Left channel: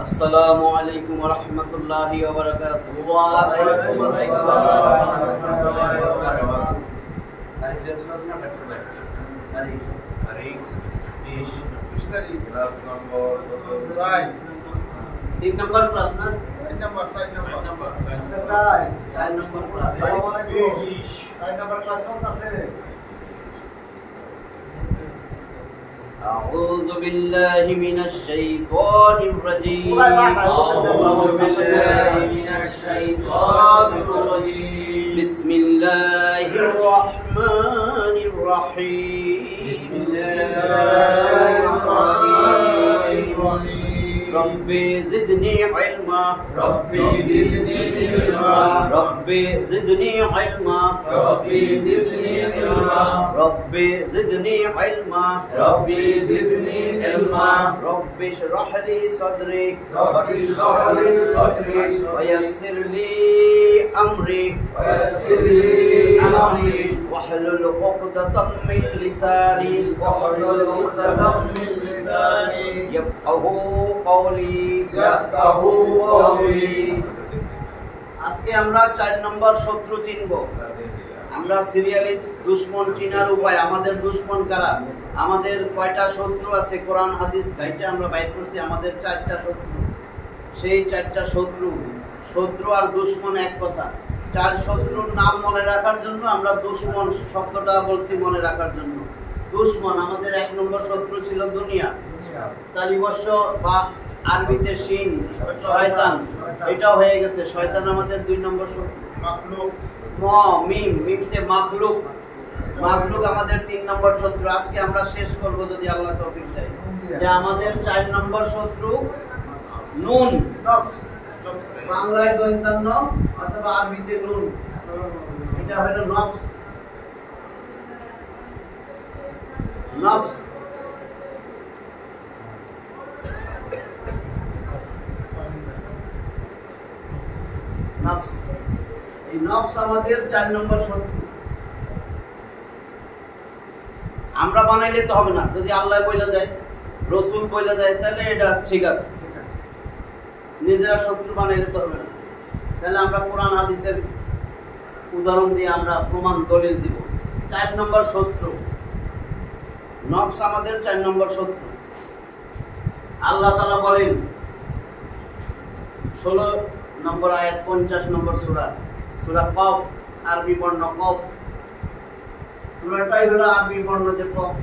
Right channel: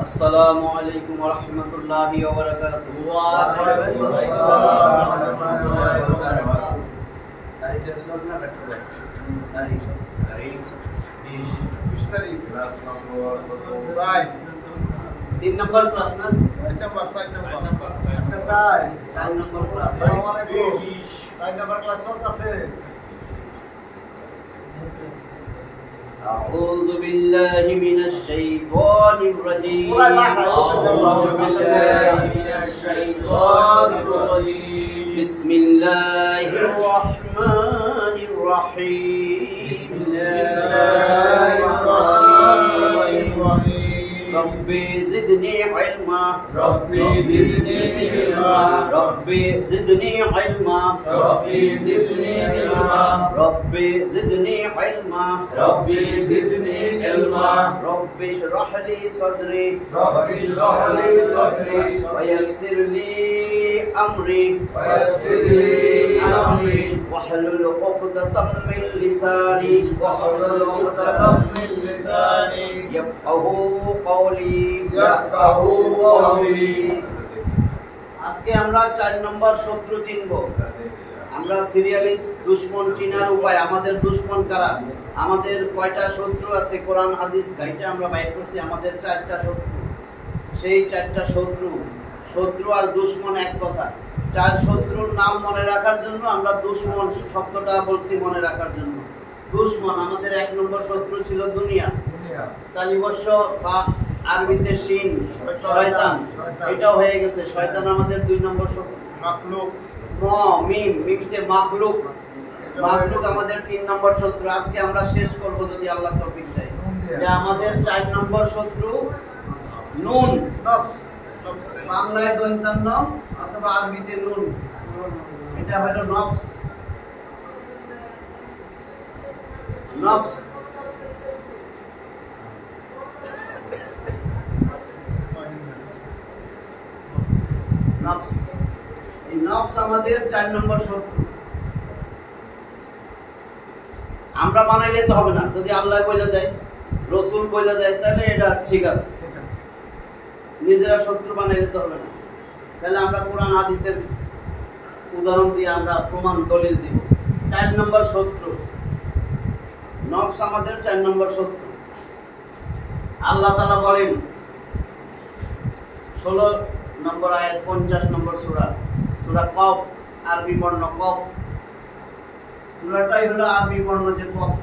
আসসালামু আলাইকুম ওয়া রাহমাতুল্লাহি ওয়া বারাকাতুহু। ওয়া আলাইকুম আসসালাম ওয়া রাহমাতুল্লাহি ওয়া বারাকাতুহু। তাই চেষ্টা করুন ডাক্তার ভাই। তারিখ 20 তারিখ ক্লাস নম্বর কত? 3 নম্বর ক্লাস না? 4 নম্বর 4 নম্বর আচ্ছা 4 নম্বর ক্লাস। আসসালামু আলাইকুম 4 নম্বর ক্লাস চলতেছে। أعوذ بالله من الشيطان الرجيم. أعوذ بالله من الشيطان الرجيم. بسم الله الرحمن الرحيم. بسم الله الرحمن الرحيم. ربي زدني علما. ربي زدني علما. ربي زدني علما. ربي زدني علما. ربي زدني علما. ربي زدني علما. رب اشرح لي صدري رب اشرح لي صدري ويسر لي أمري ويسر لي أمري واحلل عقدة من لساني واحلل عقدة من لساني يفقه قولي. يفقهوا قولي. আজকে আমরা 4 নম্বর শত্রু চিনব। আমরা সিরিয়ালি দুশমন চিনার উপায়, আমাদের দুশমন কারা, আমাদের কয়টা শত্রু আছে কোরআন হাদিস গাইতে আমরা বাইর করছি। আমাদের 4টা শত্রু, সেই 4টা শত্রু আর দুশমন এক কথা। 4 শত্রুর নাম মনে রাখার জন্য আমরা দুশমন শব্দটা বলছি মনে রাখার জন্য। দুশমন আমাদের 1 নম্বর শত্রু ছিল দুনিয়া, তালিবর্ষ বা আরবিতে শিন শয়তান, এটাও হয়ে গেছে। শয়তান আমাদের 2 নম্বর শত্রু। মাখলুক মিমতে মাখলুক আমাদের 3 নম্বর শত্রু। আজকে আমরা শেষ করব যদি আল্লাহ তৌফিক দেয়। যে আমাদের 4 নম্বর শত্রু নুন, বাংলায় দৈন্তান্ন অথবা আরবিতে নুন, এটা হলো নফস। এই নফস আমাদের 4 নম্বর শত্রু। আমরা বানাইলে তো হবে না, যদি আল্লাহ বলে দেয়, রসুল বলে দেয়, তাহলে এটা ঠিক আছে। নিজেরা শত্রু বানাইলে তো হবে না। তাহলে আমরা কোরআন হাদিসের উদাহরণ দিয়ে আমরা প্রমাণ দলিল দিব। 4 নম্বর শত্রু নফস আমাদের 4 নম্বর শত্রু। আল্লাহ তাআলা বলেন 16 নম্বর আয়াত 50 নম্বর সূরা কফ, আরবি বর্ণ কফ। সূরাটাই হলো আরবি বর্ণ যে কফ,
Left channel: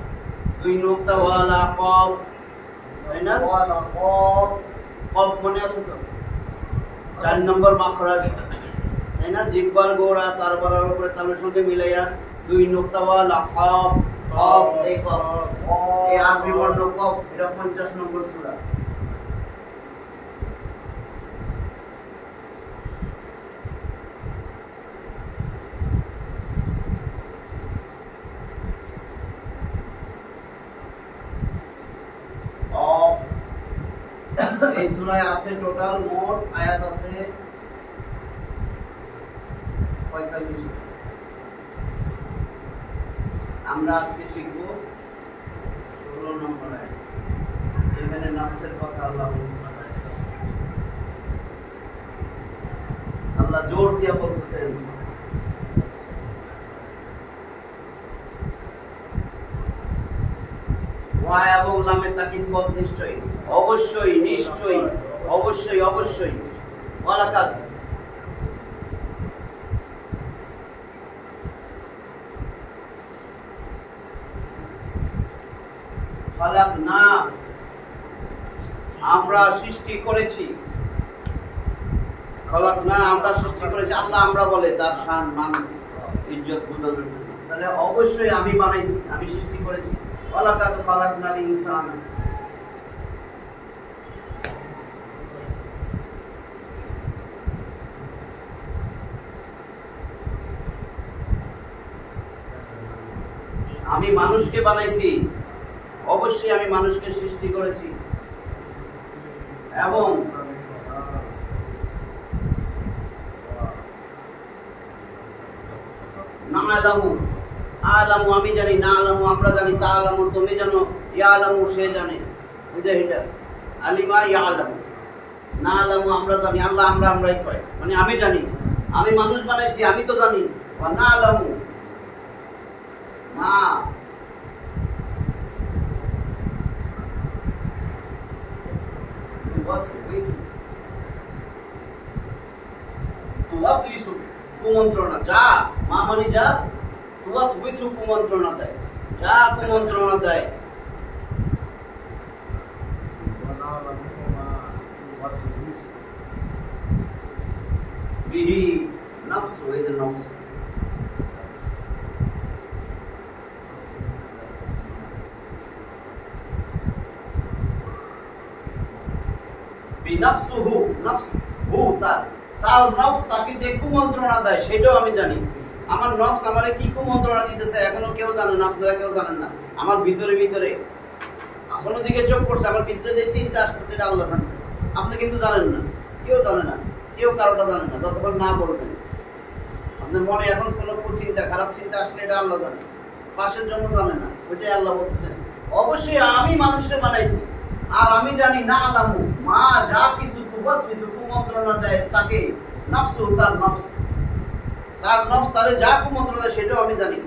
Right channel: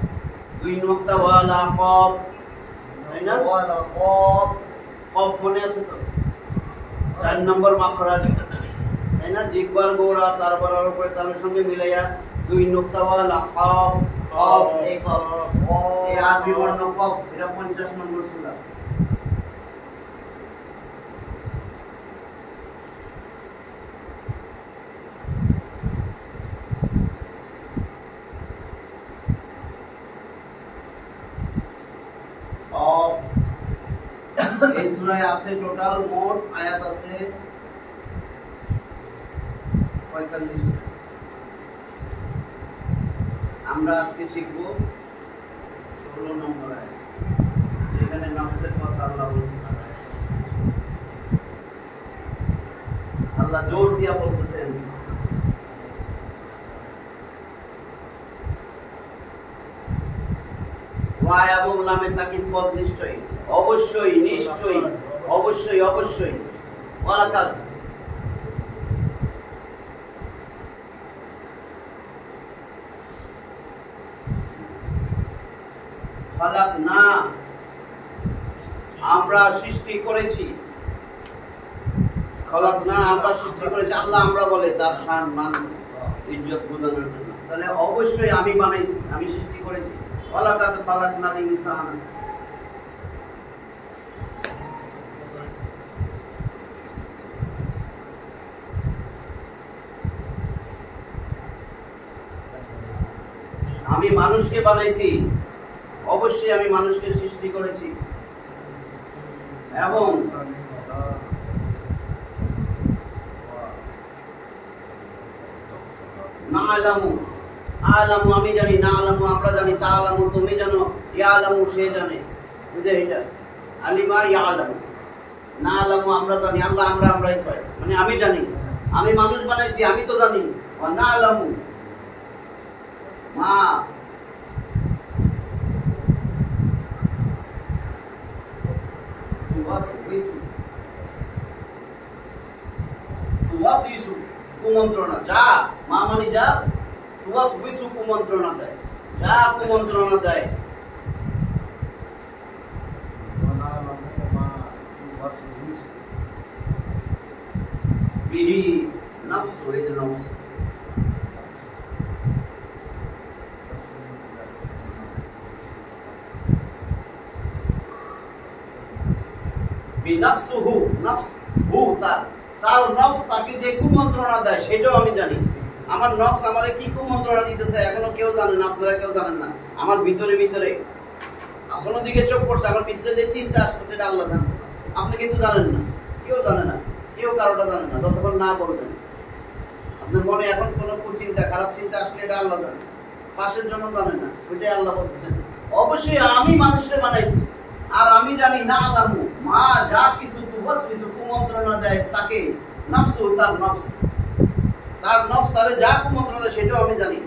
2 নোক্তা ওয়ালা কফ, তাই না? ওয়ালা কফ মনে আছে তো? 4 নম্বর মাখরাজ, তাই না? জিহ্বার গোড়া তার বরাবর উপরে তালের সঙ্গে মিলাইয়া 2 নোক্তা ওয়ালা কফ, এই কফ, এই আরবি বর্ণ কফ, এটা 50 নম্বর সূরা। এই সূরায় আছে টোটাল মোট আয়াত আছে 45। আমরা আজকে শিখব 16 নম্বর আয়াত। এখানে নফসের কথা আল্লাহ বলছেন। আল্লাহ জোর দিয়া বলতেছেন ওয়া এবং লামে তাকিদ পদ নিশ্চয়ই, অবশ্যই, নিশ্চয়ই, অবশ্যই, অবশ্যই। ওয়ালাকাদ খালাকনা, আমরা সৃষ্টি করেছি। খালাকনা আমরা সৃষ্টি করেছি। আল্লাহ আমরা বলে তার শান মান ইজ্জত বোঝানোর জন্য। তাহলে অবশ্যই আমি বানাইছি, আমি সৃষ্টি করেছি। ওয়ালাকাদ খালাকনাল ইনসানা, আমি মানুষকে বানাইছি, অবশ্যই আমি মানুষকে সৃষ্টি করেছি। এবং না আলামু, আলামু আমি জানি, না আলামু আমরা জানি, তা আলামু তুমি জানো, ইয়া আলামু সে জানে। বুঝে এটা আলিমা ইয়া আলামু, না আলামু আমরা জানি, আল্লাহ আমরাই কয়, মানে আমি জানি, আমি মানুষ বানাইছি, আমি তো জানি। না আলামু মা কুমন্ত্রণা, যা মা মানে যা, কুমন্ত্রণা দেয়, যা কুমন্ত্রণা দেয়। বিহি নফস, এই যে নফস, বিনফসুহু, নফস হু তার, তার নফস তাকে যে কুমন্ত্রণা দেয় সেটাও আমি জানি। আমার নফস আমারে কি কুমন্ত্রণা দিতেছে এখনো কেউ জানেন না, আপনারা কেউ জানেন না। আমার ভিতরে ভিতরে কোনো দিকে চোখ পড়ছে, আমার ভিতরে যে চিন্তা আসতেছে এটা আল্লাহ জানে, আপনি কিন্তু জানেন না, কেউ জানে না, কেউ কারোটা জানে না যতক্ষণ না বলবেন। আপনার মনে এখন কোনো কুচিন্তা, খারাপ চিন্তা আসলে এটা আল্লাহ জানে, পাশের জন্য জানে না, ওইটাই আল্লাহ বলতেছেন। অবশ্যই আমি মানুষকে বানাইছি, আর আমি জানি না আলামু মা যা কিছু কুমন্ত্রণা দেয় তাকে, নফসু তার নফস, তার নফস তারে যা কুমন্ত্রণা দেয় সেটাও আমি জানি।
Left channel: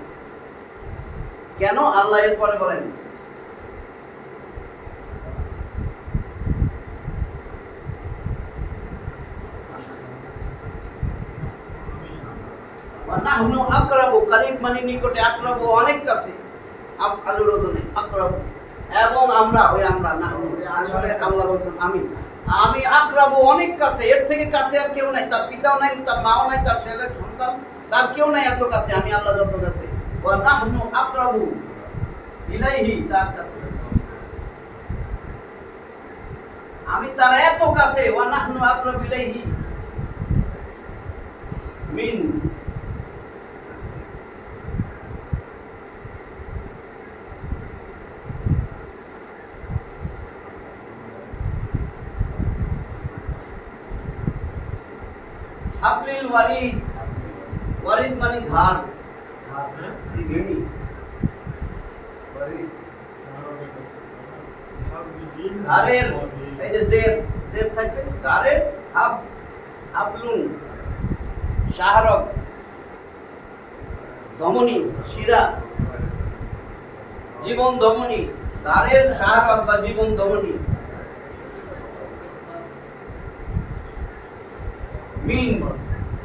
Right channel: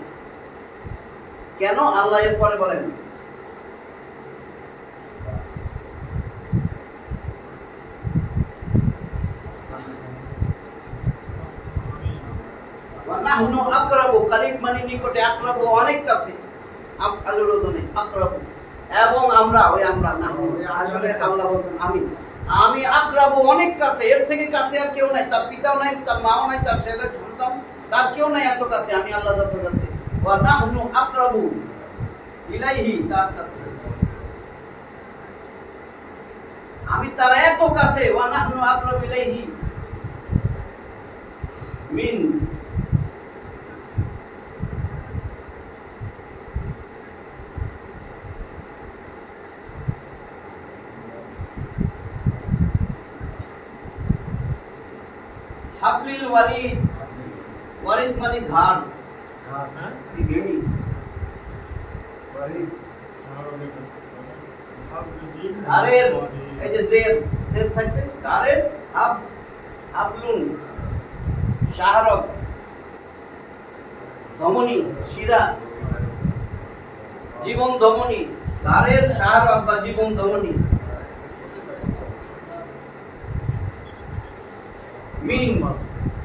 কেন? আল্লাহ এর পরে বলেন নাহনু আকরাবু, করিব মানে নিকটে, আকরাবু অনেক কাছে, আফআলুর ওজনে আকরাবু, এবং আমরা, ওই আমরা নাহনু, আসলে আল্লাহ বলছেন আমি আকরাবু অনেক কাছে, এর থেকে কাছে আর কেউ নাই, তার পিতাও নাই, তার মাও নাই, তার ছেলে সন্তান, তার কেউ নাই এত কাছে, আমি আল্লাহ যত কাছে। ওয়া নাহনু আকরাবু ইলাইহি, তার কাছে আমি, তার এত কাছে। ওয়া নাহনু আকরাবু ইলাইহি মিন, হাবলিল ওয়ারিদ, ওয়ারিদ মানে ধার, ঘেনি, ধারের, এই যে জের থাকবে ধারের, হাবলুন শাহরগ, ধমনী শিরা, জীবন ধমনী, ধারের শাহরগ বা জীবন ধমনী। মিন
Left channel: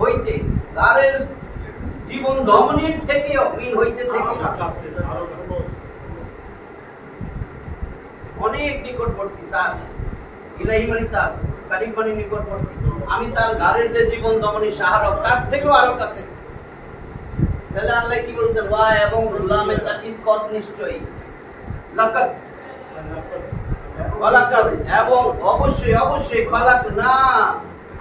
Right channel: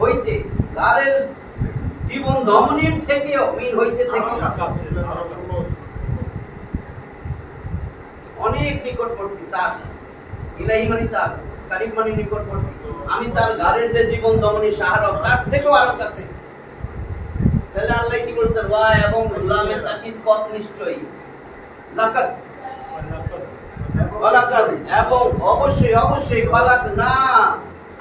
হইতে, ধারের জীবন ধমনীর থেকেও, মিন হইতে থেকে অনেক নিকটবর্তী, তার ইলাহি মানে তার, কারিব মানে নিকটবর্তী, আমি তার গাড়ের যে জীবন ধমনী শাহরগ তার থেকেও আরো কাছে। তাহলে আল্লাহ কি বলছেন? ওয়া এবং লামে তাকিদ কত নিশ্চয়ই, লাকাত ওয়ালাকাদ, এবং অবশ্যই অবশ্যই, খলাক না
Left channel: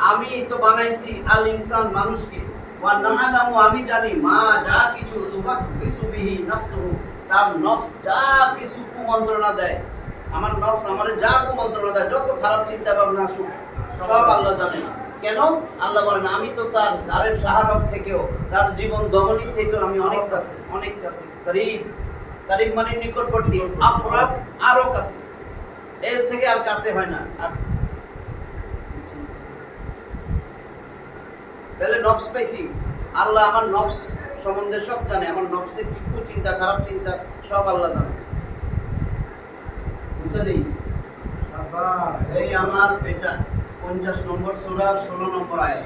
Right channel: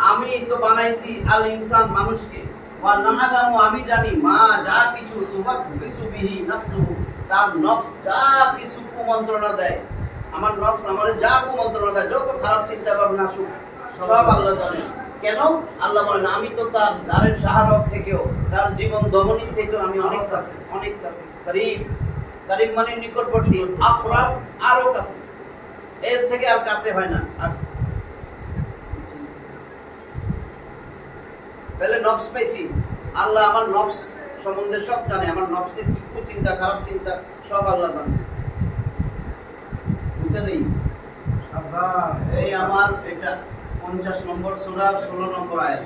আমি তো বানাইছি, আল ইনসান মানুষকে, ওয়া নাআলামু আমি জানি, মা যা কিছু, তুওয়াসবিসু বিহি নাফসুহু তার নফস যা কিছু কুমন্ত্রণা দেয়, আমার নফস আমারে যা কুমন্ত্রণা দেয়, যত খারাপ চিন্তা ভাবনা আসুক সব আল্লাহ জানেন। কেন? আল্লাহ বলেন আমি তো তার ধারের শাহরগ থেকেও, তার জীবন ধমনী থেকেও আমি অনেক কাছে, অনেক কাছে। করিব, করিব মানে নিকটবর্তী, আকরাব আরো কাছে, এর থেকে আর কাছে হয় না। আর তাহলে নফস পাইছি, আল্লাহ আমার নফস সম্বন্ধে সব জানে, আমার নফসের কি চিন্তা, খারাপ চিন্তা সব আল্লাহ জানে, বুঝতে নেই? এই আমার এটা 50 নম্বর সূরা 16 নম্বর আয়াত।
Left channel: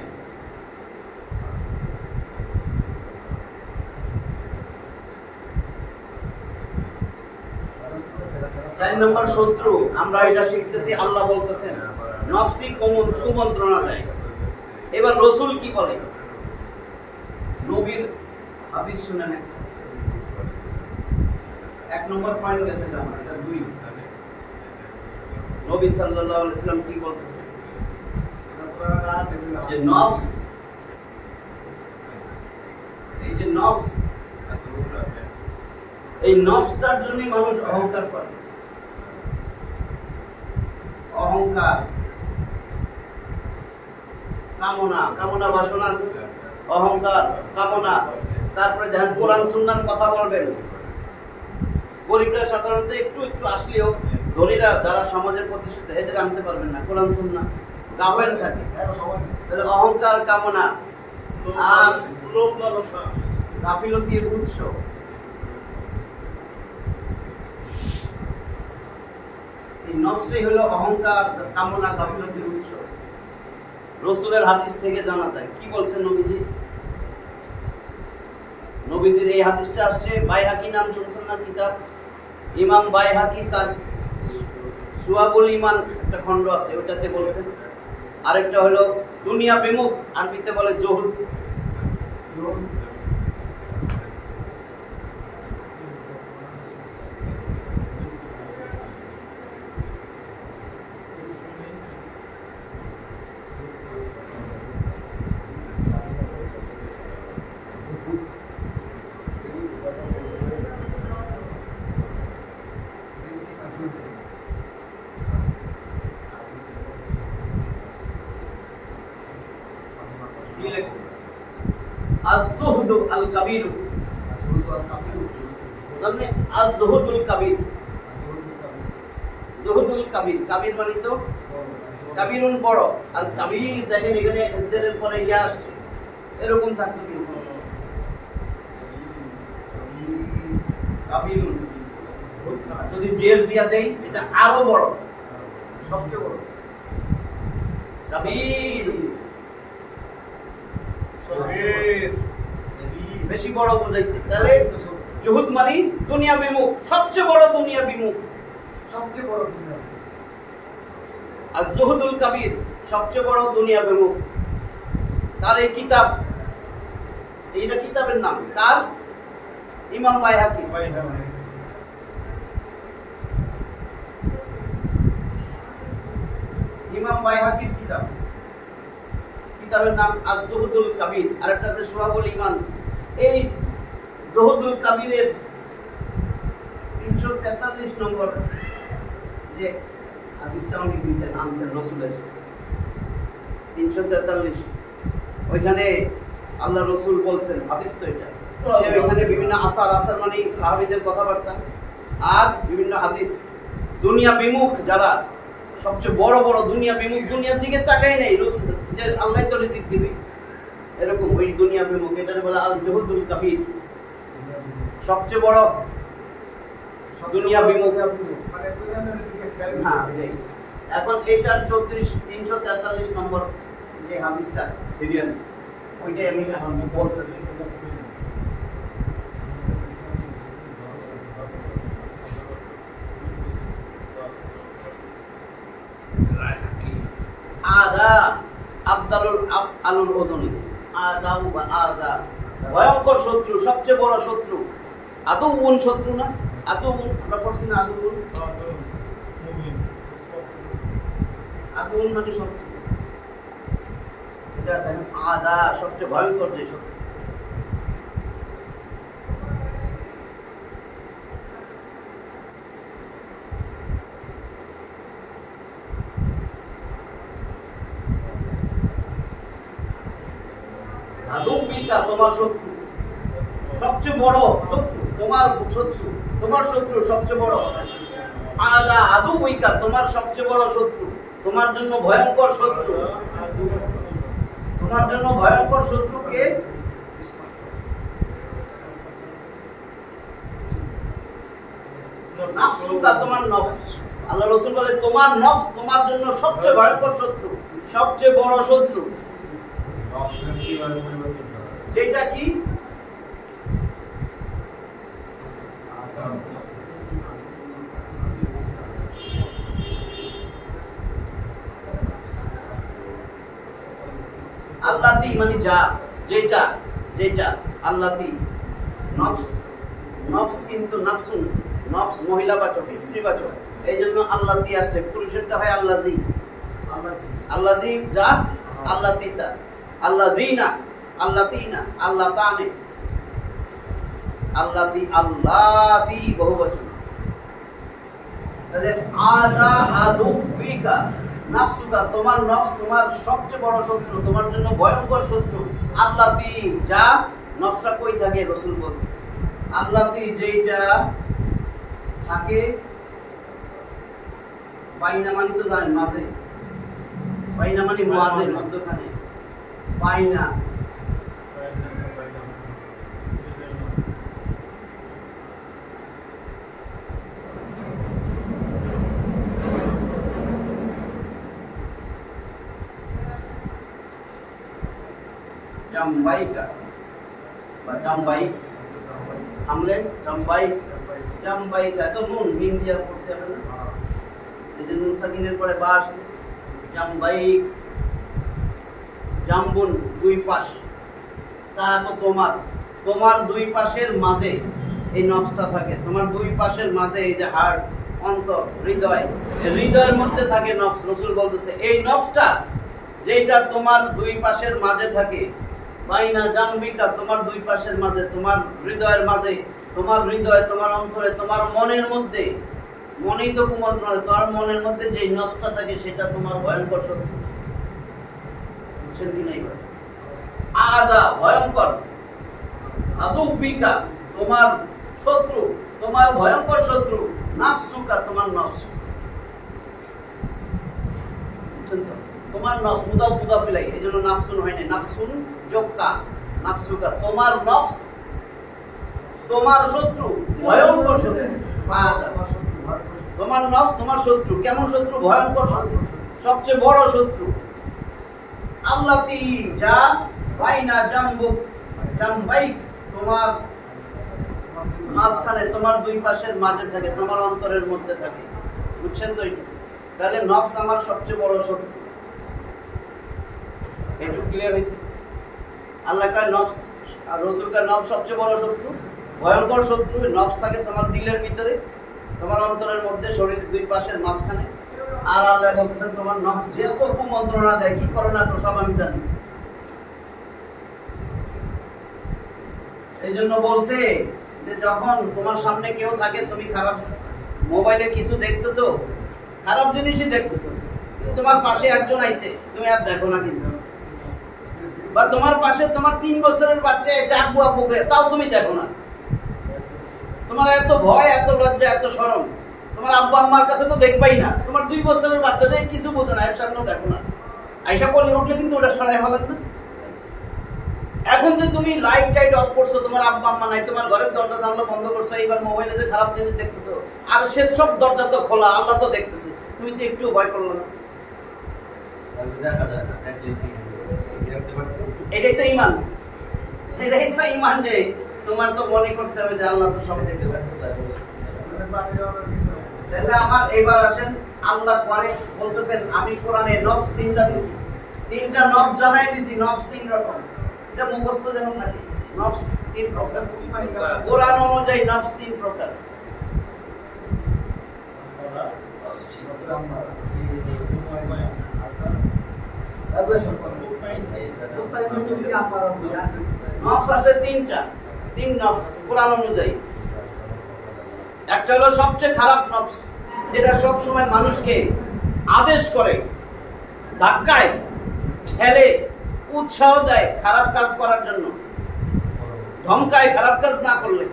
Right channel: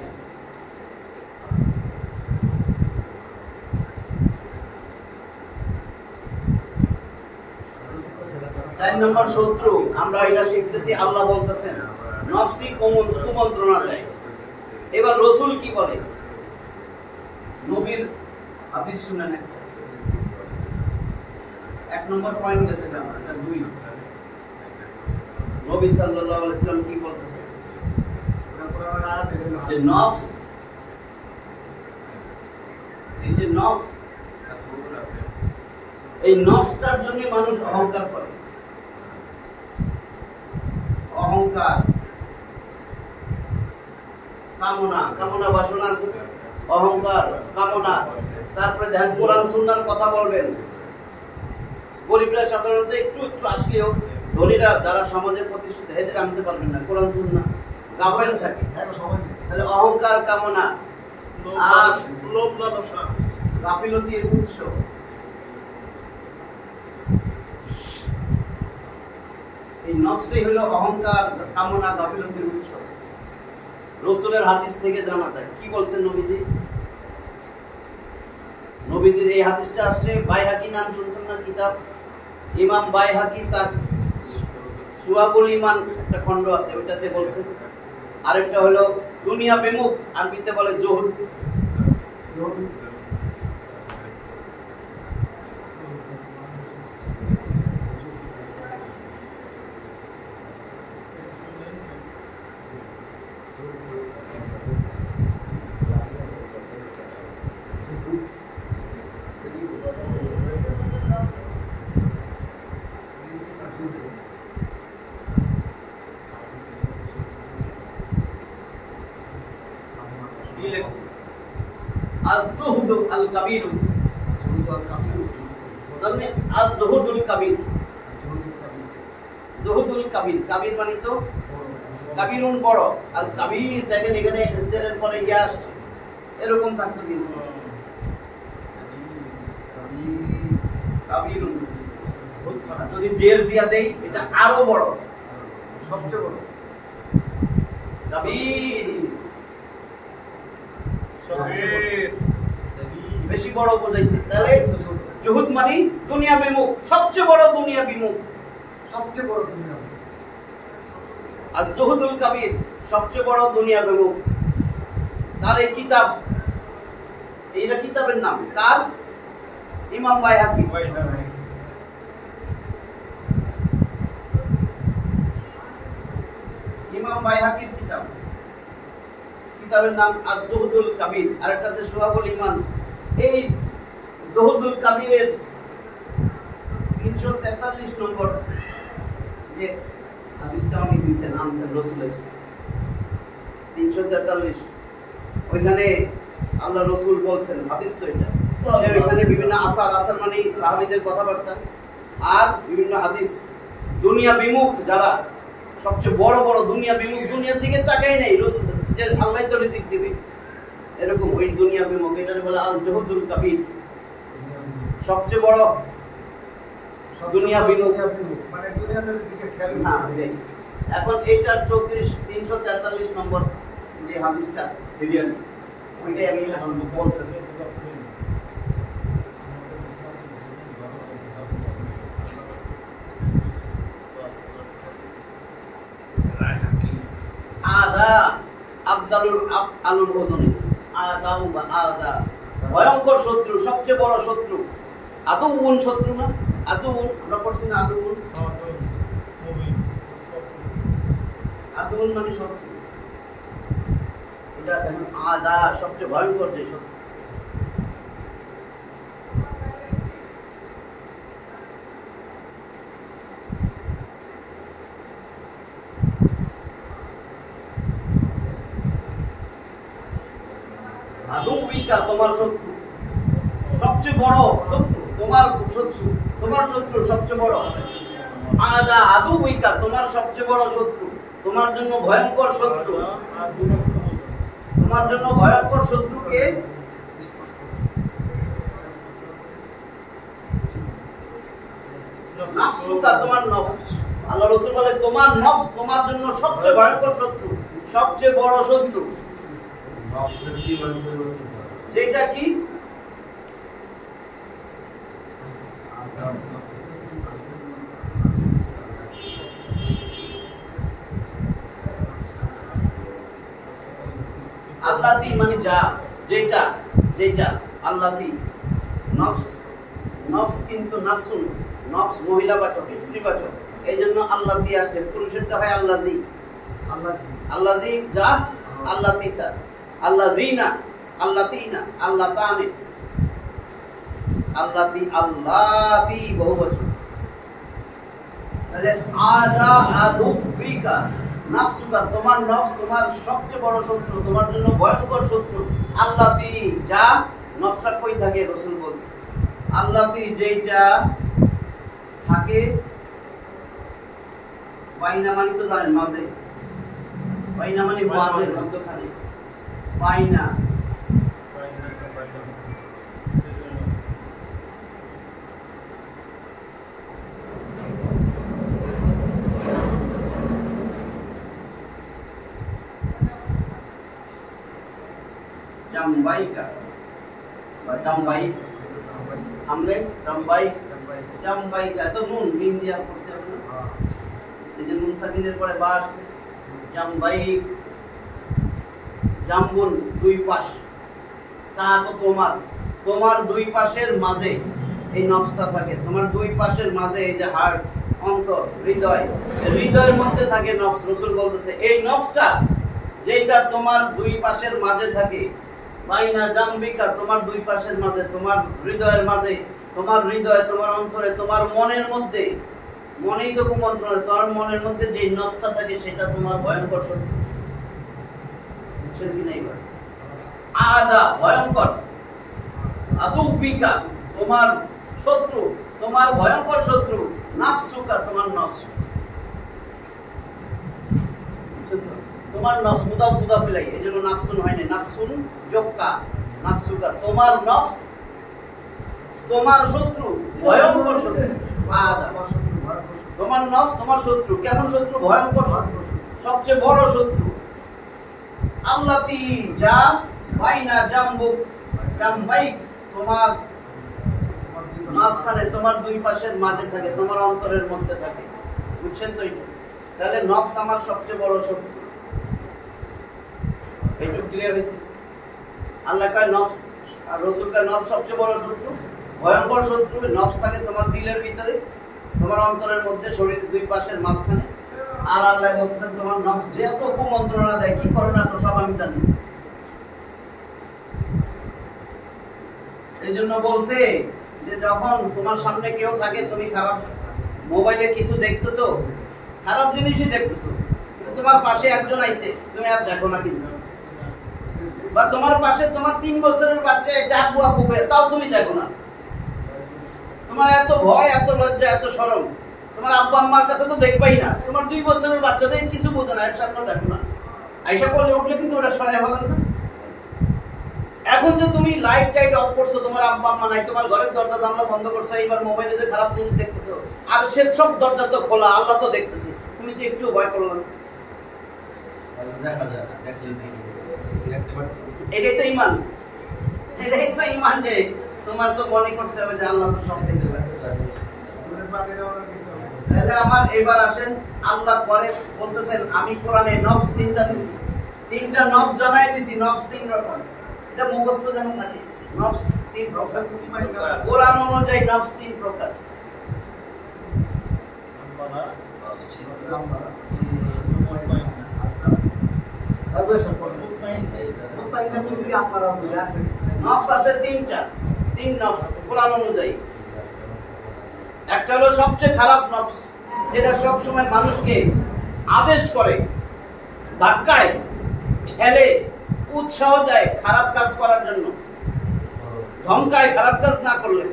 4 নম্বর শত্রু আমরা এটা শিখতেছি, আল্লাহ বলতেছেন নফসি কুমন্ত্রণা দেয়। এবার রাসূল কি বলে? নবীর হাদিস শুনেন, 1 নম্বর পয়েন্ট গেছে আমার, এটা 2। নবী সাল্লাল্লাহু আলাইহি ওয়াসাল্লাম কি বলতেছেন? যে নফস, এই যে নফস, এই নফসটার জন্য মানুষ অহংকার করে, অহংকার, কামনা, কামনা বাসনা আছে, অহংকার, কামনা। তারপরে ধ্যান, কোরআন সুন্নাহর কথা বলবেন। গরিবরা সাধারণত একটু একটু আসলেও, ধনীরা যারা সমাজের প্রতিষ্ঠিত এদের আনতে পারবেন না কোরআন সুন্নাহ। গাফেল থাকে। তাহলে অহংকার কামনা আর লোভ লালসা গাফিলতির উৎস। এই নফসটাই হলো অহংকার কামনা গাফিলতির উৎস। রাসূলের হাদিস থেকে জানা যায়। কি বলছেন নবীজি? নবীজির এই হাদিসটা আসছে, বাইহাকি নাম শুনছেন না কিতাব? ইমাম বাইহাকি তার সুয়াবুল ঈমান একটা খণ্ড আছে, ওটাতে বলছেন। আরেকটা হলো দুনিয়া বিমুখ, আরবিতে বলে জহুদ। আয-যুহদু আল-কাবীর, মানে আয-যুহুদুল কাবীর। যুহুদুল কাবীর, কাবীর মানে তো কাবীরুন বড়, আর কাবীর দেখেন এখানে জেরের পরে ইয়া আসছে, এরকম থাকতো কিন্তু কাবীরুন যদি জের দিয়া দেই এটা আরো বড়, সবচেয়ে বড় কাবীর, বেশি বড় বোঝাইতে। তাহলে জুহুদ মানে দুনিয়া বিমুখ, সবচেয়ে বড় দুনিয়া বিমুখ, সবচেয়ে বড় দুনিয়া। আর জুহুদুল কাবীর সবচেয়ে বড় দুনিয়া বিমুখ। তার এই কিতাব, এইটা কিতাবের নাম তার ইমাম বাইহাকি। ইমাম বাইহাকির কিতাব, কিতাবের নাম আয-যুহুদুল কাবীর, আরেকটা আছে সুয়াবুল ঈমান। এই যুহুদুল কাবীরের 343 নম্বর যে হাদিসটা উনি দিয়েছেন, আনছেন রাসূলের 343, ওইখানে আল্লাহ রাসূল বলছেন, হাদিস তো এটা, সে ওইখানে বিভিন্ন আসার মানে সাহাবীদের কথাবার্তা আর বিভিন্ন হাদিস। দুনিয়া বিমুখ যারা, সবচেয়ে বড় বড় দুনিয়া বিমুখ, দুনিয়ার দিকে তাকাই নাই, যে আল্লাহ তো রিজিক দিবে, এরকম ওই দুনিয়া বিমুখ, এটারে বলে আল-যুহুদুল কাবীর, সবচেয়ে বড় দুনিয়া বিমুখ। হ্যাঁ, এখন এইটার 343 নম্বর যে হাদিসটা সিরিয়াল, ওইটাই আমি এখন বলতেছি। আদা আবদালুল আফআলুল ওজনি, আদা বা আদা ভয়ঙ্কর শত্রু, সবচেয়ে বড় শত্রু। আদুউন শত্রু না, আদুউন আমরা পড়ছি না, আদুউন, আদুউন মানে শত্রু। এটা দেখেন আদা সবচেয়ে ভয়ঙ্কর যে শত্রু। আদুউকা তোমার শত্রু, সবচেয়ে বড় শত্রু, তোমার শত্রু, তোমার শত্রু সবচেয়ে বড়। আদা আদুউকা তোমার সবচেয়ে বড় শত্রু, তোমার জন্য ভয়ঙ্কর শত্রু। তোমার জন্য ভয়ঙ্কর শত্রু কে? নাফসুকা, তোমার নফস। আল্লাহ রাসূল বলে তোমার নফস তোমার জন্য সবচেয়ে ভয়ঙ্কর শত্রু, সবচেয়ে বড় শত্রু। যেটা কি? আল্লাতি মানে যা, যেটা, যেটা আল্লাতি। নফস, নফস কিন্তু নাফসুন, নফস মহিলাবাচক, স্ত্রীবাচক, এই জন্য আল্লাতি আসছে। পুরুষেরটা হয় আল্লাজি, আল্লাজি যা, আল্লাতিতা, আল্লাজিনা, আল্লাতিনা, আল্লাতানে, আল্লাতি, আল্লাতি বহুবচন। তাহলে আদা আদুবিকা নাফসুকা তোমার নফস তোমার সবচেয়ে বড় শত্রু, তোমার জন্য ভয়ঙ্কর শত্রু। আল্লাতি যা, নফসটা কই থাকে? রাসূল বলছে আল্লাতি যেটা থাকে বাইনা, মানে তো জানেন মাঝে, বাইনা মানে মাঝের মধ্যখানে, বাইনা জামবাইকা বা জামবাই আমলে জামবাই জামবাইকা তো নুন মিম দিয়া পড়তে হবে না, এই যে নুন সাকিনের পরে বা আসবে জামবাই জাম্বুন দুই পাশ তা তো তোমার তোমার দুই পাশের মাঝে এই নবসটা থাকে, তোমার দুই পাশের মাঝে এই যে হার্ট অন্তর হৃদয়, হৃদয়ের মধ্যে থাকে নবস। রাসূল বলতেছে এই নবসটা যেটা তোমার দুই পাশের মাঝে থাকে, বাইনা জাম্বিকা তোমার দুই পাশের মাঝে, তোমার হৃদয়ের মাঝে, তোমার হৃদয় তোমার অন্তরে তোমার মনের মধ্যে, মনেই তো কুমন্ত্রণা, তোমার মনের মধ্যে যেই নবসটা থাকে সেটা তোমার ভয়ঙ্কর শত্রু। বুঝছেন কি না? এবার আদা ভয়ঙ্কর, আদুবিকা তোমার শত্রু, তোমার ভয়ঙ্কর শত্রু, নাফসুকা তোমার নফস। বুঝছেন তো? তোমার নফস মুদাফ মুদাফ ইলাইহি, এজন্য নাফসুন হয় না, নাফসুন যোগকা নাফসুকা তোমার নফস তোমার শত্রু, ভয়ঙ্কর শত্রু। আদা তোমার নফস তোমার শত্রু, কেমন শত্রু? ভয়ঙ্কর শত্রু, সবচেয়ে বড় শত্রু। আল্লাতি যা বাইনা জাম্বুক জামবাইক তোমার মাঝখানে, তোমার দুই পাশের মাঝে থাকে, তোমার অন্তরের মধ্যে থাকে। বুঝছেন তো? এটা তাহলে নফস আমার সবচেয়ে বড় শত্রু। এইটুকু ক্লিয়ার হয়েছে? আল্লাহ কার নফস আর রাসূল কার নফস সবচেয়ে বড় শত্রু, ভয়ঙ্কর শত্রু। নফস থাকে তোমার দিলের ভিতরে, তোমার অন্তরের মধ্যে, শরীরের দুই পাশের মাঝখানে। আর আল্লাহ বলছেন তোমার নফস যে এত কুমন্ত্রণা দেয়, কি করো না তো সব আমি জানি। এই জন্য বলছে যে যখন তোমার সামনে কেউ থাকে, তুমি খারাপ মোবাইলে কিছু দেখতেছো, খারাপ জিনিসই দেখতেছো, তোমার পাশে একজন আইছে, তুমি আর দেখো না। কিন্তু বা তোমার পাশে তোমার 3 বছরের বাচ্চা এসে আব্বু আব্বু করে, তাও তুমি দেখো না। তোমার এত ভয়, এত লজ্জা, এত শরম, তোমার আব্বা আম্মার কাছে তো দেখবাই না। তোমার 2 বছরের বাচ্চাদের কিছু বোঝে না, এর সামনে দেখো না। আইসা করলে উঠলে কিন্তু ওটা সরাই ফেলেন না। এখন যে তুমি লাইট টাইট অফ করছো, তোমার আব্বা আম্মা নাই, তোমার ঘরের দরজা জানলা বন্ধ করছো, এইবার মোবাইলে যে খারাপ জিনিস দেখতেছো, আর সে সব দরজা তো খোলা, আল্লাহ তো দেখতেছে, তুমি তো একটু ভয় করলো না। এটাই তো ঈমান, এটাই তো ঈমান যে তোমার তো মনে করতে হবে যে আল্লাহ তো সব দেখতে পারে। তাহলে আমার এবার আসেন, আল্লাহ পরে বলতেছেন আমি কোরআনে নফস 3টা দিছি, 3টা নফস জানাই দিছি। নফস 3 রকম, এটা মুখস্থ যেন থাকে। নফস 3 প্রকার, কোরআন অনুযায়ী নফস 3 প্রকার। নফস আছে 3টা, 3 নফস কোরআন অনুযায়ী। একটা হলো সবচেয়ে খারাপ নফস, যেটা সব সময় মানুষকে আদেশ করে, ধাক্কায় ঠেলে, উৎসাহ দেয় খারাপ কাজ করার জন্য, ধমকায় খারাপ কাজ না করলে,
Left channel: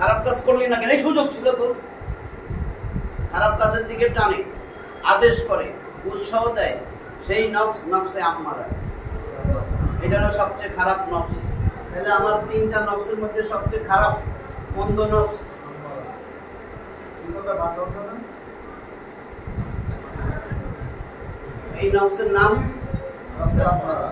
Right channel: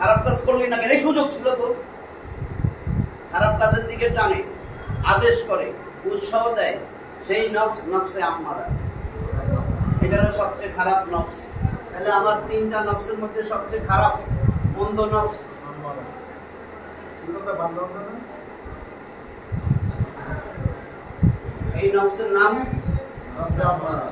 খারাপ কাজ করলে না কেন, সুযোগ ছিল তো, খারাপ কাজের দিকে টানে, আদেশ করে, উৎসাহ দেয়, সেই নফস নফসে আম্মারা। এটা হলো সবচেয়ে খারাপ নফস। তাহলে আমার 3টা নফসের মধ্যে সবচেয়ে খারাপ মন্দ নফস এই নফসের নাম নফসে আম্মারা।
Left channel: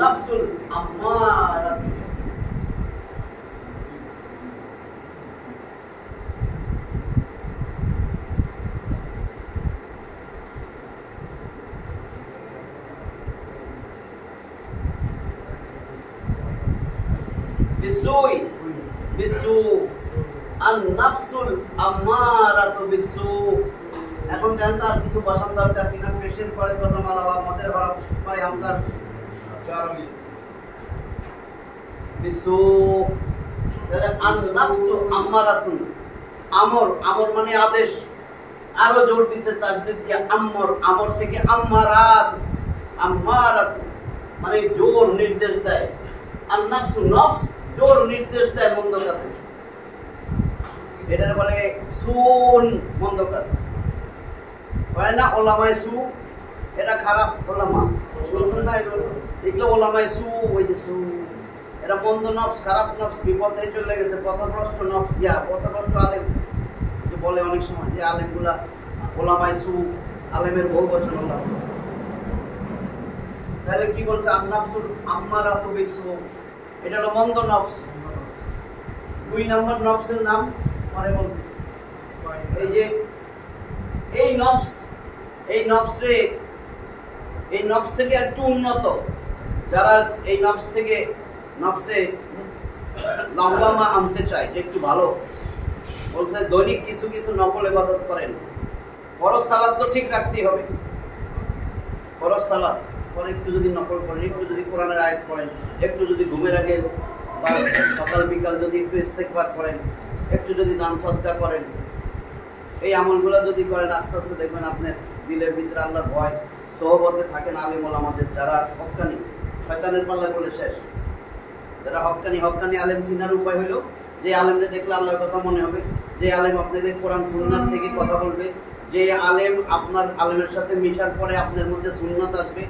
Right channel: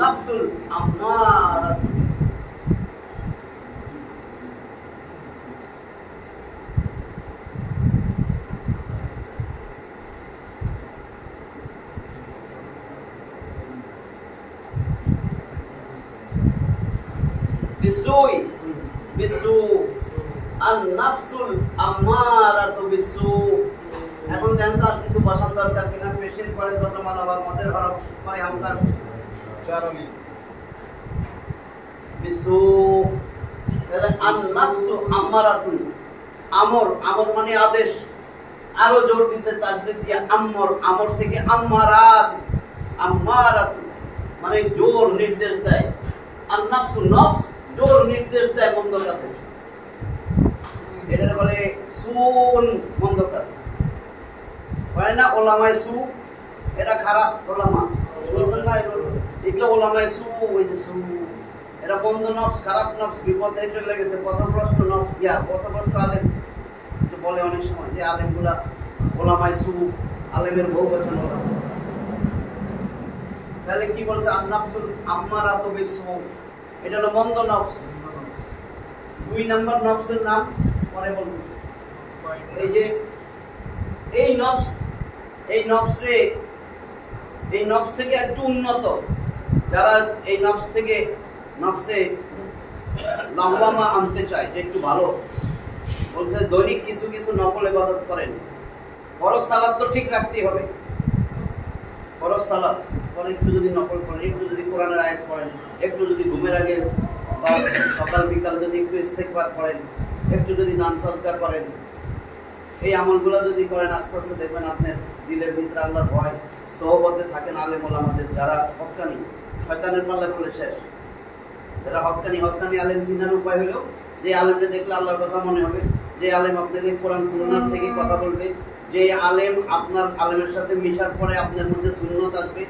নাফসুল আম্মারা, বিসুই বিসু, আন নাফসুল আম্মারাতু বিসু। এখন দেখেন তার কিছু বসার দরকার কিনা। পেশের পরে যত মালা বা মদের হরফ পরে হামজার চারলি বিসু, আন-নাফসু আম্মারাতুন, আমর, আমর মানে আদেশ, আরো জোর দিছে তাজদীদ দিয়ে আমর, আমর থেকে আম্মারাত, আম্মারাত মানে জোর নির্দেশ দেয়। আন-নাফসু নফস জোর নির্দেশ দেয় মন্দ কাজে, এটা বলে সুন, মন্দ কাজ হয় না। ওলামায়ে সু, এটা খারাপ ওলামা, শুনছেন না? এগুলো ওলামায়ে সু, ওই যে সু, এটা মন্দ নফস, খারাপ নফস, বিপদে চলে গেছে, পথভ্রষ্ট নফস, পথভ্রষ্ট আলেম বলে অনেক সময় যে আলেমগুলা ওলামায়ে সু, আলেমের বহু বচন ওলামা। তাহলে কি বলছে? আন-নাফসুল আম্মারাতু বিসু, এটা হলো মন্দ নফস। 2 নম্বর নফসের নাম পরে বলতেছে। এই যে এই নফস, এই নফসে, এই নফস থেকে একটু উন্নত যারা এই নফস থেকে, নফসে লাওয়ামা আনতে চায় যে একটু ভালো, বলছে দৈনিক কিছু কিছু নফল ইবাদত করেন। ফরজ সালাত তো ঠিক রাখতেই হবে, ফরজ সালাত পরে একটু যদি নফল করেন, একটু যদি কোরআনের আয়াত পড়েন, একটু যদি ঘুমের আগে বা সকাল বিকাল যদি একটু ইস্তেগফার করেন, একটু যদি দান সদকা করেন, এই আমলগুলো যদি করেন, আস্তে আস্তে দেখবেন আপনার দিলের ভিতরে আল্লাহর ভয়, সোহবতে থাকেন আলেম ওলামাদের যারা হক্কানি, শয়তানের পাল্লা করলে শেষ। যারা হক্কানি, হক্কানি আলেম চিনার উপায় হলো যে আলেমকে দেখলে আল্লাহর কথা মনে হবে, যে আলেম আপনাকে কোরআন সুন্নাত থেকে কথা বলবে, যে আলেম আপনার আলেমের সাথে মিশার পরে আপনার মধ্যে সুন্নত আসবে,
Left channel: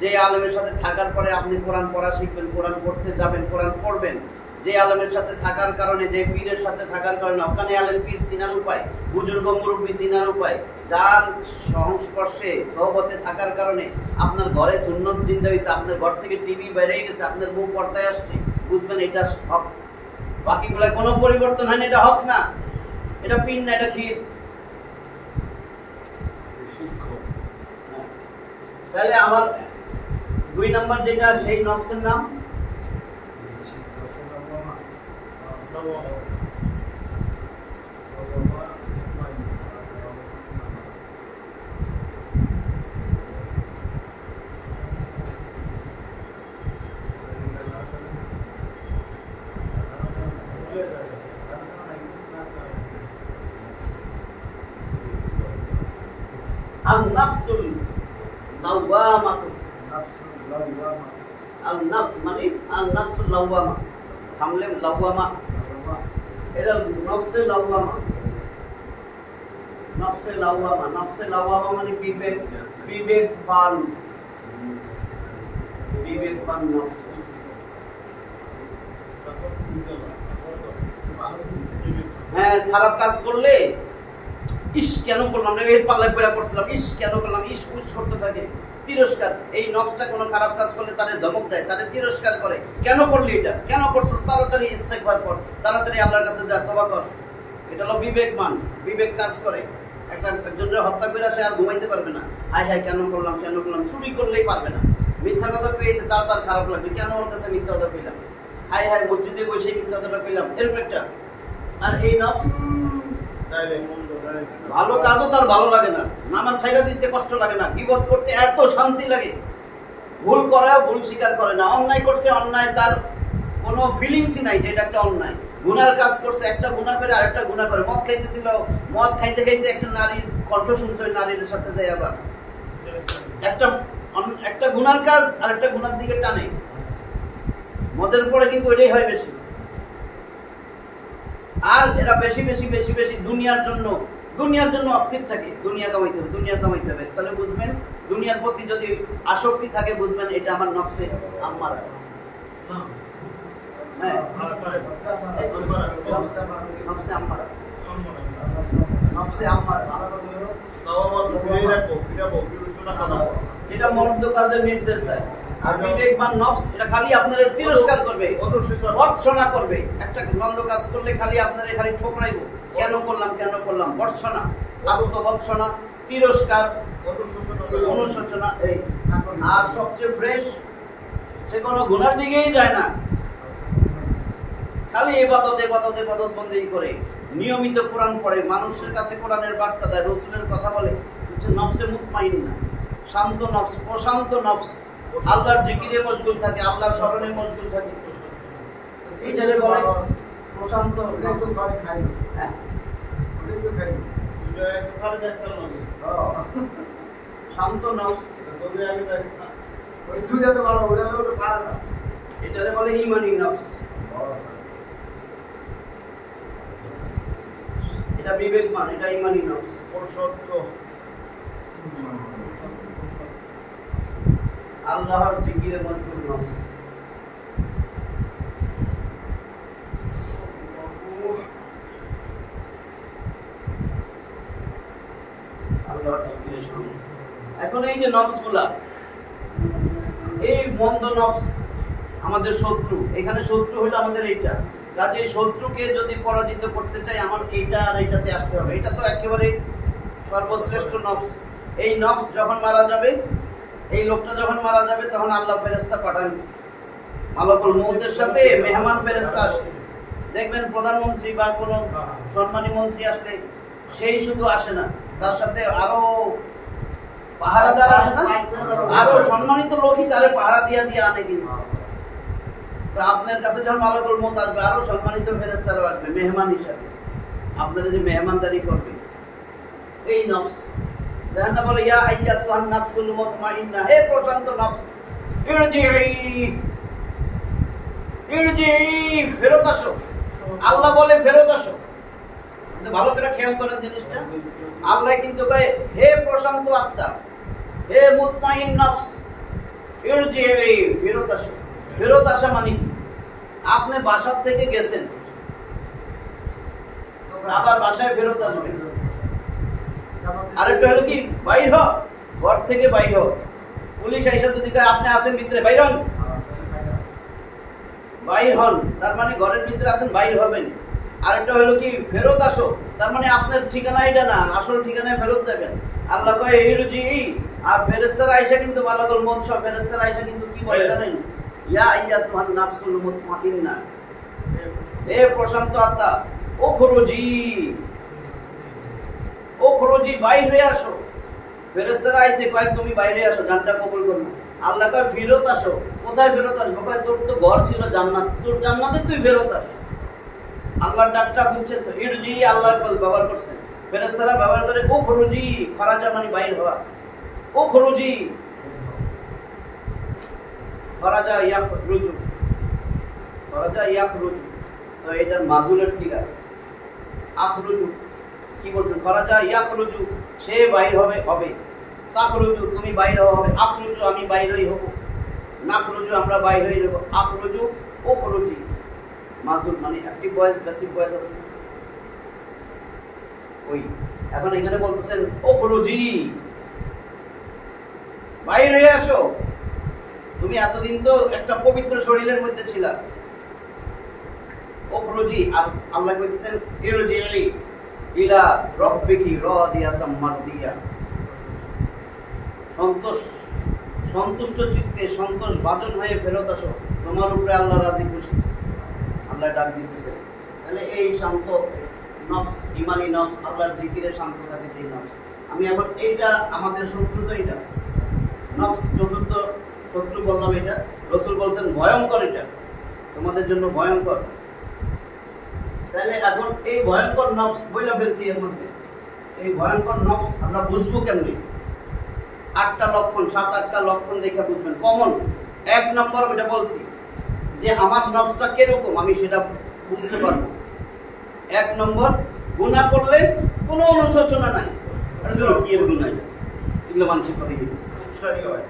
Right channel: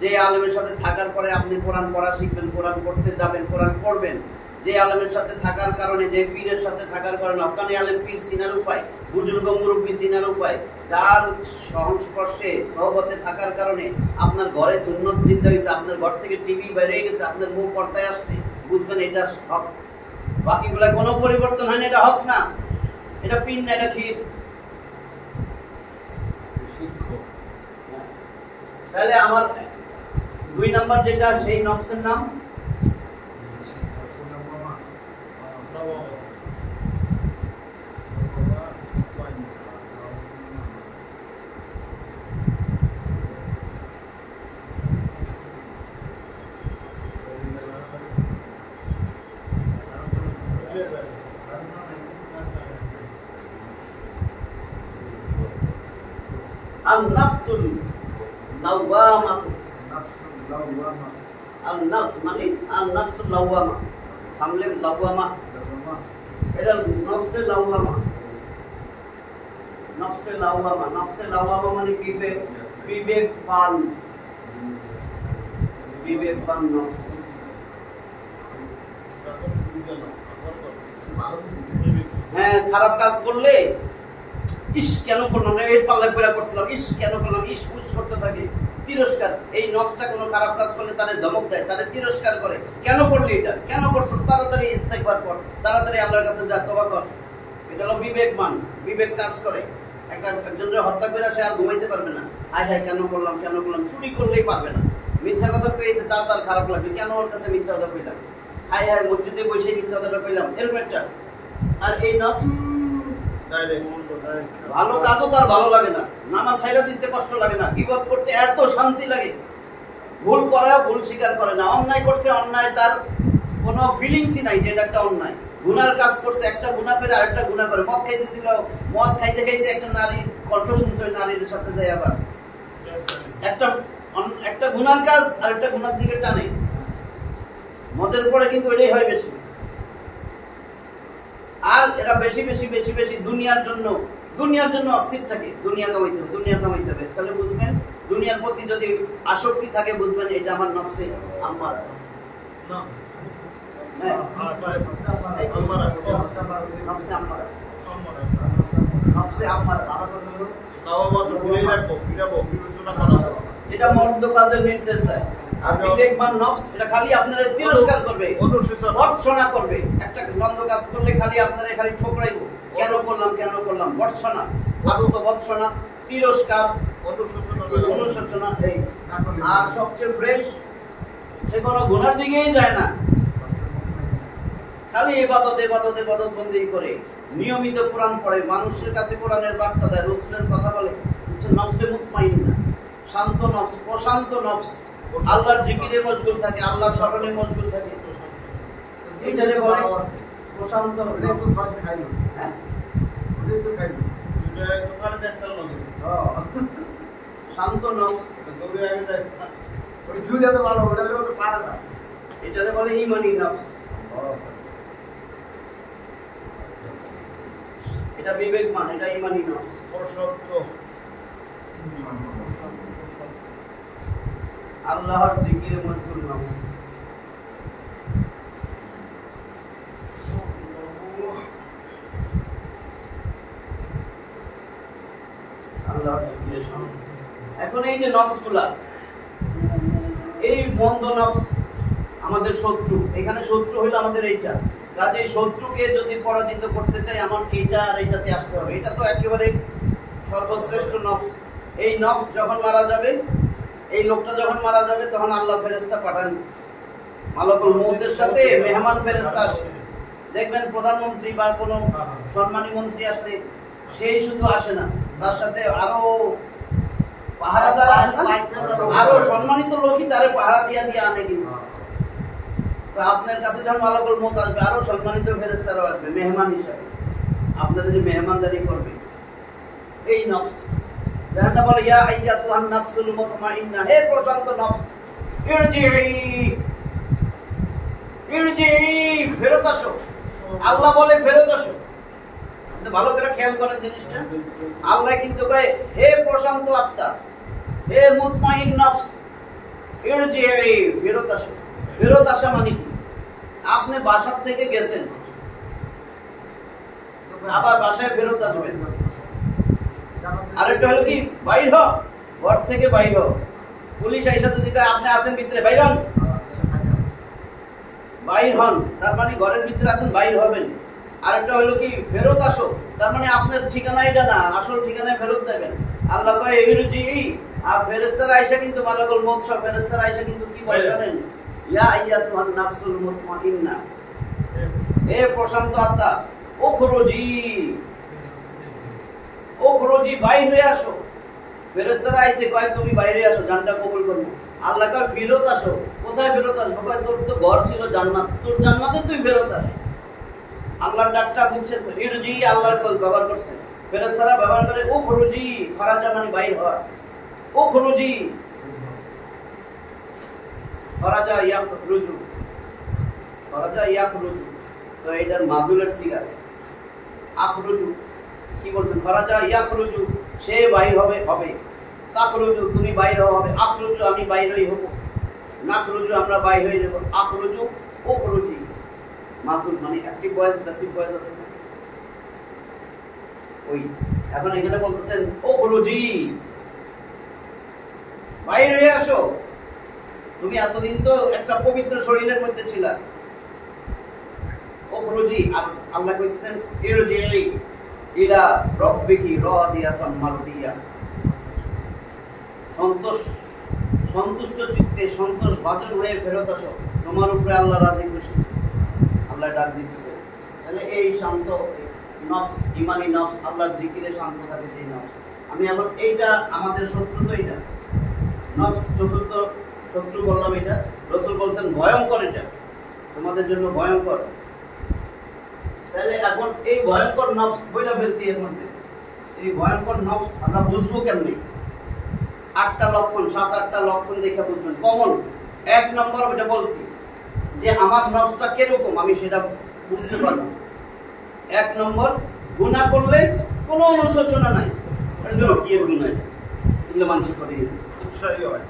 যে আলেমের সাথে থাকার পরে আপনি কোরআন পড়া শিখবেন, কোরআন পড়তে যাবেন, কোরআন পড়বেন, যে আলেমের সাথে থাকার কারণে, যে পীরের সাথে থাকার কারণে, হক্কানি আলেম পীর চিনার উপায়, বুজুর্গ মুরব্বী চিনার উপায়, যার সংস্পর্শে সহবতে থাকার কারণে আপনার ঘরে সুন্নত জিন্দা হয়েছে, আপনার ঘর থেকে টিভি বেড়ে গেছে, আপনার বউ পর্দায় আসছে, বুঝবেন এটা হক। বাকিগুলো কোনো পরিবর্তন হয়নি, এটা হক না, এটা পীর না, এটা ক্ষীর। তাহলে আমার 2 নম্বর যেটা, সেই নফসের নাম আন-নাফসুল লাওয়ামাতু। আন-নাফস মানে আন-নাফসুল লাওয়ামা, থামলে লাওয়ামা, এটা নফসে লাওয়ামা। নফসে লাওয়ামা, নফসে লাওয়ামা মানে বিবেক, বিবেকবান, বিবেকবান নফস। হ্যাঁ, খারাপ কাজ করলে ইস কেন করলাম না, এর পাল্লায় পড়া করছিলাম, ইস কেন করলাম, ইস উস করতে থাকে, তিরস্কার। এই নফসটা কোনো খারাপ কাজ করলে তারে ধমক দেয়, তারে তিরস্কার করে, কেন করলি এটা, কেন করছিস, তাড়াতাড়ি ইস্তেগফার কর, তাড়াতাড়ি আল্লাহর কাছে যা, তওবা কর। এটা হলো বিবেকবান, বিবেক কাজ করে। একজনের হত্যা করে সে আর ঘুমাইতে পারবে না, হায় হায় কেন করলাম, কেন করলাম। চুরি করলেই পারবে না, মিথ্যা কথা পেয়েছে তাও তার খারাপ লাগবে, কেন ওর কাছে মিথ্যা কথা পেলাম, হায় হায় মসজিদে বসে মিথ্যা কথাটা পেলাম, এরকম একটা। আর এই নফস ভালো কাজও তার ভালো লাগে না, নামাজ ছাইড়া দিতে কষ্ট লাগে না, গীবত করতে এত শান্তি লাগে, ভুল করা, ভুল স্বীকার করে না, অন্যায় করছে, অন্যায় তার কোনো ফিলিংসই নাই, যেটা একটা অন্যায়। গুনার কাজ করছে, একটা গুনাহ করে আরেকটা গুনাহ করে। মদ খাইতেছিল, মদ খাইতে খাইতে একটা নারীর কণ্ঠ শুনছে, ওই নারীর সাথে যায় আবার একটা গুনার কাজ আরেকটা গুনার দিকে টানে। মদের পরে কিন্তু এটাই হয় বেশি। আর এরা বেশি বেশি বেশি বেশি দুনিয়ার জন্য অস্থির থাকে, দুনিয়া কামাইতে হবে। তাহলে বুঝবেন দুনিয়ার প্রতি যদি আসক্তি থাকে, বুঝবেন এটা আমার নফসে আম্মারা। যেটা মন্দ কাজের নির্দেশ দেয়। আর বিবেকবান নফস এটা খালি আপনারা তিরস্কার করবে, ভর্ৎসনা করবে। একটা মন্দ কাজ করলে খালি আপনারা খালি ঠোকরাইবো, কেন করলাম, ভর্ৎসনা, আত্মভর্ৎসনা, তিরস্কার, অনুশোচনা। এই আর সবচেয়ে ফ্রেশ, সে কোনো গুনার দিকেই যায় না, খালি ইবাদত বন্দেগী করে, নিয়মিত কোরআন পড়ে, মানুষের কাছে কোরআনের বার্তা দেয়, রাসূলের কথা বলে। নফসে মুতমাইন্না, শান্ত নফস, প্রশান্ত নফস, আল্লাহর জিকিরে মশগুল থাকে, আল্লাহর স্মরণে মশগুল থাকে। এইটারে বলে প্রশান্ত নফস। হ্যাঁ শান্ত নফস, এটারে বলে ইমানি নফস। এটা বিবেকমান, এটা ইমানি নফস। আল্লাহর জিকিরে মজগুল নফস। আল্লাহর জিকিরে নফস। এখন এই যে নফসগুলা, এই মন্দ নফস আমাদের শত্রু। এখানে শত্রু হইলো আমাদের এইটা। কাজে শত্রুকে যদি পরাজিত করতে চাই আমার এইটা আর এইটাতে আসতে হবে। এটা তো একেবারে সর্বশ্রেষ্ঠ নফস। এই নফস যখন মারা যাবে, এই লোকটা যখন মারা যাবে, তখন আল্লাহ ফেরেশতা পাঠান মালাকুল মউতের সাথে মেহমান ফেরেশতা আসে। দেখবেন প্রধানমন্ত্রী বা কোনো সম্মানী মন্ত্রী আসলে সেই শুধু আসে না, তার সাথে আরো পাহারাদার আসে না, আরো সম্মানিত লোকই তারে পাহারা দিয়া দিয়ে আনে। কিন্তু তো আপনার কাছে যখন মালাকুল মউত আসবে, আরো সম্মানিত ফেরেশতারা আসবে মেহমান হিসাবে, আপনারা যে মেহমানদারি করবে। এই নফস দেখেন না, বলে ইয়া আইয়াতুহান নাফসুল মুতমাইন্নাহ, হে প্রশান্ত নফস, ইরজিই ফেরত আসো। আল্লাহ বলে ফেরত আসো। কিন্তু ভালো করে খেয়াল করেন জিনিসটা, আল্লাহ কিন্তু কয় হে প্রশান্ত আত্মা, হে মুতমাইন নফস, ইরজিই ফেরত আসো। ফেরত আসা মানে কি? আপনি বাসার থেকে গেছেন, আবার বাসায় ফেরত আসবেন। আরেকটা হলো কি, বাইর হ, ঘর থেকে বাইর হ। পুলিশ আইসা যদি আপনি আসেন ভিতরে, বাইর হন, বাইর হন, তার মানে ঘরের ভিতরে আছেন, বাইর হবেন। আরেকটা হলো কি, ফেরত আসো, তার মানে আপনার ঠিকানা এটা না, আসল ঠিকানায় ফেরত যাবেন। আল্লাহ কয় ইরজি, আর ফেরেশতারা আইসা কিন্তু মালাকুল মউত সব ফেরেশতারা আইসা কিন্তু কি বলে জানেন? ইয়া আইয়াতুহান নাফসুল মুতমাইন্নাহ, হে প্রশান্ত আত্মা, উখরুজি, উখরুজি, বাইর হয়ে আসো। ফেরেশতারা আইসে কয় তুমি বাইরে আসো, জানটা কবুল করো। আল্লাহ কয় ফেরত আসো। কোথায় ফেরত আসবো? কয় তোর তো ঘর ছিল জান্নাত, তোর জান্নাতে তুই ফেরত আস। আল্লাহর ডাকটা বুঝছেন তো? ইরজি আল্লাহর ব্যবহার করছেন, ফেরেশতারা ব্যবহার করে উখরুজি, খরাজা মানে বাইর হওয়া। উখরুজি, খরাজা ইয়াখরুজু, খরাজা ইয়াখরুজু। তো এটার মাজুলের সিগা আখরুজু। কি বলছেন? খরাজা ইয়াখরুজু, সে বাইর হবে, হবে। তাখরুজু, তুমি বাইর হবে। আখরুজু, আমি বাইরই হব। নাখরুজু, আমরা বাইর হয়ে যাব। আখরুজু, উখরুজি, মাজুল মানে অ্যাক্টিভ ভয়েস, প্যাসিভ ভয়েস আছে ওই। এখন এখানে বলতেছেন উখরুজি, বাইর হয়ে আসো। তুমি এতদিন তো একটা পবিত্র শরীরের মধ্যে ছিলা। উখরুজি, আর আল্লাহ কইতেছেন ইরজিই ইলা রাব্বিকি রাদিয়াতাম মারদিয়া, সন্তুষ্ট চিত্তে সন্তোষ ভাজন হয়ে ফেরত আসো, তোমার উপরে আল্লাহ রাজি খুশি। আল্লাহ ডাক দিতেছে। তাহলে এই শান্ত নফস, ইমানি নফস, আল্লাহর জিকিরে শান্ত থাকে এই নফস। আমি এখন এইটা আমাদের শত্রু, তো এইটা নফস চতুর্থ শত্রু বললাম। এটা রাসূল বলছেন ভয়ঙ্কর, এটা তোমাদের জন্য ভয়ঙ্কর। তাহলে এখন এই ভয়ঙ্কর নফস বইলা ফেলছি এর মধ্যে। এই ভয়ঙ্কর নফস আমরা বুঝবো কেমনি? 8টা লক্ষণ, 7-8টা লক্ষণ দেখে বুঝবেন। কমন 1 নম্বর ওইটা বলছি যে আমার নফসটা কিরকম আমি সেটা বুঝতে পারবো। 1 নম্বর, গুনাহ করলে কোনো অনুশোচনা নাই। কি এর গুনাহ? এটা এগুলো মানুষ করে উৎসাহী হয়।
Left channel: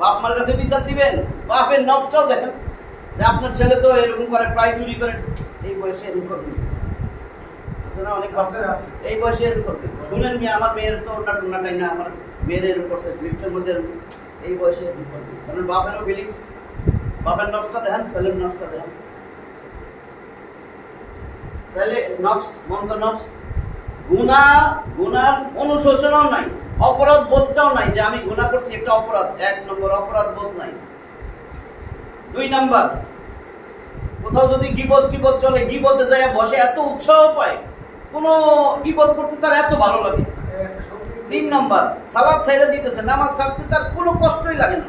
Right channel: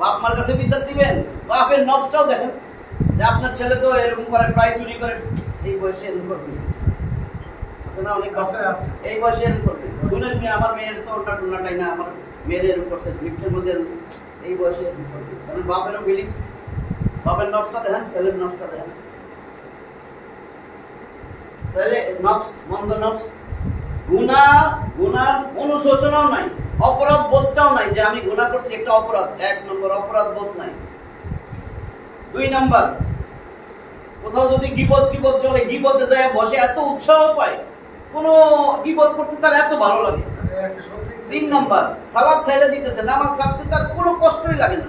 বাপ মার কাছে বিচার দিবেন, বাপের নফসটাও দেখেন যে আপনার ছেলে তো এরকম করে, প্রায় চুরি করে, এই বয়সে এরকম করবে আছে না? অনেক বাচ্চা আছে এই বয়সে এরকম করবে। শুনেন নি, আমার মেয়ের তো ওটা টুনাটাই না, আমার মেয়ের এরকম করছে লিফটের মধ্যে, এই বয়সে এরকম করবে। কারণ বাপেরও ফিলিংস, বাপের নফসটা দেখেন, ছেলের নফসটা দেখেন। তাহলে নফস, মন্দ নফস, গুনার অনুশোচনাও নাই, অপরাধ বোধটাও নাই যে আমি গুনাহ করছি, একটা অপরাধ। 1 নম্বর, অপরাধ বোধ নাই। 2 নম্বর, কোথাও যদি গীবত চলে, গীবতে যায় বসে এত উৎসাহ পায়, কোনো গীবত করতে তার এত ভালো লাগে। 3 নম্বর, সালাত ছাইড়া দিতেছে, নামাজ ছাড়তে তার কোনো কষ্টই লাগে না।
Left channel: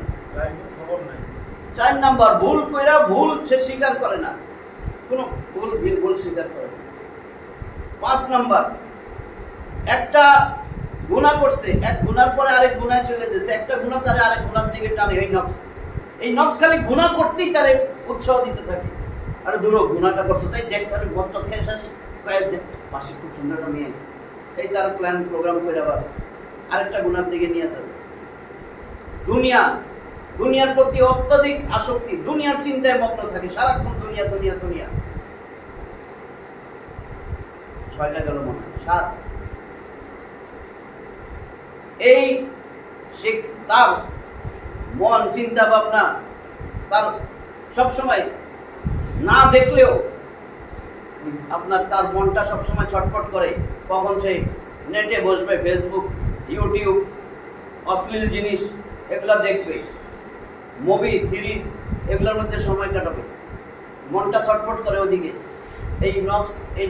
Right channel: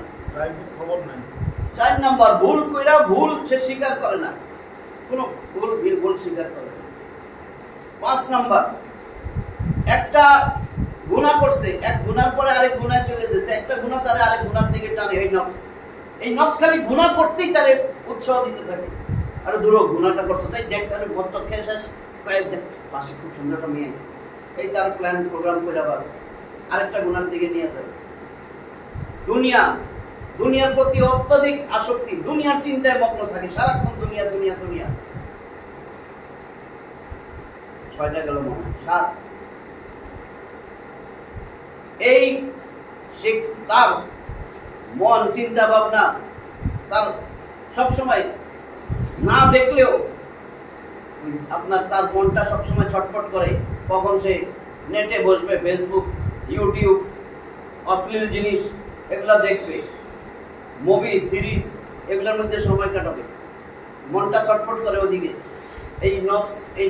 4 নম্বর, ভুল কইরা ভুল সে স্বীকার করে না। কোনো ভুল স্বীকার করে না। 5 নাম্বার, একটা গুনাহ করছে, এক গুনার পরে আরেক গুনায় চলে যাচ্ছে, একটা গুনাহ তারে আরেক গুনার দিকে টানে। এই নফস খালি গুনাহ করতেই তারে উৎসাহ দিতে থাকে। আরে দূর গুনাহটা করছো, সেই দেখ আরে মদ খেয়ে শেষ পাশে খুব সুন্দর একটা মেয়ে আছে, এই তার প্ল্যান প্রোগ্রাম করে বাস আরেকটা গুনার দিকে নিয়ে যাবে। দুনিয়ার প্রতি অত্যধিক আসক্তি, দুনিয়ার চিন্তায় মগ্ন থাকে সারাক্ষণ, দুনিয়া দুনিয়া দুনিয়া। 6টা গেল মনে হয়, 7। এই সে তার মন, চিন্তা ভাবনা তার সবসময় না দেখলেও আপনার তার মনটা সবসময় ছটফট করে কখন সে নেটে বসবে, ফেসবুক, ইউটিউব, অশ্লীল জিনিস এগুলা দেখবে, মুভি সিরিজ এগুলোর মধ্যে সময় কাটাবে, মনটা ছটফট করে ওদিকে। এই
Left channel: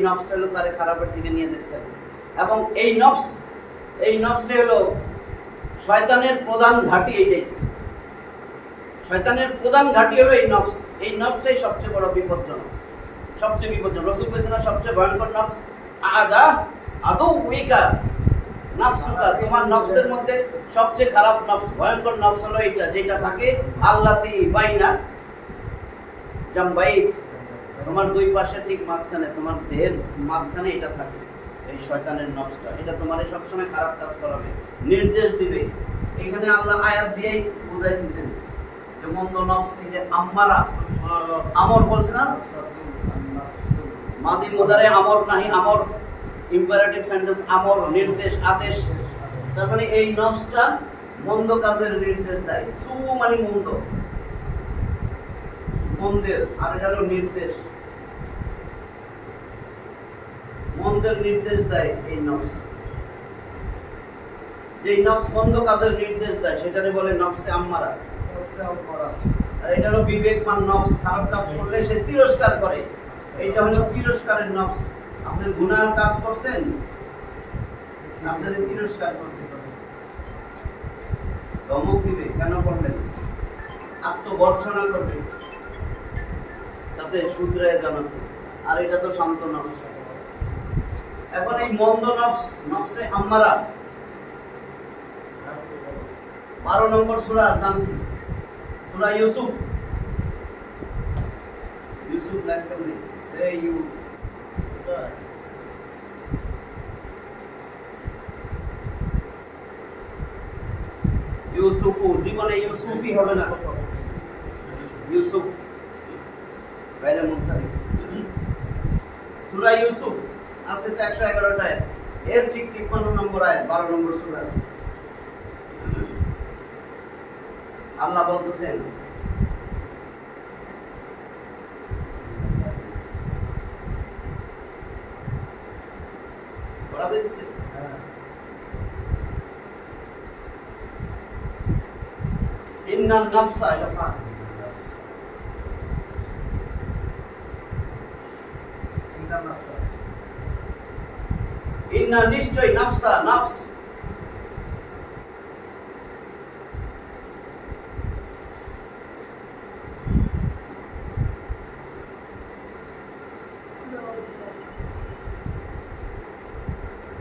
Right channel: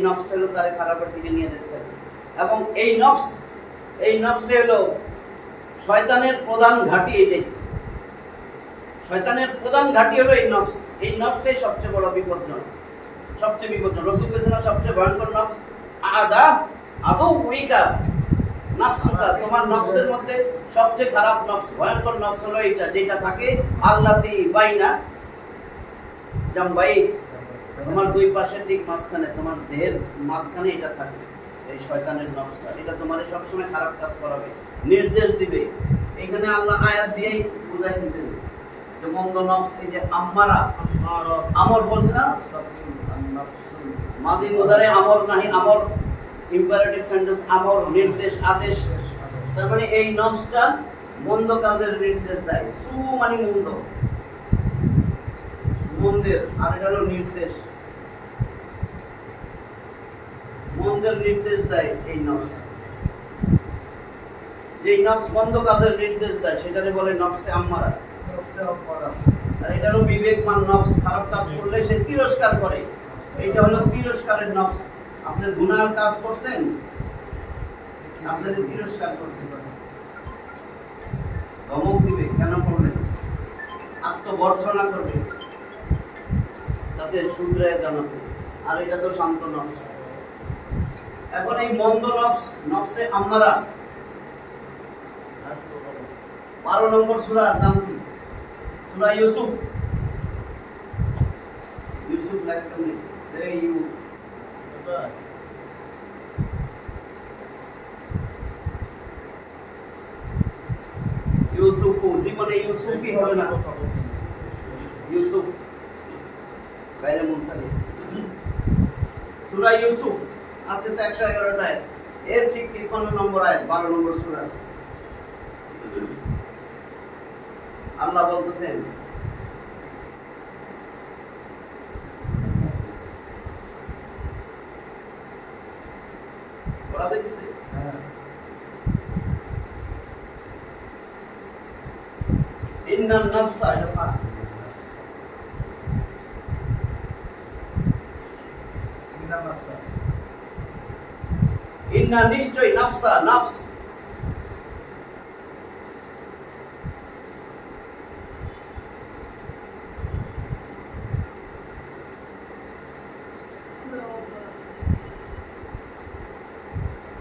নফসটা হলো তারে খারাপের দিকে নিয়ে যেতে থাকে। এবং এই নফসটা হলো শয়তানের প্রধান ঘাঁটি। শয়তানের প্রধান ঘাঁটি হলো এই নফস। এই নফসটাই সবচেয়ে বড় বিপজ্জনক, সবচেয়ে বিপজ্জনক। রাসূল বলেছেন সবচেয়ে ভয়ঙ্কর নফস আদুউকা নাফসুকা, তোমার নফসের মধ্যে সবচেয়ে খারাপ নফস, ভয়ঙ্কর নফস হলো এইটা, যেটা থাকে আল্লাতি বাইনা জামবাই, তোমার দুই পাশে ঠিক মাঝখানে, তোমার দেহের মাঝখানে এটা থাকে। এই শয়তানের নফসটা, এটা তোমার সবসময় খারাপ কাজ করাবে, নির্দেশ দিবে। এখানে আল্লাহ আয়াত দিয়েই বুঝাই দিয়েছেন যে মন্দ নফস, এই যে আম্মারা, আমর বলছে না, মাদি মুদারে আমর নাহি, আমর ইম্পারেটিভ সেন্টেন্স, আমর নির্দেশ, আদেশ। তার মানে এই নফসটা মন্দ কাজের নির্দেশ দেয়। সু মানে মন্দ, মন্দের, আর এটা হলো নির্দেশ, মন্দের নির্দেশ দেয় এই নফস। যেই নফস মন্দ কাজের নির্দেশ দেয় সেটারে বলে নফসে আম্মারা। আর এটা হলো বিবেকমান নফস, খারাপ কাজ করলে সে তিরস্কার করে, এইটা হলো তিরস্কারের নফস। আপনার গুনার কাজ করছেন, আপনাদের তিরস্কার করতে হবে, ধমক দিবে, কেন করলেন, আত্মবর্ষনা করবে, তাতে শুধরায় জানাবে। আর এটা তো শান্ত নফস। এখন এই মন্দ নফসে আম্মারা 12 নম্বর সূরার নাম কি? সূরা ইউসুফ। ইউসুফ লেখা নেই, এই ইউসুফ, জীবনে ইউসুফই হবে না, ইউসুফ বাইরে মুনসারি। সূরা ইউসুফ আছে তো 111টা আয়াত, এর ঠিক 53 নম্বর আয়াত, 12 নম্বর সূরা। আল্লাহ বলতেছেন পড়া যাইতেছে, ইন্নান নাফসা, এটা ফা, ইন্না নিশ্চয়, নাফসা নফস,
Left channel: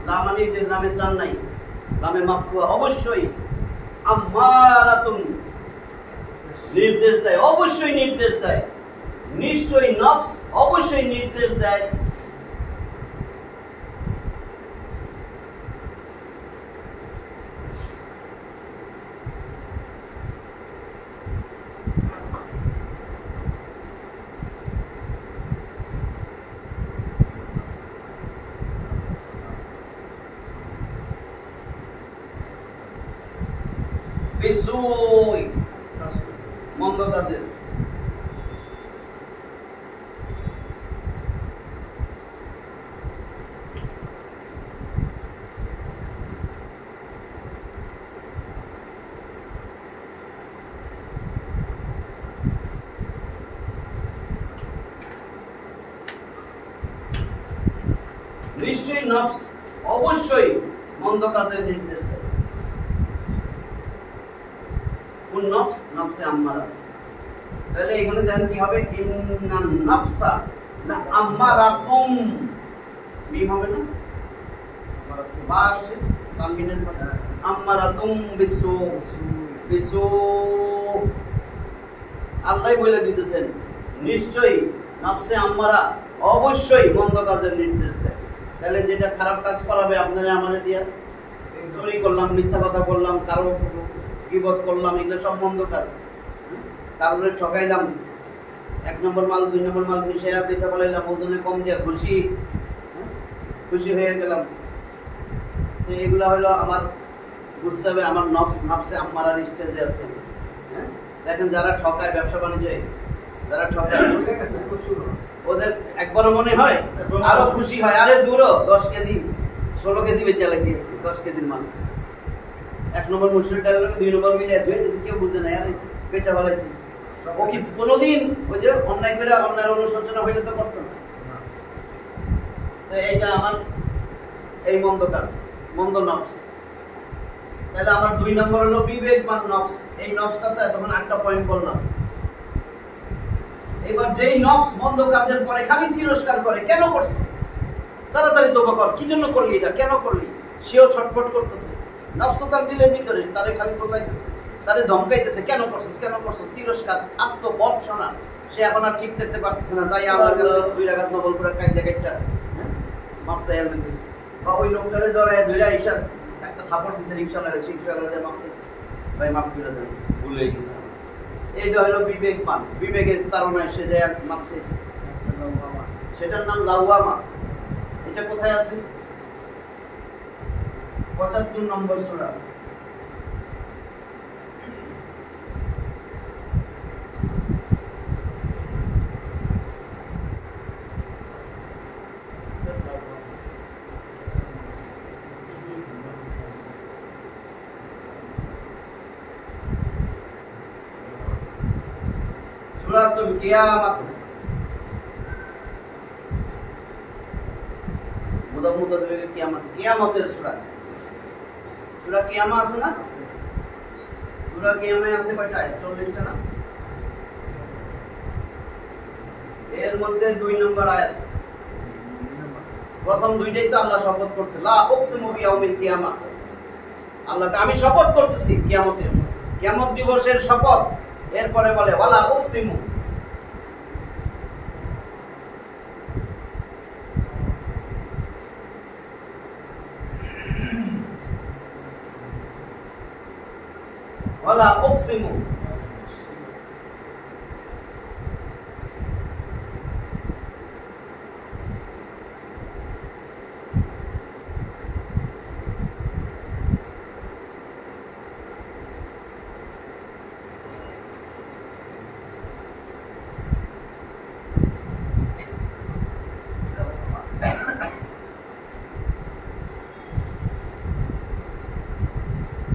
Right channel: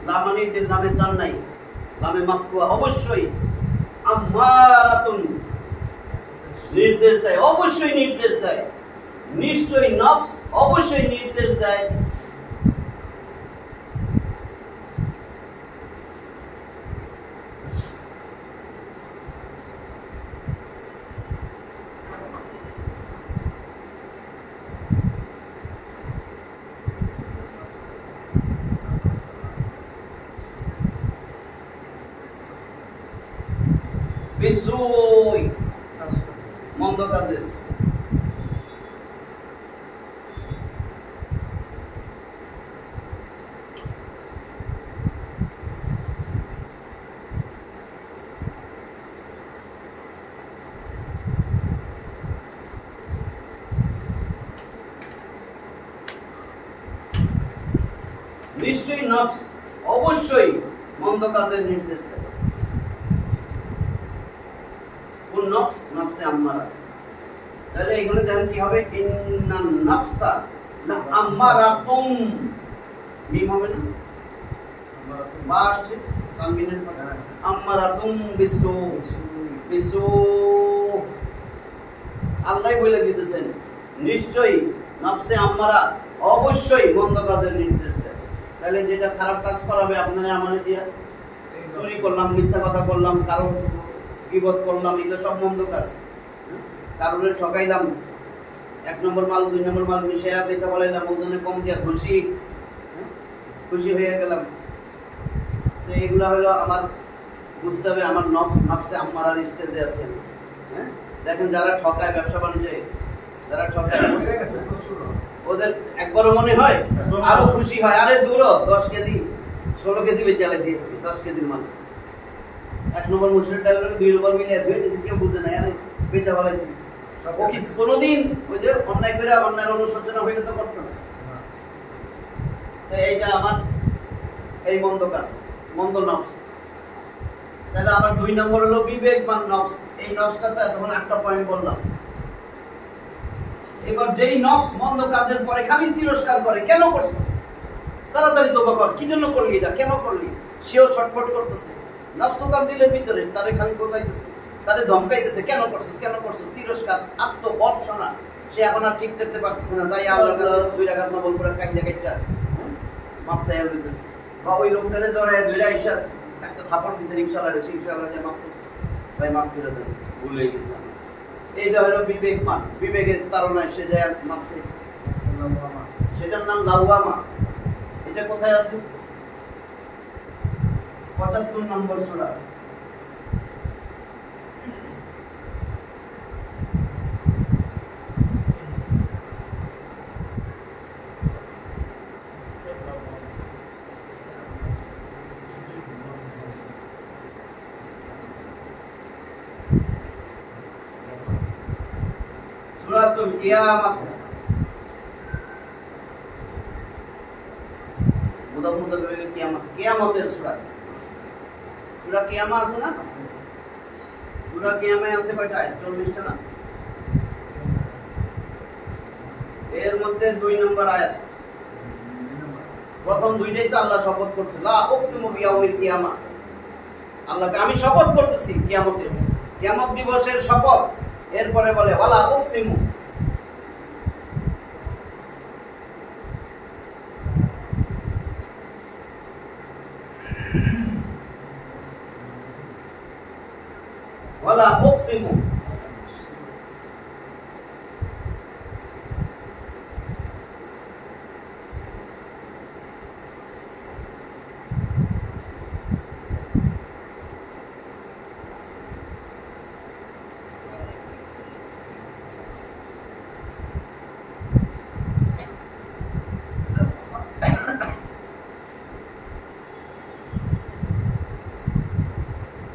লামানি যে নামে টান নাই, লামে মাফুয়া, অবশ্যই আম্মারাতুন নির্দেশ দেয়, অবশ্যই নির্দেশ দেয়, নিশ্চয়ই নফস অবশ্যই নির্দেশ দেয় বিসুই, মন্দ কাজে। নিশ্চয়ই নফস অবশ্যই মন্দ কাজের নির্দেশ দেয়। কোন নফস? নফসে আম্মারা। তাহলে এখানে দেখেন কি হবে, ইন্নান নাফসা, না আম্মারাতুম মিম হবে না বা আসছে তানবিনের পরে আম্মারাতুম বিসু বিসু আল্লাহ বলে দিতেছেন নিশ্চয়ই নফসে আম্মারা অবশ্যই মন্দ কাজের নির্দেশ দেয়। তাহলে যেটা খারাপ কাজ করাবে আপনারা আমারে দিয়া, চুরি করলাম, মিথ্যা কথা বললাম, কারো গীবত করলাম, এগুলো সব মন্দ কাজ। কারোরে ঠকাইলাম, 1 নম্বর মাল 2 নম্বর মাল মিশাইয়া বেচা বলাইলাম, ওজনে কম দিয়া খুশি হয়ে গেলাম। তো এগুলা হলো আমার বুঝতে হবে আমার নফসে আম্মারার স্টেজে আছে। হ্যাঁ, দেখেন যারা ঠকায় ব্যবসা বাণিজ্যে, যারা ঠকায় ওদের একবারও মনে হয় আরো খুশি হয়, আরে দূরও 10 কেজি 16 কেজি বেচে চালাইছি 10 কেজির মাল। 1 নম্বর মুসুর ডালের 2 নম্বর মিলিয়ে ধুয়ে দিয়েছি, কেউ বুঝে নাই, আরে বেচা বলাইছি। ও কি কোনোদিন ওই যে অন্যায় করে অন্যায়ের অনুশোচনা হইলে তো করতো না। তো এইটা আমার এই মন্দ কাজ, মন্দ নফস। তাহলে আমার 2 নম্বর হলো বিবেকবান নফস। এই নফসটাতে তখন 8টা পয়েন্ট বললাম। এবার যেই নফস মন্দ কাজের পরে খালি তিরস্কার করে, কেন করছিস, তাড়াতাড়ি তওবা কর, কি জন্য করলি এটা, কেন করলি, সেও ছটফট করতেছে। নফস তো তার দিলের ভিতরে, তারে খালি কোচাইতেছে, তারে ধমকাইতেছে, কেন করছিস, তিরস্কার, আত্মবর্ষনা। সে এখন আর ঠিক থাকতে পারতেছে না, যাই আল্লাহর কাছে 2 রাকাত নফল পড়ে কাইটা মাপ চাইয়া দিতেছে। বা ওই লোকটারে জড়ায় ধইরা ইশা একটা থাপড় দিছে রিকশাওয়ালারে, রিকশাওয়ালা মাপ চাইতেছে, ভাই মাপ করে দেন, ভুল হয়ে গেছে। এইটা হলো বিবেকবান, বিবেকের তাড়নায় সে যায় মাপ চাইছে, সেটার নাম লাওয়ামা। এটা কোথায় আছে? 75 নম্বর সূরা। সূরাতুল কিয়ামাত। কিয়ামতের সূরা। সূরা কিয়ামা আছে না? সূরা কিয়ামায় আছে কয়টা আয়াত? 40টা না? এর মধ্যে 2 নম্বর আয়াত। প্রথম 2টাই তো আল্লাহ শপথ করছে, লা উকসিমু বিয়াউমিল কিয়ামা। আল্লাহকে আমি শপথ করতেছি কিয়ামতের, কিয়ামত দিবসের শপথ। এরপরে বলে ওয়ালা উকসিমু, ওয়ালা উকসিমু।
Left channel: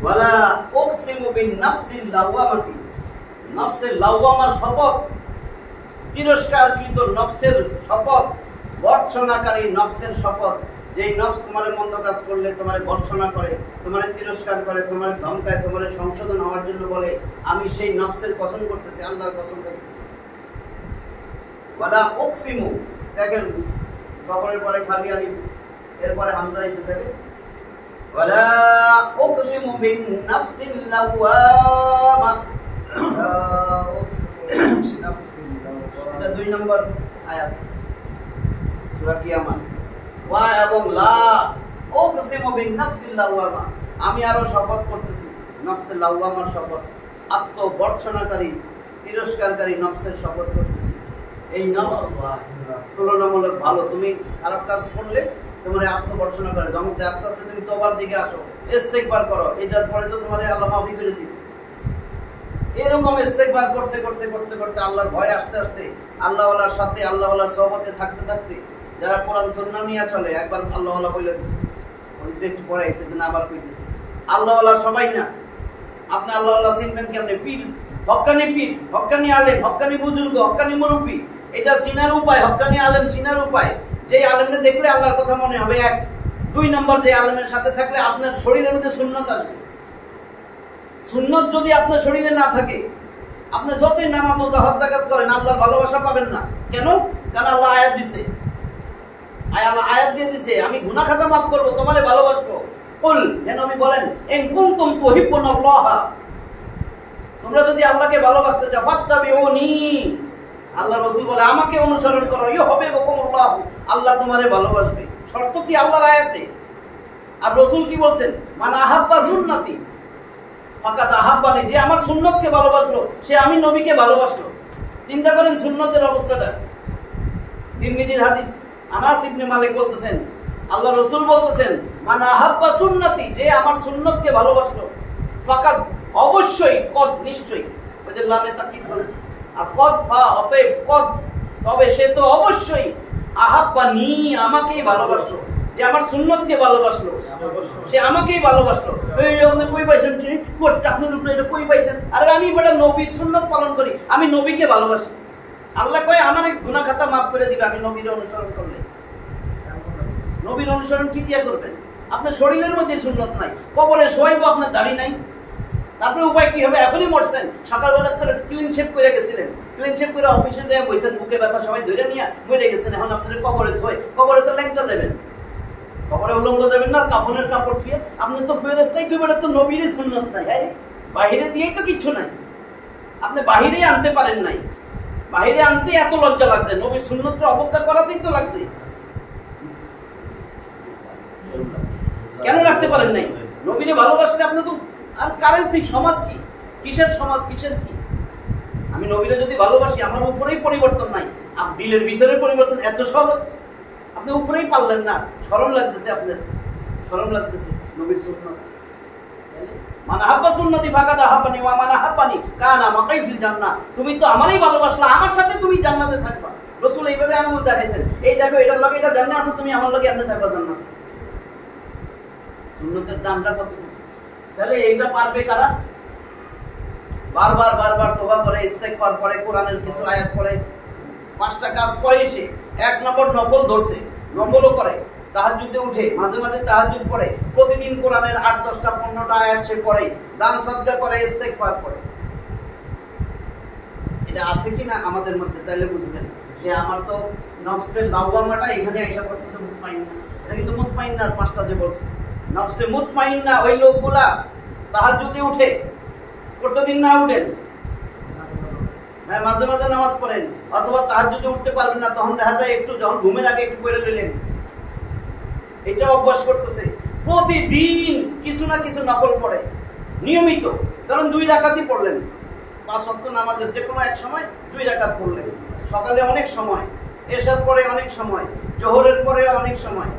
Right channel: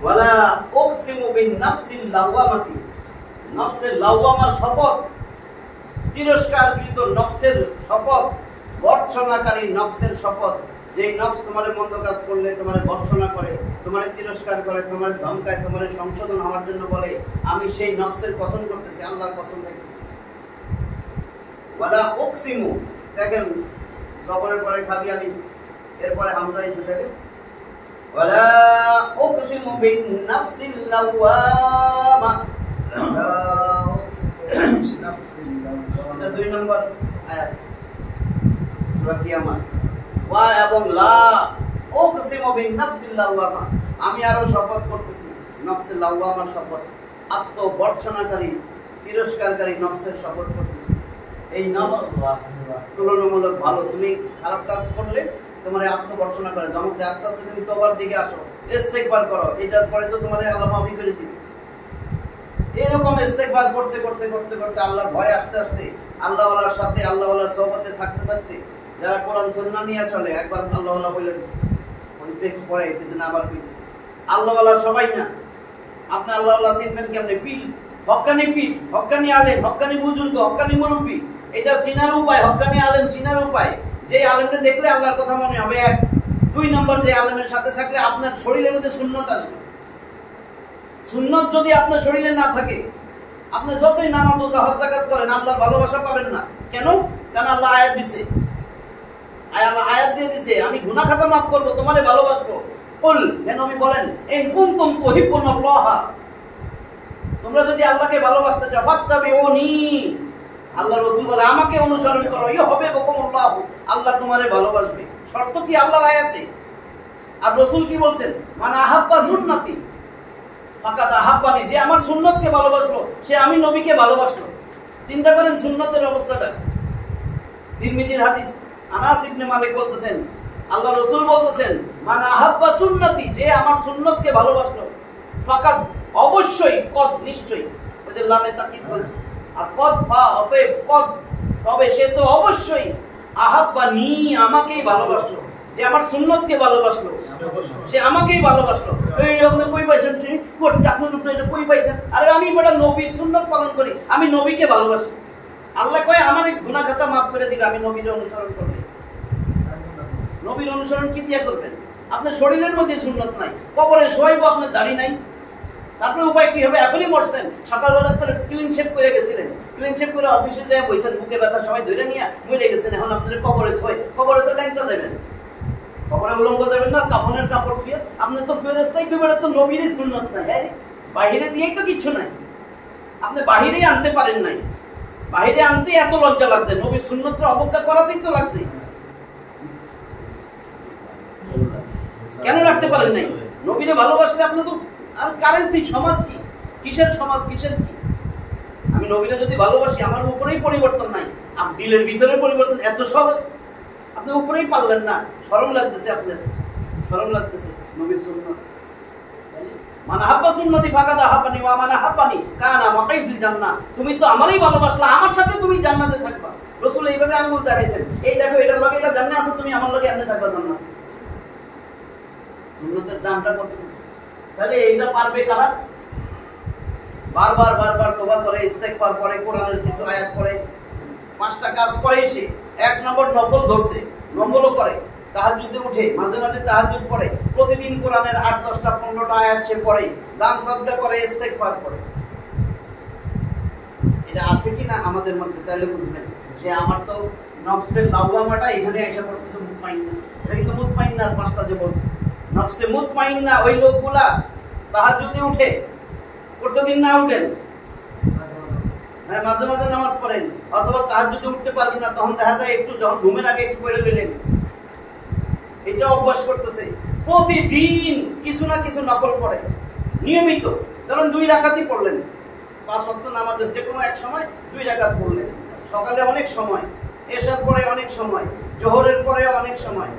ওয়ালা উকসিমু বিন-নাফসিল লাওয়ামাতি, নফসের লাওয়ামার শপথ, তিরস্কারকৃত নফসের শপথ, বর্ষণাকারী নফসের শপথ। যেই নফস তোমারে মন্দ কাজ করলে তোমারে বর্ষণা করে, তোমারে তিরস্কার করে, তোমারে ধমকায়, তোমারে সংশোধন হওয়ার জন্য বলে, আমি সেই নফসের কসম করতেছি, আল্লাহর কসম খাইতেছি। ওয়ালা উকসিমু, দেখেন কবরের পরে খালি আলিফ, এরপরে হামজা এসে থাকে। ওয়ালা উকসিমু বিন-নাফসিল লাওয়ামা, এটা 2 নম্বর আয়াত সূরা কিয়ামত। ওয়া এবং লা উকসিমু বিন-নাফসিল লাওয়ামা, আমি আরো শপথ করতেছি নফসের লাওয়ামার শপথ, আত্মবর্ষণাকারী তিরস্কারকারী নফসের শপথ করতেছি। এই নফস তুলনামূলক ভালো, তুমি খারাপ কাজ করলে তোমার আত্মবর্ষণা করে, ধমক দেয়, আস্তে আস্তে তুমি তওবার দিকে আসো, ইস্তেগফার করো, এটার পরে তো তোমার আল্লাহ মাফি করে দিবে। এরকম ইস্তেগফার করতে করতে করতে করতে আল্লাহর ভয় আসতে আসতে, আল্লাহওয়ালার সাথে আল্লাহওয়ালার সোহবতে থাকতে থাকতে, যারা কোরআন সুন্নাহ নিয়ে চলে, একবার আল্লাহওয়ালা বলে দিচ্ছে, ওই তো একটু পরে এসে দিন আবার কইতেছে, আল্লাহওয়ালা সবাই না। আপনি আল্লাহওয়ালা চিনবেন কেমনে? পীর, হক্কানি আলেম, হক্কানি বুজুর্গ, হক্কানি মুরব্বী, এটা চিনার উপায়। হক্কানি আলেম চিনার উপায়, যে আলেমকে দেখলে আল্লাহর কথা মনে হবে। 1 2 নম্বর, যে আলেমের সাথে থাকলে আপনার শরীরের মধ্যে সুন্নত আসবে। সুন্নত যদি আপনার শরীরে না থাকে, আপনি যতই নামাজ রোজা হজ যাকাত করেন, আল্লাহর ভালোবাসা পাবেন না। কেন? কারণ আল্লাহ আয়াত দিছে, আল্লাহ আয়াত দিয়ে দিছে আমি গুনাহ খাতা মাফ করব, তোমারে ভালোবাসবো। কুল, হে নবী বলেন, ইন কুনতুম তুহিব্বুনাল্লাহ, তোমরা যদি আল্লাহকে ভালোবাসতে চাও, ফাত্তাবিউনি, আল্লাহ রাসূল বলে আমাকে অনুসরণ করো, ইউহিব্বুকুমুল্লাহ, আল্লাহ তোমারে ভালোবাসবে। শর্ত কি? আল্লাহর আয়াতে। আর রাসূল কি বলছেন? মান আহাব্বা সুন্নতি ফাকাদ আহাব্বানি, যে আমার সুন্নতকে ভালোবাসলো সে আমি নবীকে ভালোবাসলো। চিন্তা করেন সুন্নতের অবস্থাটা। তিরমিজির হাদিস, আনাস ইবনে মালিক বলতেছেন, আল্লাহ রাসূল বলতেছেন, মান আহাব্বা সুন্নতি, যে আমার সুন্নতকে ভালোবাসলো, ফাকাদ, অবশ্যই, কদ, নিশ্চয়ই, ওই যে লামে তাকিদ বলছে, আর কদ ফা, অতএব কদ, তবে সে তো অবশ্যই, আহাব্বানি, আমাকেই ভালোবাসলো, যে আমার সুন্নতকে ভালোবাসলো সে আমাকেই ভালোবাসলো। এই আপনি কই পাইছেন? আপনার উপরে এটা কই পাইছেন? আরে আমি বড় নবীর সুন্নত পালন করি, আমি নবীকে ভালোবাসি। আল্লাহ কয় আমার গুনাহ খাতা মাফ করে দিবে আমি নবীর অনুসরণ করলে। নবীর অনুসরণ কি দিয়ে করবেন? আপনার শরীরের মধ্যে সুন্নত নাই, কবরে শোয়াইব, আপনার দাড়ি নাই, তারপরে উপায় কি হবে? এখনই মরছেন, সকালবেলা ক্লিন শেভ করে গেছিলেন, ক্লিন শেভ করে অফিসে যায় বইছেন, বুকে ব্যথা সবাই ধরে নিয়ে মরে গেছেন, এখন আপনাদের কবরে থই, কবরে তো ল্যাংটা যাবেন, কবরে উলঙ্গ যাবেন না, কাফনের কাপড় দিয়ে। আপনি তো ফেরেশতাই কি বলে, তো নবীরই সুন্নত নাই, বাহিরে দিয়েই তো কিচ্ছু নাই, আপনি বাহিরেই আনতে পারেন নাই, বাহিরে আনতে এত লজ্জা লাগছে, নবীর সুন্নতকে অবজ্ঞা করাতেই তো লাগছে। কেন রাখতে পারেন নাই? নবীরে ভালোবাসলে আপনি তো আর কারের তুই সমাজ কি, কিসের সমাজ, কিসের কি? আমি নবীরে যদি ভালোবাসি, আমার উপরেই পরিবর্তন নাই, দিলের ভিতরে পরিবর্তন এত সহজ, আপনি উপরেই পারলেন না, শরম লাগতেছে, আপনার শরম লাগতেছে। নবীর সুন্নাত, মান আহাব্বা সুন্নতি ফাকাদ আহাব্বানি ওয়া মান আহাব্বানি কানা মাকাই ফিল জান্নাহ, তুমি তো আমারই ভালোবাসলা, আমার সাথে তুমি জান্নাতে থাকবা। রাসূল এইভাবে আঙ্গুল দেখাইছেন, এই দেখো এটার লগে এটা জান্নাতে আছে, তুমি আমার লগে এমনি থাকবা জান্নাত। সুন্নতের দামটা কত? তাহলে এইটা পারবে কারা? বারবার বারবার তওবা করে, ইস্তেগফার করে, কোরআনের কিছু আয়াত পড়ে, 5টা কাজ করে সে। 1 নম্বর নফল ধরছে, নফলও করে, তাহাজ্জুদে উঠে, মাঝে মাঝে তাহাজ্জুদ পড়ে, প্রতিদিন কোরআনের 8, 10টা, 15টা আয়াত সে পড়ে, দান সদকা করে, ইস্তেগফার করে। এটা আছে কিনা আমাদের মধ্যে? তাহলে বুঝবেন যে আমার তো নফসের লাওয়ামাটা এখানে আইসা পড়তেছে, মুতমাইন্না। এটা কিন্তু মুতমাইন্না 5টা যে বলছে, নফসে মুতমাইন্না ওই লোকগুলা তাহাজ্জুদে উঠে, প্রতিদিন না উঠেন, মাঝে মাঝে নামাজ পড়েন, অথবা তাহাজ্জুদে উঠতে পারবেন না, তখন দেখা যায় একটু যখন ঘুমের আগে একটু পড়ে লইলেন, এটা অভ্যাস করতেছে। প্রতিদিন কিছু না কিছু নফল পড়ে নিয়মিত, ধরুন 2 রাকাতই পড়লেন, 5 ওয়াক্ত নামাজের যে কোনো এক সময় 2 রাকাত পড়লেন, সকালে অনেক সময়, এশার পরে অনেক সময়, জোহরের পরে অনেক সময়।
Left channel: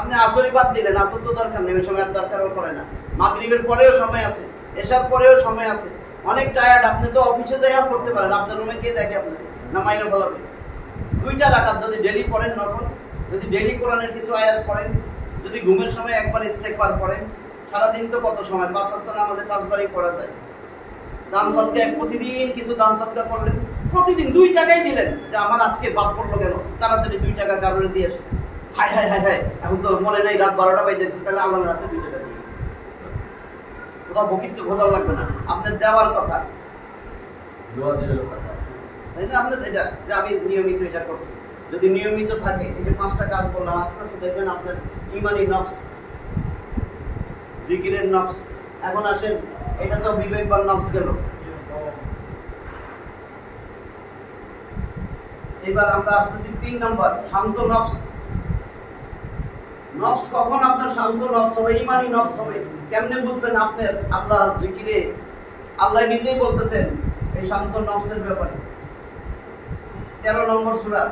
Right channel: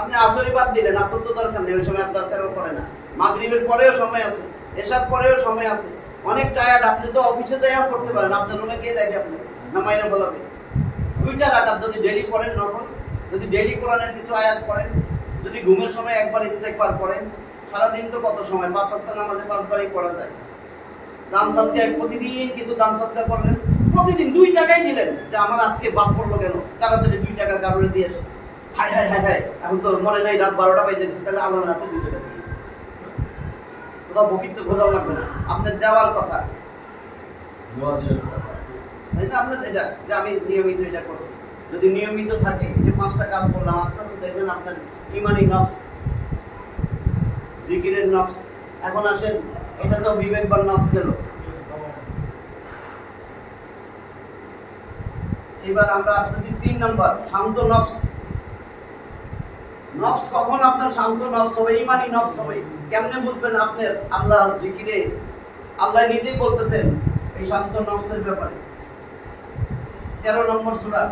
আপনি আসরই বাদ দিলেন, আসর তো দরকার নেই, ওই সময় আর দরকারও পড়ে না। মাগরিবের পরেও সময় আছে, এশার পরেও সময় আছে। অনেক টায়ার্ড, আপনি তো অফিসে যাইয়া পড়তে পারেন, আপনার রুমে কে দেখে আপনাকে, না মাইনে বলাবে। 2টা রাকাত যদি ডেইলি পড়েন নফল, যদি ডেইলি কোরআনের কিছু আয়াত পড়েন, যদি ঘুমের সময় একবার ইস্তেগফার পড়েন, সারাদিন তো কত সময়, 5 ওয়াক্ত নামাজে 5 বারই পড়া যায়। দান সদকা, প্রতিদিন কিছু দান সদকা করলেন, প্রতিদিন 2 টাকাই দিলেন, যে আমার আজকে বাদ পড়লো কেন, তাড়াতাড়ি 2 টাকা কারণে দিয়ে আসে। হায় হায় হায় হায়, এখন তো মনে নাই রাত 12টা বাজে যাচ্ছে, তাহলে আল্লাহর রাতে 2 টাকা দিয়ে কোথাও বকির তো ঘোরার লাগবে না, আপনার দেওয়ার কথা, তাই না? আপনার এটা যে আমি নিয়মিত এটা করছি, যদি নিয়মিত থাকে, এই যে 5টা কাজ করলাম, আস্তে আস্তে দেখবেন আপনার ইমানি নফস, জিকিরের নফস। এখন আসেন, এটা তো বিবেকবান নফস গেল। এবার আমরা আসতেছি 3 নম্বর, শান্ত নফস। নফস কখন আপনার শান্ত নফস হবে, ইমানি নফস হবে? কেমনে বুঝবেন আপনার আল্লাহর জিকিরে? আল্লাহ নিজেই বলতেছেন এই শান্ত নফসের ব্যাপারে। 13 নম্বর সূরা,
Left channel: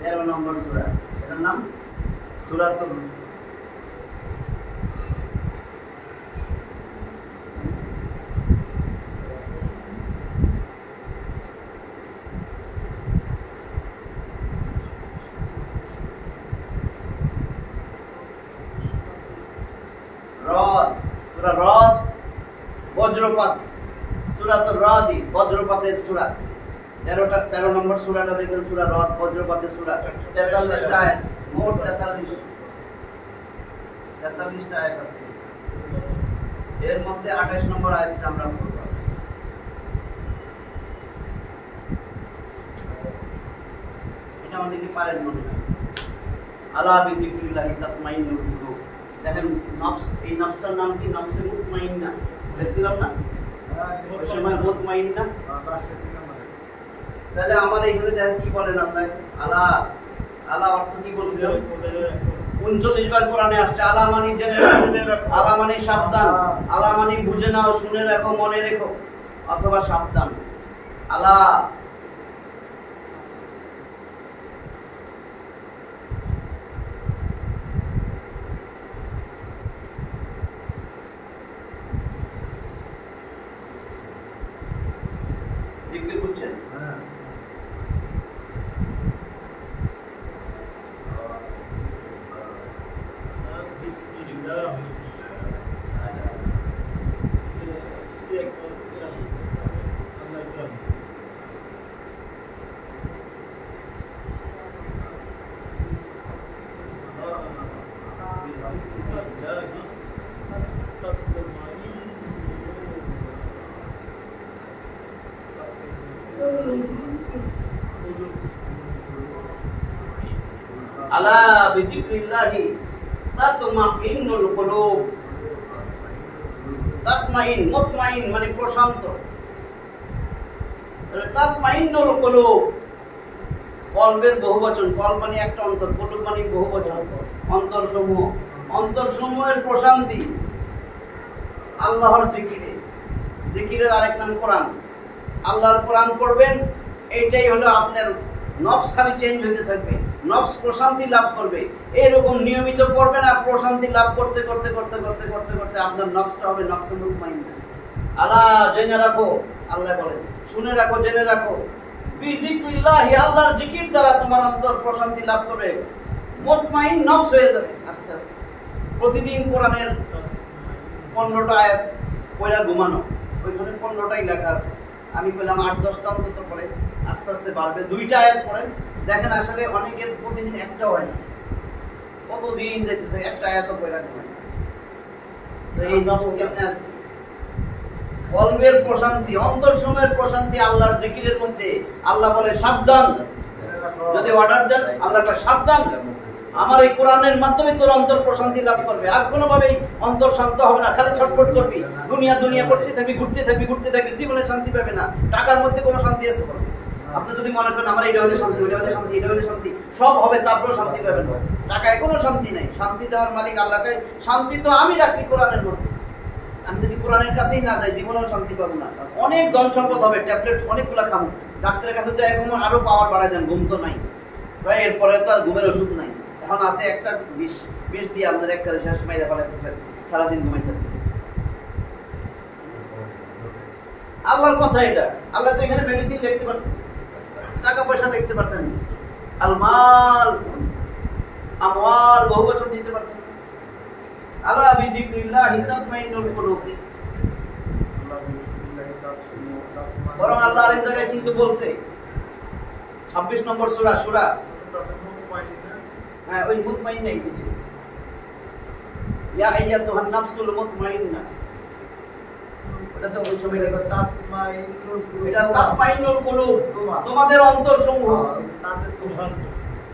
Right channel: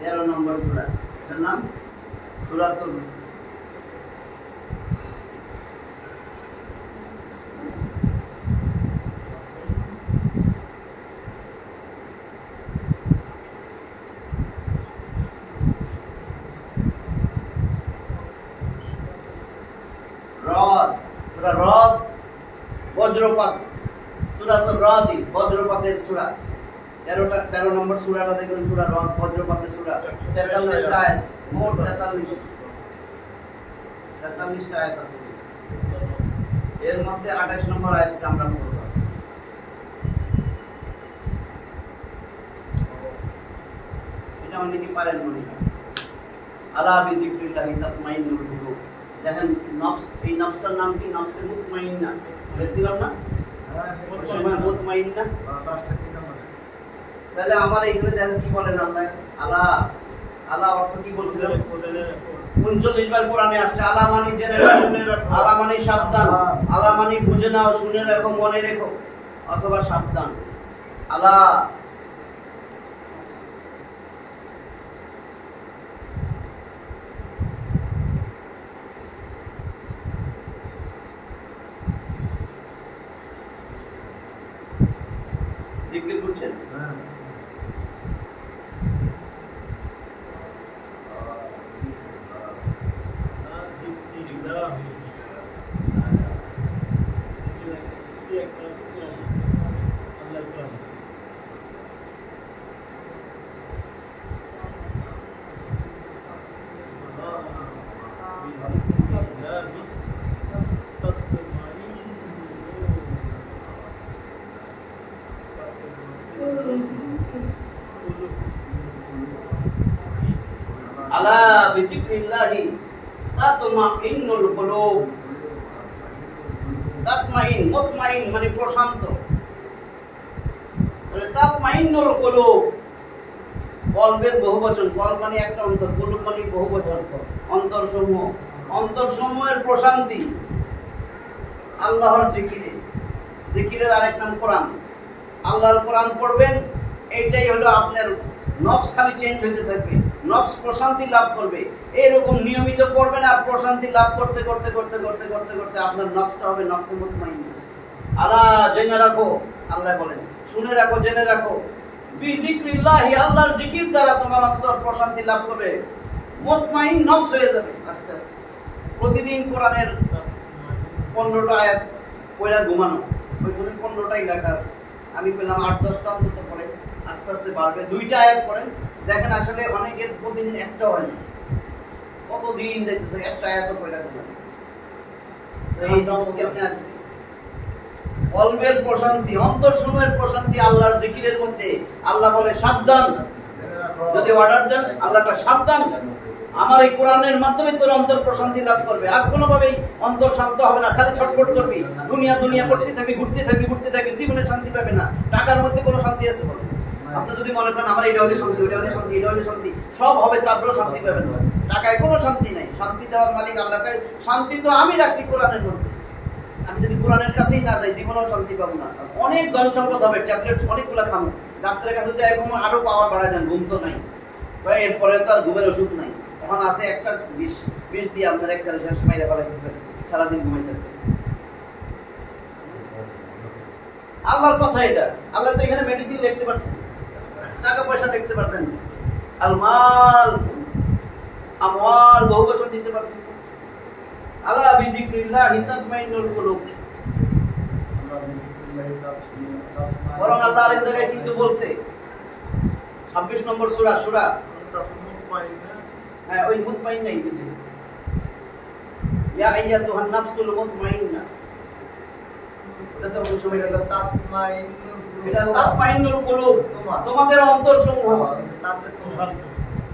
তেরো নম্বর সূরা, এটার নাম সূরাতুল রদ, সূরা রদ, বজ্রপাত, সূরাতুর রদ, বজ্রপাতের সূরা। 13 নম্বর সূরাটা দেখবেন, সূরা রদ, বজ্রপাতের সূরা। 43টা আয়াত, মোট 43। 43টা আয়াত আছে, এর মধ্যে 28 নম্বর আয়াতটা আমরা পড়ব। এটা অনেকে পারেন মনে হয়। আলা বিযিকরিল্লাহি তাতমাইন্নুল কুলুব। দেখেন নফস, এই নফসটার নাম কি? নফসে মুতমাইন্না দেখছিলাম না ওই সময়, মুতমাইন্না। তাহলে আমার এইখানে দেখেন কি বলেন আল্লাহ। আলা, আলা অর্থ কি বলছিলেন? 39 বার কোরআনে আসছে। আলা মানে জেনে রাখো, আলা মানে সাবধান, আলা মানে বুঝে নাও, শুনে রাখো, মনে রেখো, অথবা সাবধান। আলা জিকির করছেন। আলা বিযিকরিল্লাহি তাতমাইন্নুল কুলুব। তাতমাইন, মুতমাইন মানে প্রশান্ত। তাতমাইন্নুল কুলুব কলবের বহুবচন। কল মানে একটা অন্তর, কুলুব মানে বহুবচন, অন্তরসমূহ। অন্তরসমূহের প্রশান্তি আল্লাহর জিকিরে। জিকিরের আরেক নাম কোরআন। আল্লাহর কোরআন পড়বেন, এইটাই হলো আপনার নফস খালি চেঞ্জ হতে থাকবে, নফস প্রশান্তি লাভ করবে। এইরকম নিয়মিত পড়বেন আর প্রশান্তি লাভ করতে করতে করতে করতে করতে করতে আপনার নফসটা হবে নফসে মুতমাইন্না। আলা জেনে রাখো, আল্লাহ বলেন শুনে রাখো, জেনে রাখো, বিযিকরিল্লাহি আল্লাহর জিকির দ্বারা তোমার অন্তর প্রশান্তি লাভ করবে, মুতমাইন নফস হয়ে যাবে আস্তে আস্তে। প্রতিদিন কোরআনের 15টা আয়াত পড়া ঘুমানো, ওইখানে 15টাই লেখা আছে। আমি বললাম 8-10টা অন্তত পড়ে, আস্তে আস্তে বাড়বে। 2টা আয়াত পড়েন, দেখেন আসলে অনেকের প্রতিদিন একটা হয় না, কতদিন যাইতেছে একটা আয়াত পড়া ঘুমানো। তো এই নফস কেমনে আসবে? কলবের প্রশান্তি, অন্তরসমূহের প্রশান্তি আল্লাহর জিকিরের মধ্যে। আল্লাহ বলে সাবধান, যদি অর্ডার দেন আল্লাহ কয় সাবধান, আমার এই কোরআনের মাধ্যমে তোর অন্তর প্রশান্তি লাভ করবে। আর কোনোভাবেই অন্তর শান্ত হবে না, খালি ছটফট করবি, দুনিয়া দুনিয়া করতে থাকবি, ঘুরতে থাকবি, ঘুরতে থাকবি, জীবনে শান্তি পাবে না। টাকার মধ্যে কোনো শান্তি আছে বলে? আপনি যদি মনে করেন আমার এটা হলে শান্তি, ওইটা হলে শান্তি, এটা হলে শান্তি, সব হবে, তারপরেও শান্তি পাবেন না। টাকায় কোনো শান্তি নাই। শান্তি দেওয়ার মালিক আল্লাহকে। শান্তি তো আমি রাখছি কোরআনের মধ্যে। আমি যদি কোরআনের কাছেই না যাই, জীবনেও শান্তি পাবো না। অনেক ধন সম্পদ হবে, ট্যাবলেট অনেকগুলো খাবো, ডাক্তারের কাছে যাই ঘুমো, আরো পাওয়ার বাড়া যান, ঘুম তো নাই, এরপরে তো আর ঘুমের ওষুধ নাই। এখন আছে একটা বিষ দিয়ে আপনার একটা শেষ মাইরা পালাইতে পারেন, সারাদিন ঘুমাই থাকবে। আল্লাহর কথা এটা। আল্লাহ তো এখানে মেডিসিন লিখতে পারতেন, টাকা পয়সা লিখতে পারতেন, আলমাল আমওয়াল বহুবচন দিতে পারতেন। আলা বিযিকরিল্লাহি তাতমাইন্নুল কুলুব। বরং আল্লাহ আরেক জায়গায় কিন্তু বলছে, 26 নম্বর সূরা, সূরা হ্যাঁ ওই মুতমাইন্না, কিন্তু ইয়া আইয়াতুহান নাফসুল মুতমাইন্না, এটা তো ওই সময় লেখা তাতমাইন্নুল কুলুব। এটা তাতমাইন্নুল কুলুব, তোমাদের অন্তরসমূহ,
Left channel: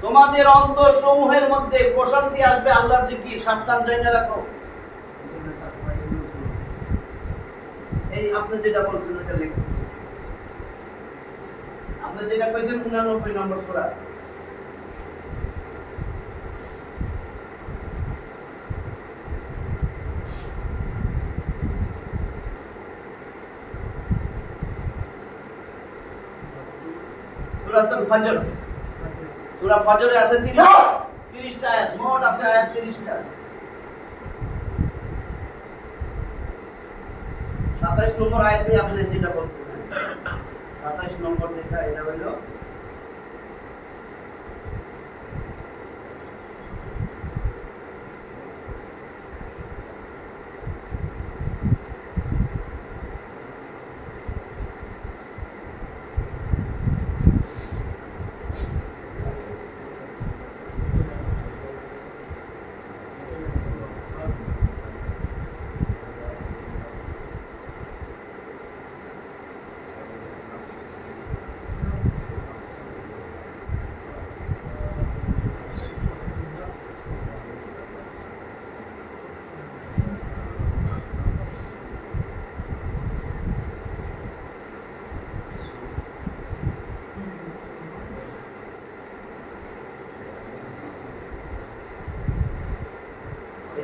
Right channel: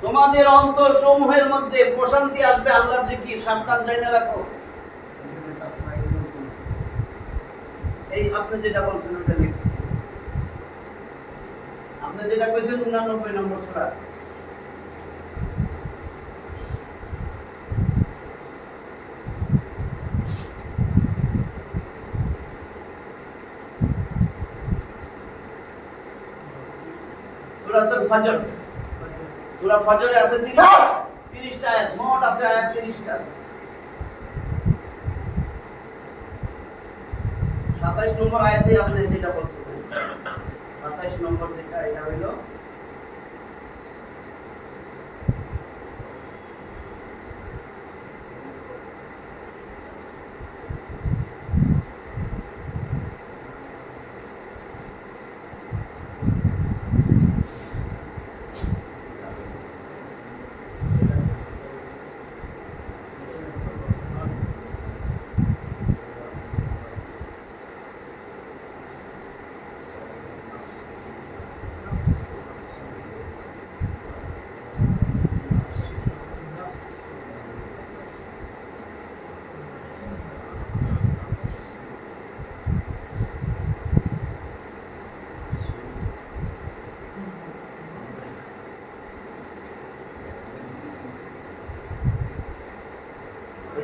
তোমাদের অন্তরসমূহের মধ্যে প্রশান্তি আসবে আল্লাহর জিকির। সাবধান, জেনে রাখো। এই আপনি যেটা বলছেন ওইটা লিখতেছি, আপনি যেটা কইছেন 89 নম্বর সূরা। সূরাতুল ফজর, সূরা ফজরে আছে 30টা আয়াত, মোট আছে আয়াত 30টা। 27 নম্বর আয়াতে আপনি যেটা বলছেন, 27 নম্বর যেটা, এটা হইল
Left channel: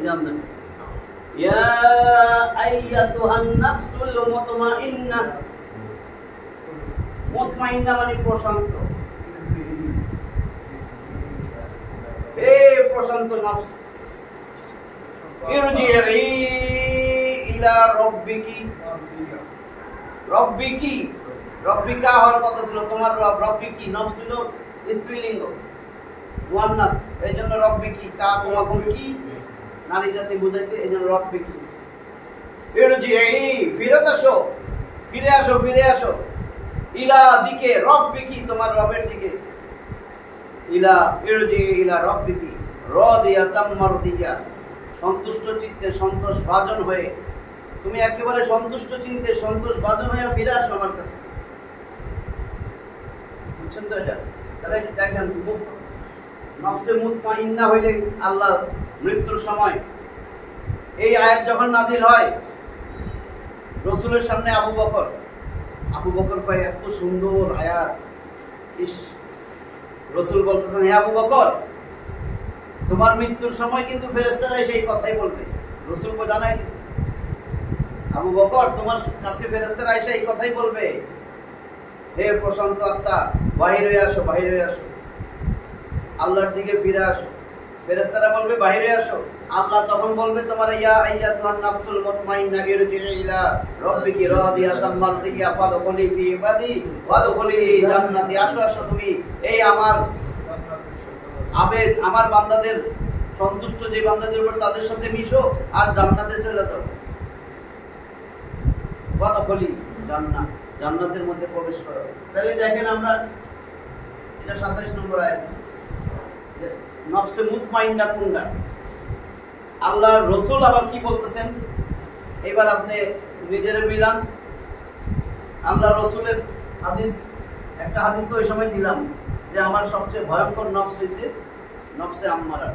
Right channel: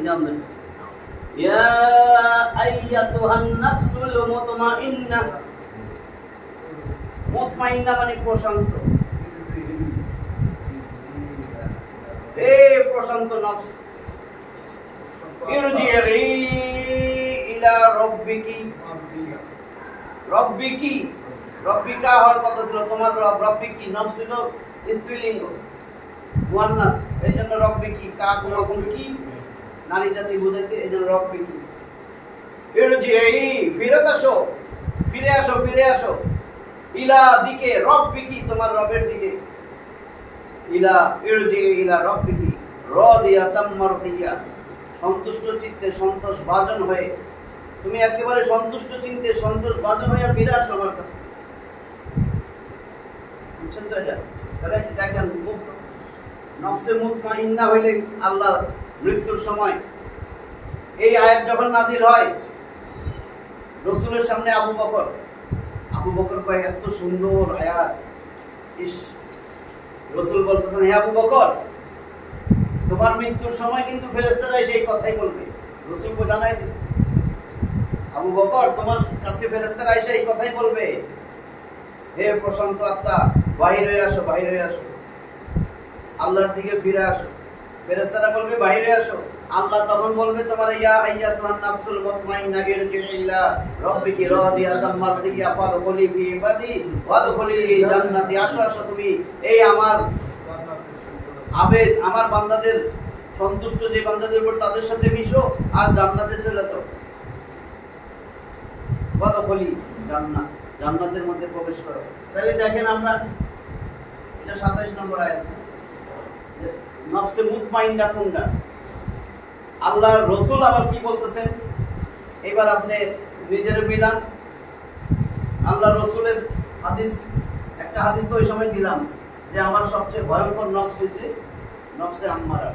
নিজাম দেন ইয়া আইয়াতুহান নাফসুল মুতমাইন্না মুতমাইন্না মানে প্রশান্ত হে প্রশান্ত নফস ইরজিই ইলা রাব্বিকি রব্বিকি রব্বিকা হওয়ার কথা ছিল তোমার রব রব্বিকি নাম ছিল স্ত্রীলিঙ্গ মুয়ান্নাস এইজন্য রব্বিকি কা গুণ কি নারী জাতি বুঝাইতে এইজন্য রব্বিকি ইরজিই ফিরে আসো ইলা দিকে রব্বিকি তোমার রবের দিকে ইলা ইরজিই ইলা রব্বিকি রাদিয়াতাম মারদিয়া সন্তুষ্ট চিত্তে সন্তোষ ভাজন হয়ে তুমি একেবারে সন্তুষ্ট চিন্তে সন্তোষ ভাজন হয়ে ফিরে আসো আমার কাছে বুঝছেন তো এটা তাহলে দেখেন নফসে মুতমাইন্না হইলে আল্লাহ মৃত্যুর সময় এই আয়াত যখন নাজিল হয় রাসূলের সামনে আবু বকর কয় এত সুন্দর আয়াত ইস রাসূল বলতেছেন হে আবু বকর তোমার মৃত্যুর সময় কিন্তু ফেরেশতারা সেই কথাই বলবে রাসূলকে জানাই দিয়েছে আবু বকর তোমার কাছে ফেরেশতারা এসে এই কথাই বলবে হে প্রশান্ত আত্মা বাহির হয়ে আসো আল্লাহর দিকে ফিরে আসো ফেরেশতারা বলবে বাইরে আসো আল্লাহ তখন বলবে তোমার ইয়া আইয়াতুহান নাফসুল মুতমাইন্না ইরজিই ইলা রাব্বিকি রাদিয়াতাম মারদিয়া ফাদখুলি ফি ইবাদি ওয়াদখুলি জান্নাতি আসো তুমি এই আমার আবেদ আমার বান্দাদের সন্তুষ্ট যে বান্দাদের উপর তাদের সাথে মিশো আর জান্নাতে চলে যাও ওয়াদখুলি জান্নাতের মধ্যে প্রবেশ করো তাহলে দেখেন আমরা এটা 27 নম্বর আয়াত নফসে মুতমাইন্না কোনটা আল্লাহর রাসূল আবার কি বলতেছেন এবার আপনি নিজের মিলান আল্লাহর রাসূলের হাদিস একটা হাদিস তো ওই সময় দিলাম যে আমার সবচেয়ে ভয়ঙ্কর নফস হইছে নফসে আম্মারা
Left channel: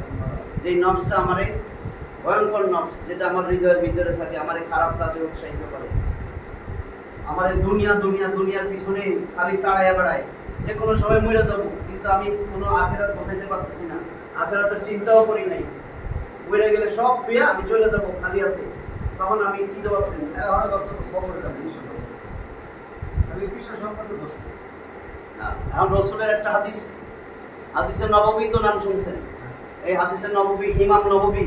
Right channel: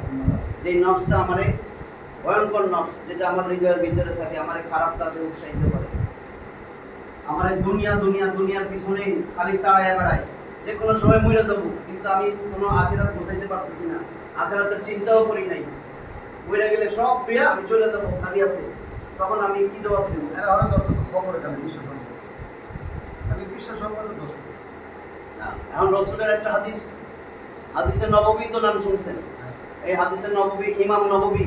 যেই নফসটা আমারে ভয়ঙ্কর নফস যেটা আমার হৃদয়ের ভিতরে থাকে আমারে খারাপ কাজে উৎসাহিত করে আমারে দুনিয়ার পিছনে খালি তাড়াইয়া বেড়ায় যে কোনো সময় মরে যাবো কিন্তু আমি কোনো আখিরাত বসাইতে পারতেছি না আখিরাতের চিন্তাও করি নাই মরে গেলে সব ফিরে আমি চলে যাবো খালি হাতে তখন আমি কি জবাব দেবো এখন রাসূলের একটা হাদিসে নববী তো নাম শুনছেন এই হাদিসে নববী ইমাম নববী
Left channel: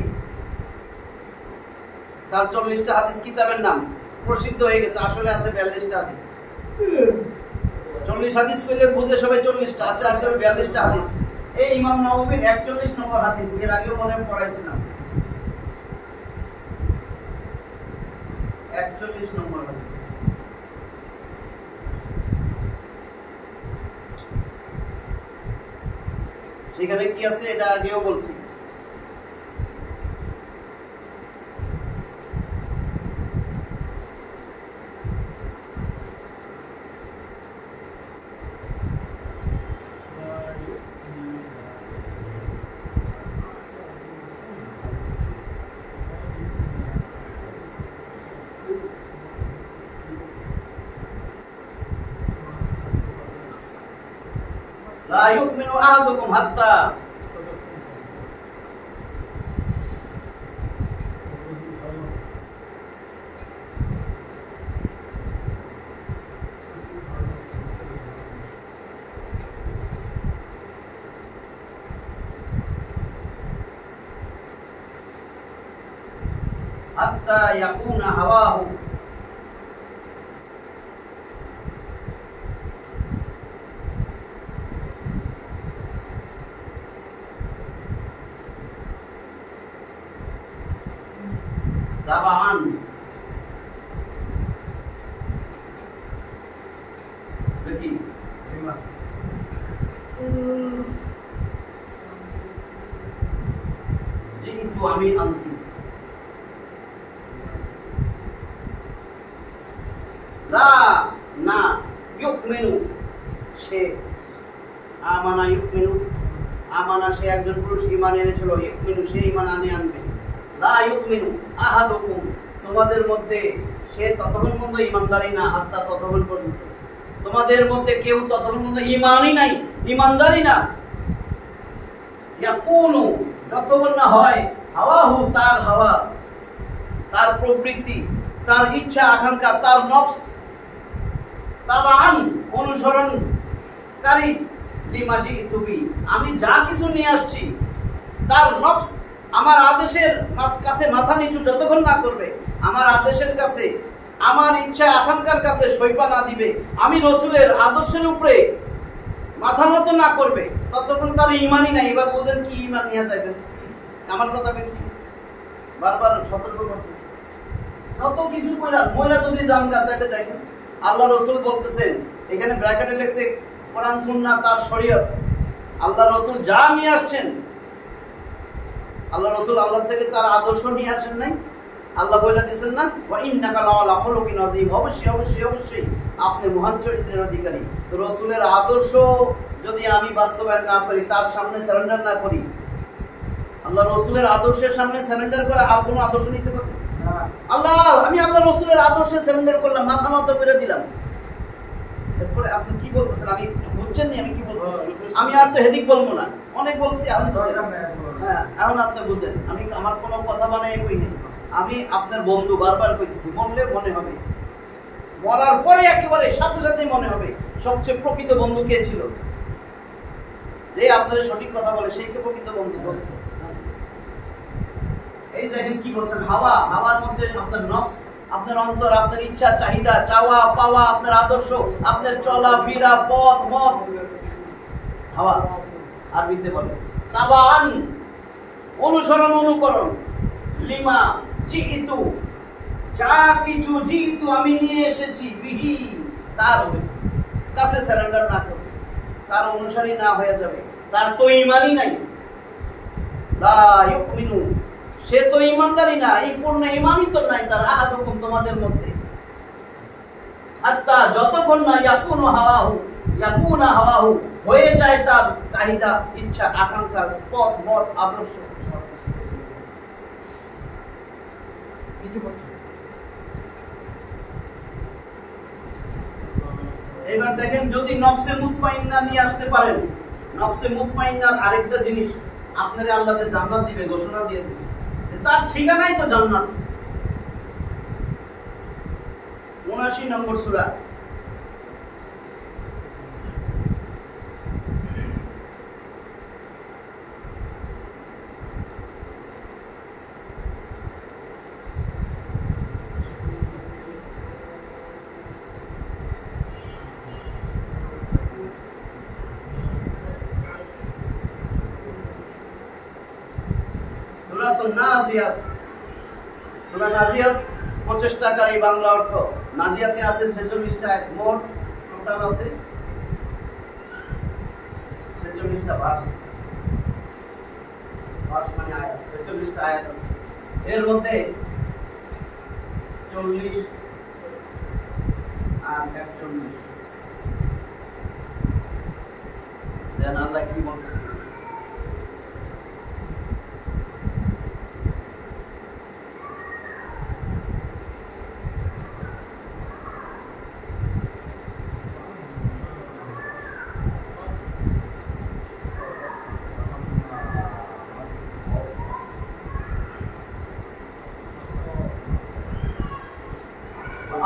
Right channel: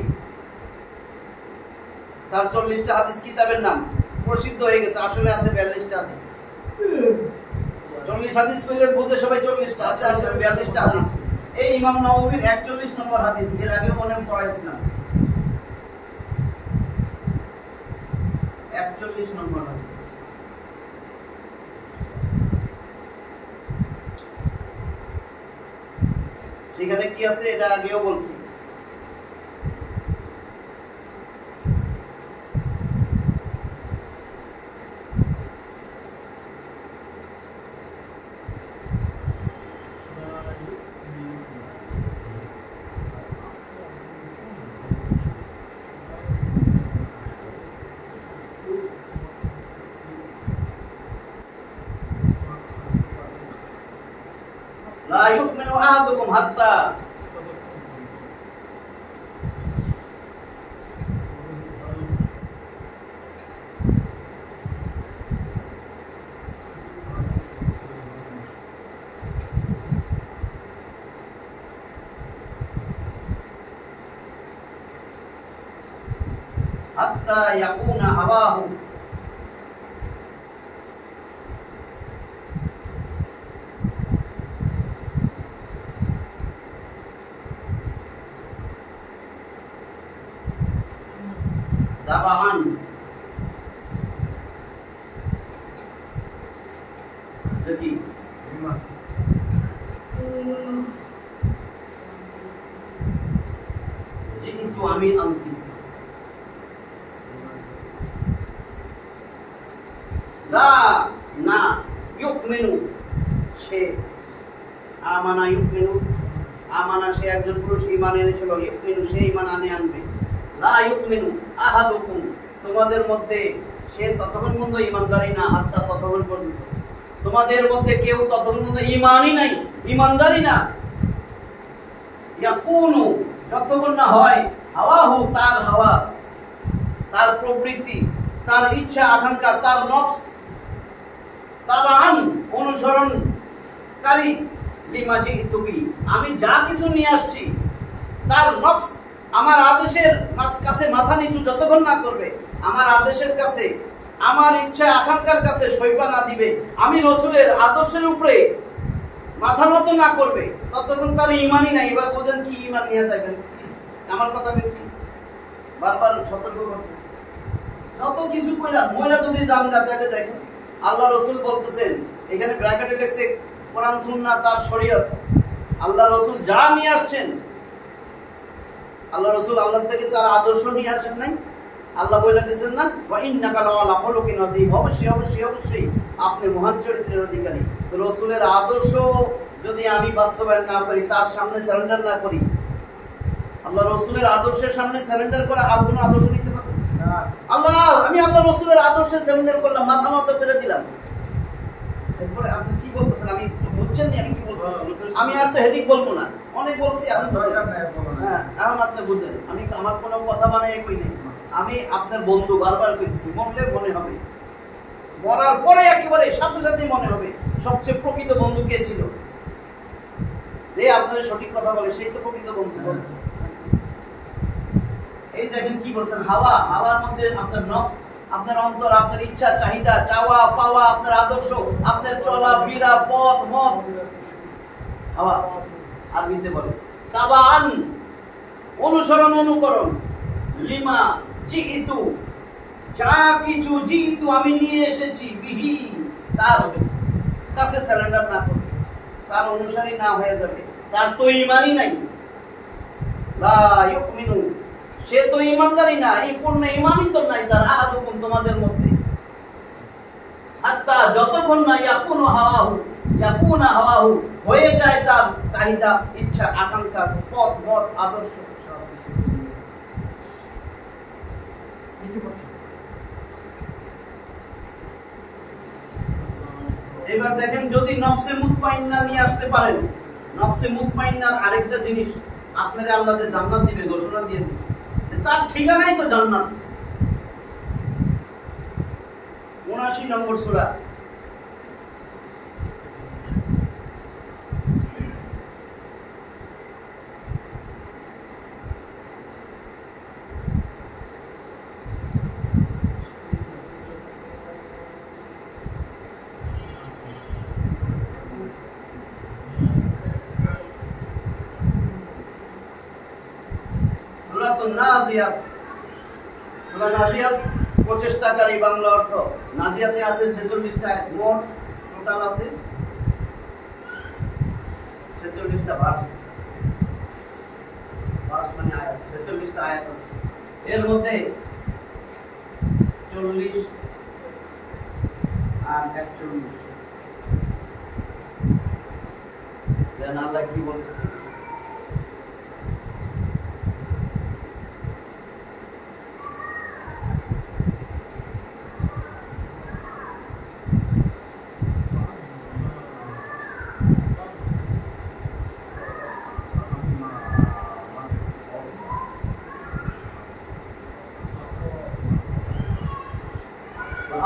তার 40টা হাদিস কিতাবের নাম প্রসিদ্ধ হয়ে গেছে আসলে আছে 42টা হাদিস 40 হাদিস কইলে বুঝে সবাই 40টা আছে 42টা হাদিস এই ইমাম নববীর 41 নম্বর হাদিস এর আগে মনে পড়াইছিলাম 41 নম্বর হাদিস সেখানে কি আছে এটা আগেও বলছি لا يؤمن أحدكم حتى يكون هواه طبعا দেখি যেহেতু আমি আনছি লা না ইউমিনু সে আমানা ইউমিনু আমানা সে একজন পুরুষ ঈমান এনেছিল ইউমিনু সে ঈমান আনবে লা ইউমিনু আহাদুকুম তোমাদের মধ্যে সে ততক্ষণ পর্যন্ত ঈমানদারি না হাত্তা ততক্ষণ পর্যন্ত তোমাদের মধ্যে কেউ ততক্ষণ পর্যন্ত ঈমানই নাই ঈমানদারি না ইয়াকুনু যতক্ষণ না হয় হাওয়াহু, তার হাওয়া, তার প্রবৃত্তি, তার ইচ্ছা আকাঙ্ক্ষা, তার নফস, তাবাআন অনুসরণকারী, লিমা জিতু বি, আমি যা কিছু নিয়ে আসছি, তার নফস আমার আদেশের কাছে মাথা নিচু যতক্ষণ না করবে, আমার আদেশের কাছে, আমার ইচ্ছা আকাঙ্ক্ষার কাছে সইবা না দিবে, আমি রসুলের আদর্শের উপরে মাথা নত না করবে, ততক্ষণ তার ইমানই নাই। এবার বুঝেন কি ইমান নিয়ে যাবেন? আমার কথা বলছি, বারবার সতর্ক করতেছি। যত কিছু কইরা মহিলা যদি জানগা, তাহলে দেখেন আল্লাহ রসুল বলতেছেন, এখানে ব্র্যাকেটে লেখছে কোরআন সুন্নাহ তার শরীয়ত। আল্লাহ রসুল যা নিয়ে আসছেন, আল্লাহ রসুল আল্লাহ থেকে তার আদর্শ নিয়ে আসেন নাই? আল্লাহ বলে দিয়েছেন না, ওয়া ইন্নাকা লাআলা খুলুকিন আযীম, অবশ্যই অবশ্যই অবশ্যই আপনি মহান চরিত্রের অধিকারী। তো রসুলের আদর্শ যদি আমি বাস্তবায়ন না করি, তার সামনে সারেন্ডার না করি, আল্লাহ রসুলের আদর্শের সামনে সারেন্ডার করে আর কোনো আদর্শ নিতে পারবো না। আমি আল্লাহ রসুলের আদর্শে সারেন্ডার করলাম, মাথা নত করে দিলাম। এরপরে আপনি কি বলতেছেন? আমি বুঝছেন নি আমি কি বলবো? আমি আর তো হেদিক বলবো না, অনেক বলছি। হ্যাঁ, এখন আপনি বুঝেন, আমি আমার কোনো কথা বানাই কই নাই। আমি আপনার বন্ধু, বারবার কইতেছি, বললে মনে হবে, মরার পরে একেবারে সাথে সাথেই মনে হবে সবচেয়ে প্রকৃত বন্ধু কে ছিল। যে আপনার সঠিক কথা বলে সেই তো প্রকৃত বন্ধু। এই দেখেন কি বলছেন, হাওয়া, হাওয়ার মধ্যে আপনার নফস, আপনার অন্তর, আপনার ইচ্ছা চাহিদা, চাওয়া পাওয়া, আপনার আদর্শ, আপনার চলা ফিরা, পথ মত, হাওয়া আরবিতে বলে। তাবাআন অনুসরণ, অনুকরণ, লিমা জিতু, যা কিছু জিতু আমি নিয়ে এসেছি, বিহি তার কাছে সারেন্ডার না করে, তার অনুসারী না হয়ে যাবে, তার তো ইমানই নাই, লা ইউমিনু, সে তো ইমানদারই না, এই পূর্ণ ইমানই তো নাই তার, আহাদুকুম তোমাদের মধ্যে, হাত্তা যতক্ষণ না ইয়াকুনু হাওয়াহু হয়ে যায় তার চাহিদা, ইচ্ছা আকাঙ্ক্ষা, পথ মত, আদর্শ। এবার দেখেন, যদি নফসে মুতমাইন্না নিয়ে আসতে পারেন, নফসে মুতমাইন্নার আরেকটা জিনিস, আপনারে আল্লাহ যে জান্নাত দিবে ঘোষণা দিয়ে দিয়েছে, তার ঠিকানাই তো জান্নাত। ৭৯ নম্বর সূরা, নাজিয়াত। সূরা নাজিয়াত প্রচেষ্টাকারী, বাংলা অর্থ। নাজিয়াতে আছে 46টা আয়াত, মোট টোটাল আছে 46টা ভার্স। ভার্স মানে আয়াত, 46টা আয়াত আছে। এর মধ্যে 40 আর 41 দেন আল্লাহ কি বলতেছে?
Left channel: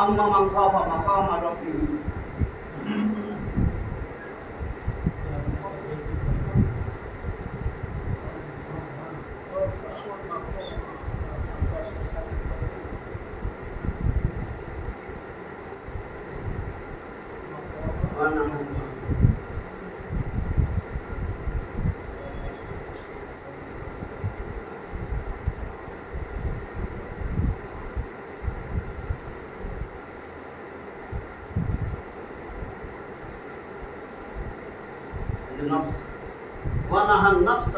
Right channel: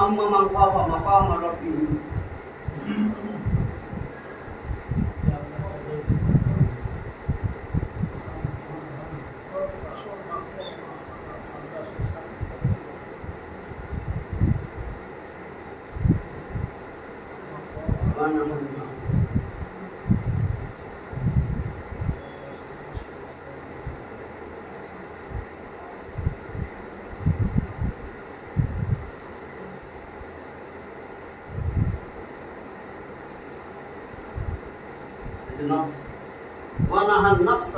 أما من خاف مقام ربه النفس ونهى النفس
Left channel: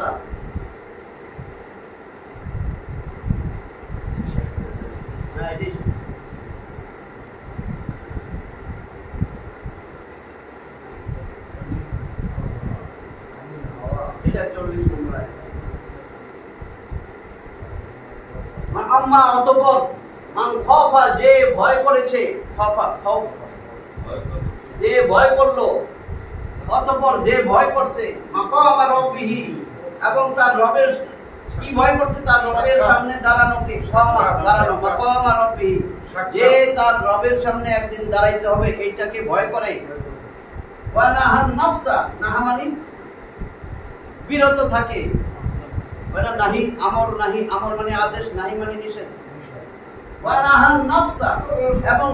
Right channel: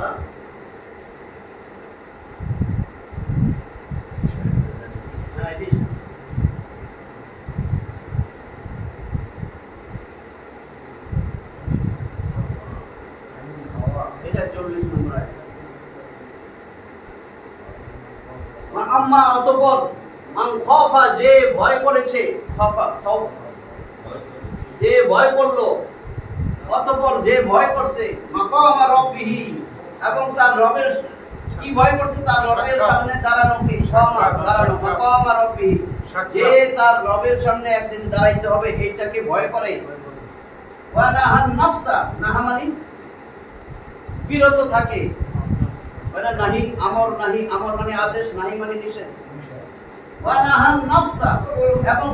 এটা 40 নম্বর আয়াত। আম্মা অতঃপর, মান খাফা যে ভয় করেছে, খাফা খাউফ যে ভয় করলো, অতঃপর যে ভয় করছে, মাকাম রাব্বিহি এবং তার রবের কি ভয় করছে? তার রবের সামনে দাঁড়ানোকে, দাঁড়ানো, মাকামা রব্বি, যে তার রবের সামনে একদিন দাঁড়াইতে হবে, এইটাকে ভয় করে। ওয়া নাহান নাফসা, নাহা মানে বিরত থাকে। ওয়া নাহি আমর, নাহি আমর মানে আদেশ, নাহি মানে নিষেধ। ওয়া নাহান নাফসা, এবং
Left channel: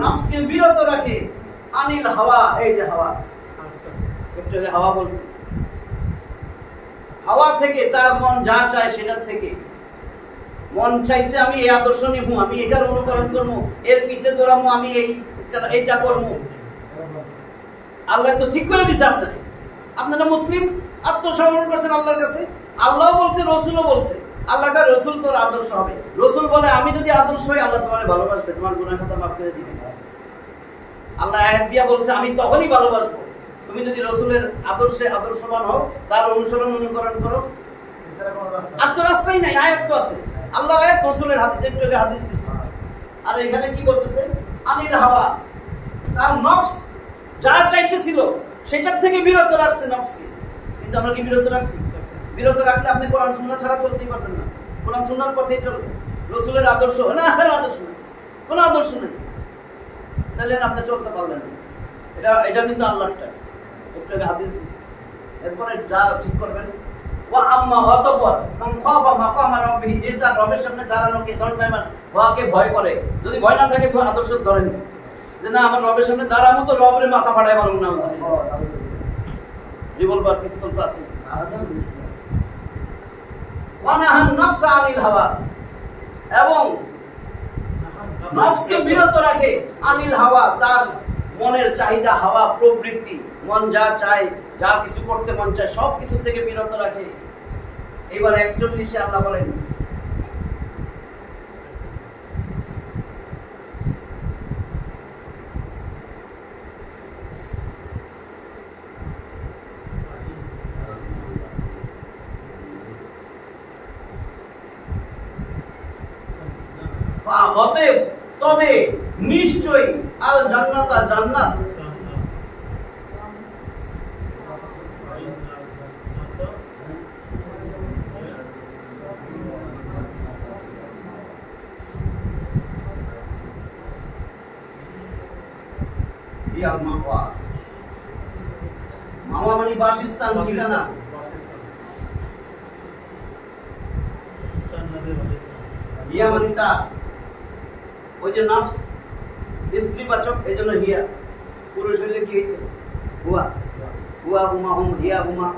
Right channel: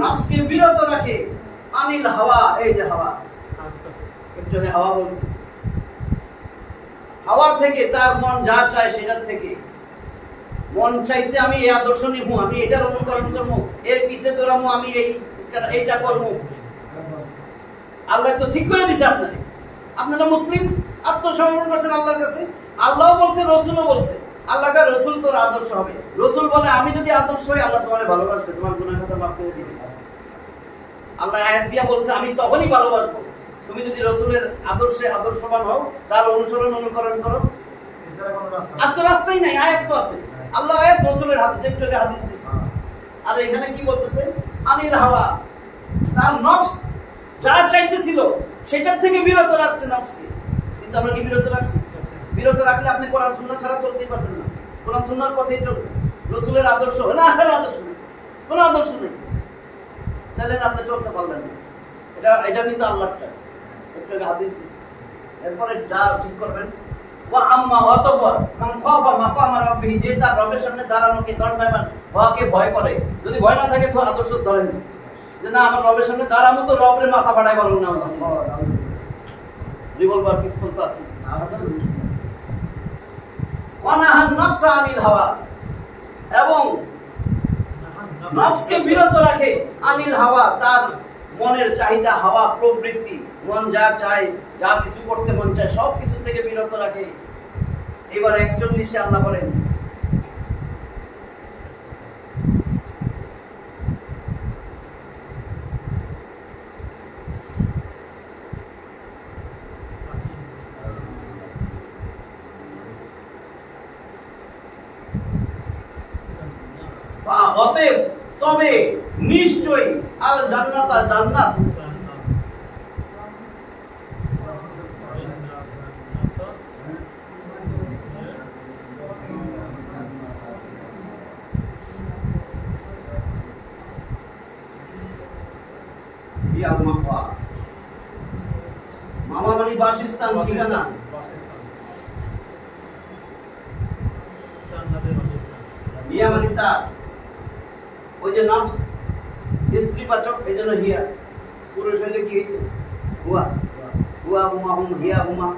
নফসকে বিরত রাখে আনিল হাওয়া, এই যে হাওয়া, একটু আগে হাওয়া বলছে, হাওয়া থেকে, তার মন যা চায় সেটার থেকে। মন চাইছে আমি এই আদর্শ নিব, আমি এটার অনুকরণ করবো, এর পিছে দৌড়াবো, আমি এইটা করবো। আল্লাহ তো ঠিক করে দিছে আপনাকে, আপনারা মুসলিম, আত্মসমর্পণ করছেন আল্লাহর কাছে। আল্লাহ বলছে, রসুলও বলছে, আল্লাহ কা রসুল তোর আদর্শ হবে। রসুল বলে আমি যদি আদর্শ হই, আল্লাহ তোমার ভালোবাসবে, তোমার গুনাহ খাতা মাফ করে দিবে। আল্লাহ আয়াত দিয়া বলছে আমি তখনই ভালোবাসবো তুমি যদি রসুলের আদর্শে আদর্শবান হও, তার অনুসরণ অনুকরণ করো। আর তো রাস্তাই নাই, আয়াত তো আছে, আল্লাহর আয়াত, রসুলের হাদিস, একটু আগে হাদিস দিছে। আর এখানে কি বলতেছে? আনিল হাওয়া, তার নফস যা চাইতেছিল সেটার থেকে বিরত রাখছে নফসকে। কিন্তু আমরা কি বিরত রাখছি? বিরত রাখলে আপনি কোরআন সুন্নাহ ছাড়া চলতেই পারবেন না। কোরআন সুন্নাহর পথেই চলবেন। রসুলের আদর্শ না, আদর্শ নেই, কোনো আদর্শ নেই, তাহলে আপনি চলতে পারলেন না। এটা কিন্তু আল্লাহরটা, একটু আগে হাদিস দিছে। এরপরে যা ঠিক করবেন, ওয়া আম্মা অতঃপর মান খাফা মাকামা রাব্বিহি, যে তার রবের সামনে দাঁড়ানোকে, দণ্ডায়মান হওয়াকে ভয় করে। যদি ভয় না থাকে তো আদর্শ ধরেন যে না, আমার রবের সামনে দাঁড়াবো তো রবের মাথা ফাটাই পারবো না, রিভলভার পিস্তল তো আছে। ওয়া নাহান নাফসা আনিল হাওয়া, এবং নফসকে বিরত রাখে আনিল হাওয়া, তার মনের চাহিদা, হাওয়া প্রবৃত্তি, মন যা চায়, যা কিছু করতে মন চায়, সব কিছু থেকে বিরত রাখে। এবার 41 আল্লাহ বলেন, অতএব তবে নিশ্চয়ই আল জান্নাত, জান্নাত, মামা মানে বাসস্থান, ঠিকানা। হিয়া মানে তা, ওই যে নফস স্ত্রীবাচক, এই জন্য হিয়া। পুরুষ হইলে কি হুয়া, হুয়া হুমা, হুম হিয়া হুমা,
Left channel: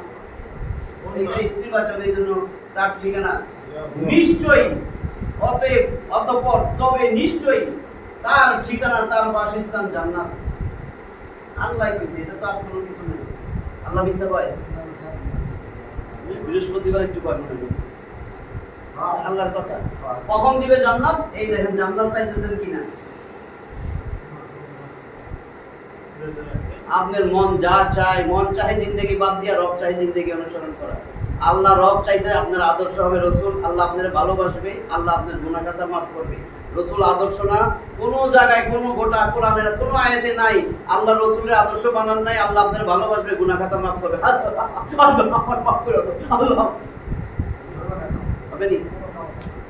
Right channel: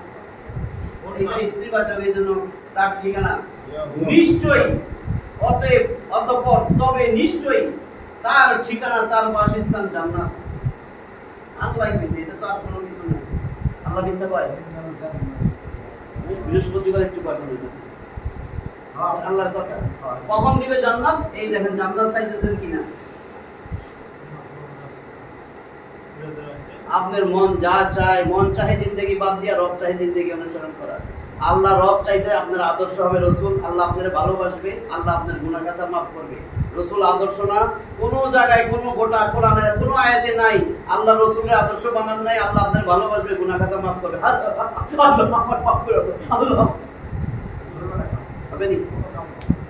এটা স্ত্রীবাচক, এই জন্য তার ঠিকানা। নিশ্চয়ই, অতএব, অতঃপর, তবে নিশ্চয়ই তার ঠিকানা, তার বাসস্থান জান্নাত। আল্লাহ কইছে, এটা তো আর কোনো কিছু নেই। আল্লাহ মিথ্যা কয়? বৃহস্পতিবার একটু কয় মনে করেন, আল্লাহর কথা। কখন দিবে জান্নাত? এই দেখেন, জান্নাত চাইতেছেন কিনা। আপনার মন যা চায়, মন চাহে জিন্দেগি বাদ দিয়া রব চাহে জিন্দেগি অনুসরণ করা। আল্লাহ রব চাইছে আপনার আদর্শ হবে রসুল, আল্লাহ আপনার ভালোবাসবে, আল্লাহ আপনার গুনাহ খাতা মাফ করবে। রসুল আদর্শ না, কোনো জায়গায়, কোনো গোটা কোরআনের কোনো আয়াতে নাই আল্লাহ রসুলের আদর্শ বানান নাই, আল্লাহ আপনার ভালোবাসবে, গুনাহ খাতা মাফ করবে। আল্লাহ মাফ করে, আল্লাহ হবে নি?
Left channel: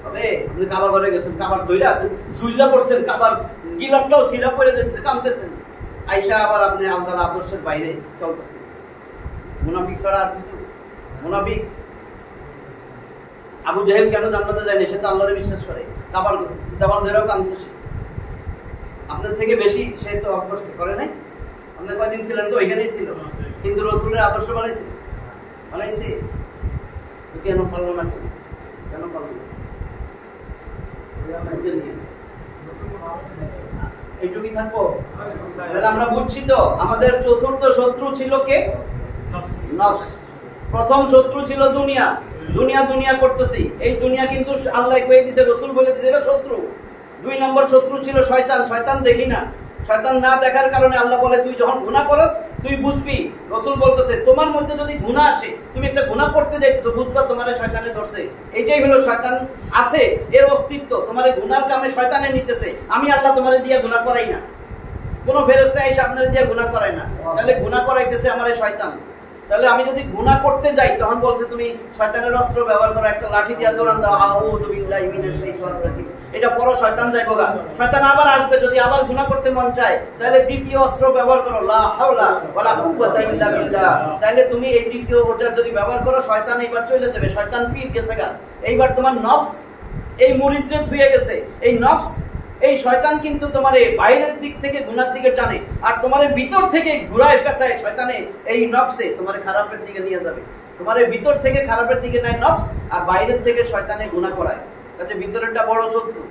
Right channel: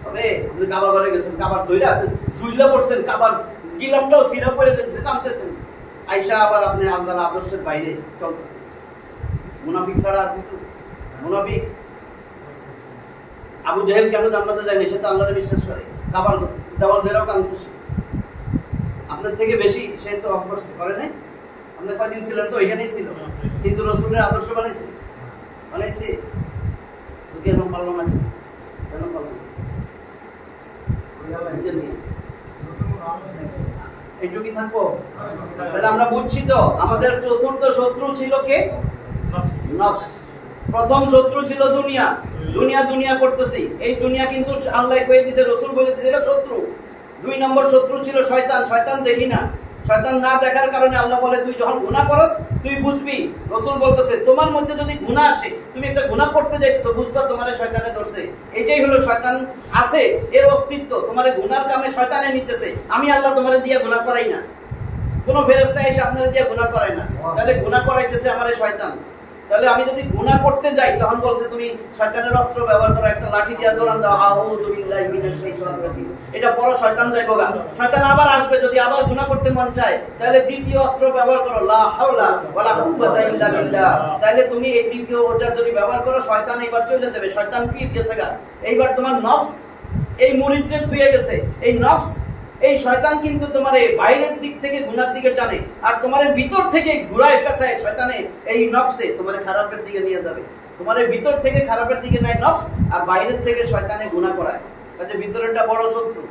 হবে? আপনি কাবা ঘরে গেছেন, কাবার দইরা জুইলা পড়ছেন, কাবার গিলাপটাও সিরা পড়ে যাচ্ছে, কাঁদতেছেন, আইসা আবার আপনি আল্লাহর আদর্শের বাইরে চলতেছেন। মুনাফিক ছাড়া আর কিছু? মুনাফিক আবু জাহেল কেন জান্নাতে যায়নি? সে তো আল্লাহরে বিশ্বাস করে, কাবার দেওয়াল ধরেও কাঁদছে সে। আপনার থেকে বেশি সে তো অফ করছে, করে নাই? আপনি কয়দিন ছিলেন? তো ওইখানেই ছিল, কিন্তু রসুলের আদর্শ বানাইছে, বানাইছে কেন পারলো না? কেন পারলো না? এইটুকুই থাকবো। তাহলে আমরা বুঝছি তো, আমাদের চতুর্থ শত্রু ছিল কে? নফস। প্রথম শত্রু ছিল দুনিয়া। দুনিয়া দুনিয়া করতেছি, এই দুনিয়া কিন্তু আল্লাহ কয়ে দিয়েছে, রসুল বলে দিয়েছে এটা শত্রু। 2 নম্বর শত্রু ছিল শয়তান। শয়তান দেখি না, শয়তান না দেখার কারণে আল্লাহ বলে তুই যখন গুনাহ করস তুই বুঝবি। রসুল বলতেছে তোমার মধ্যে যদি গুনাহ আসে, তুমি একটা গুনাহ করতে যাইছো, বুঝবা তোমার শয়তানে ধরছে। এটাই হলো শয়তান আছে, এর অস্তিত্ব। তোমার গুনার কামে শয়তানে নিতেছে। আমি আল্লাহ তোমার দিয়ে গুনাহ করাই না, কোনো ফেরেশতা এসে আপনার দিয়ে গুনাহ করায় না, তাহলে গুনাহ করাইতেছে আমার শয়তান। তাহলে আমি যদি গুনাহ করতে যাই তখন বলছে তুমি শয়তানের অস্ত্র ব্যবহার করো, একটা লাঠি দিয়ে দৌড়ান দাও, আউযু বিল্লাহি মিনাশ শাইতানির রাজিম, এটা পড়ো, শয়তান যাইবো গা। শয়তান আবার আসবে, যদি আবার গুনাহ করতে মন চায় তাহলে দ্বিতীয় অস্ত্র ব্যবহার করো, লা হাওলা ওয়ালা কুওয়াতা ইল্লা বিল্লাহ। তাহলে তুমি এই দ্বিতীয় ওটা যদি ব্যবহার করো, শয়তান এইবার চলে যাবে, শয়তান পীর গেছে গা। এইবার তোমার নফস এই মুরিদরে থুয়ে গেছে। এই নফস, এই শয়তান কিন্তু তোমার এই বাইরের দিক থেকে গুনার দিকে টানে, আর তোমার ভিতর থেকে ঘুরায় পেঁচায় শয়তানে, এই নফসে তোমার খারাপের দিকে নিয়ে যাবে। তোমার ভিতর থেকে খারাপের দিকে নেয় নফস, আর বাইরের থেকে শয়তানে গুনাহ করায়। কাজে ভিতরেরটা বড় শত্রু।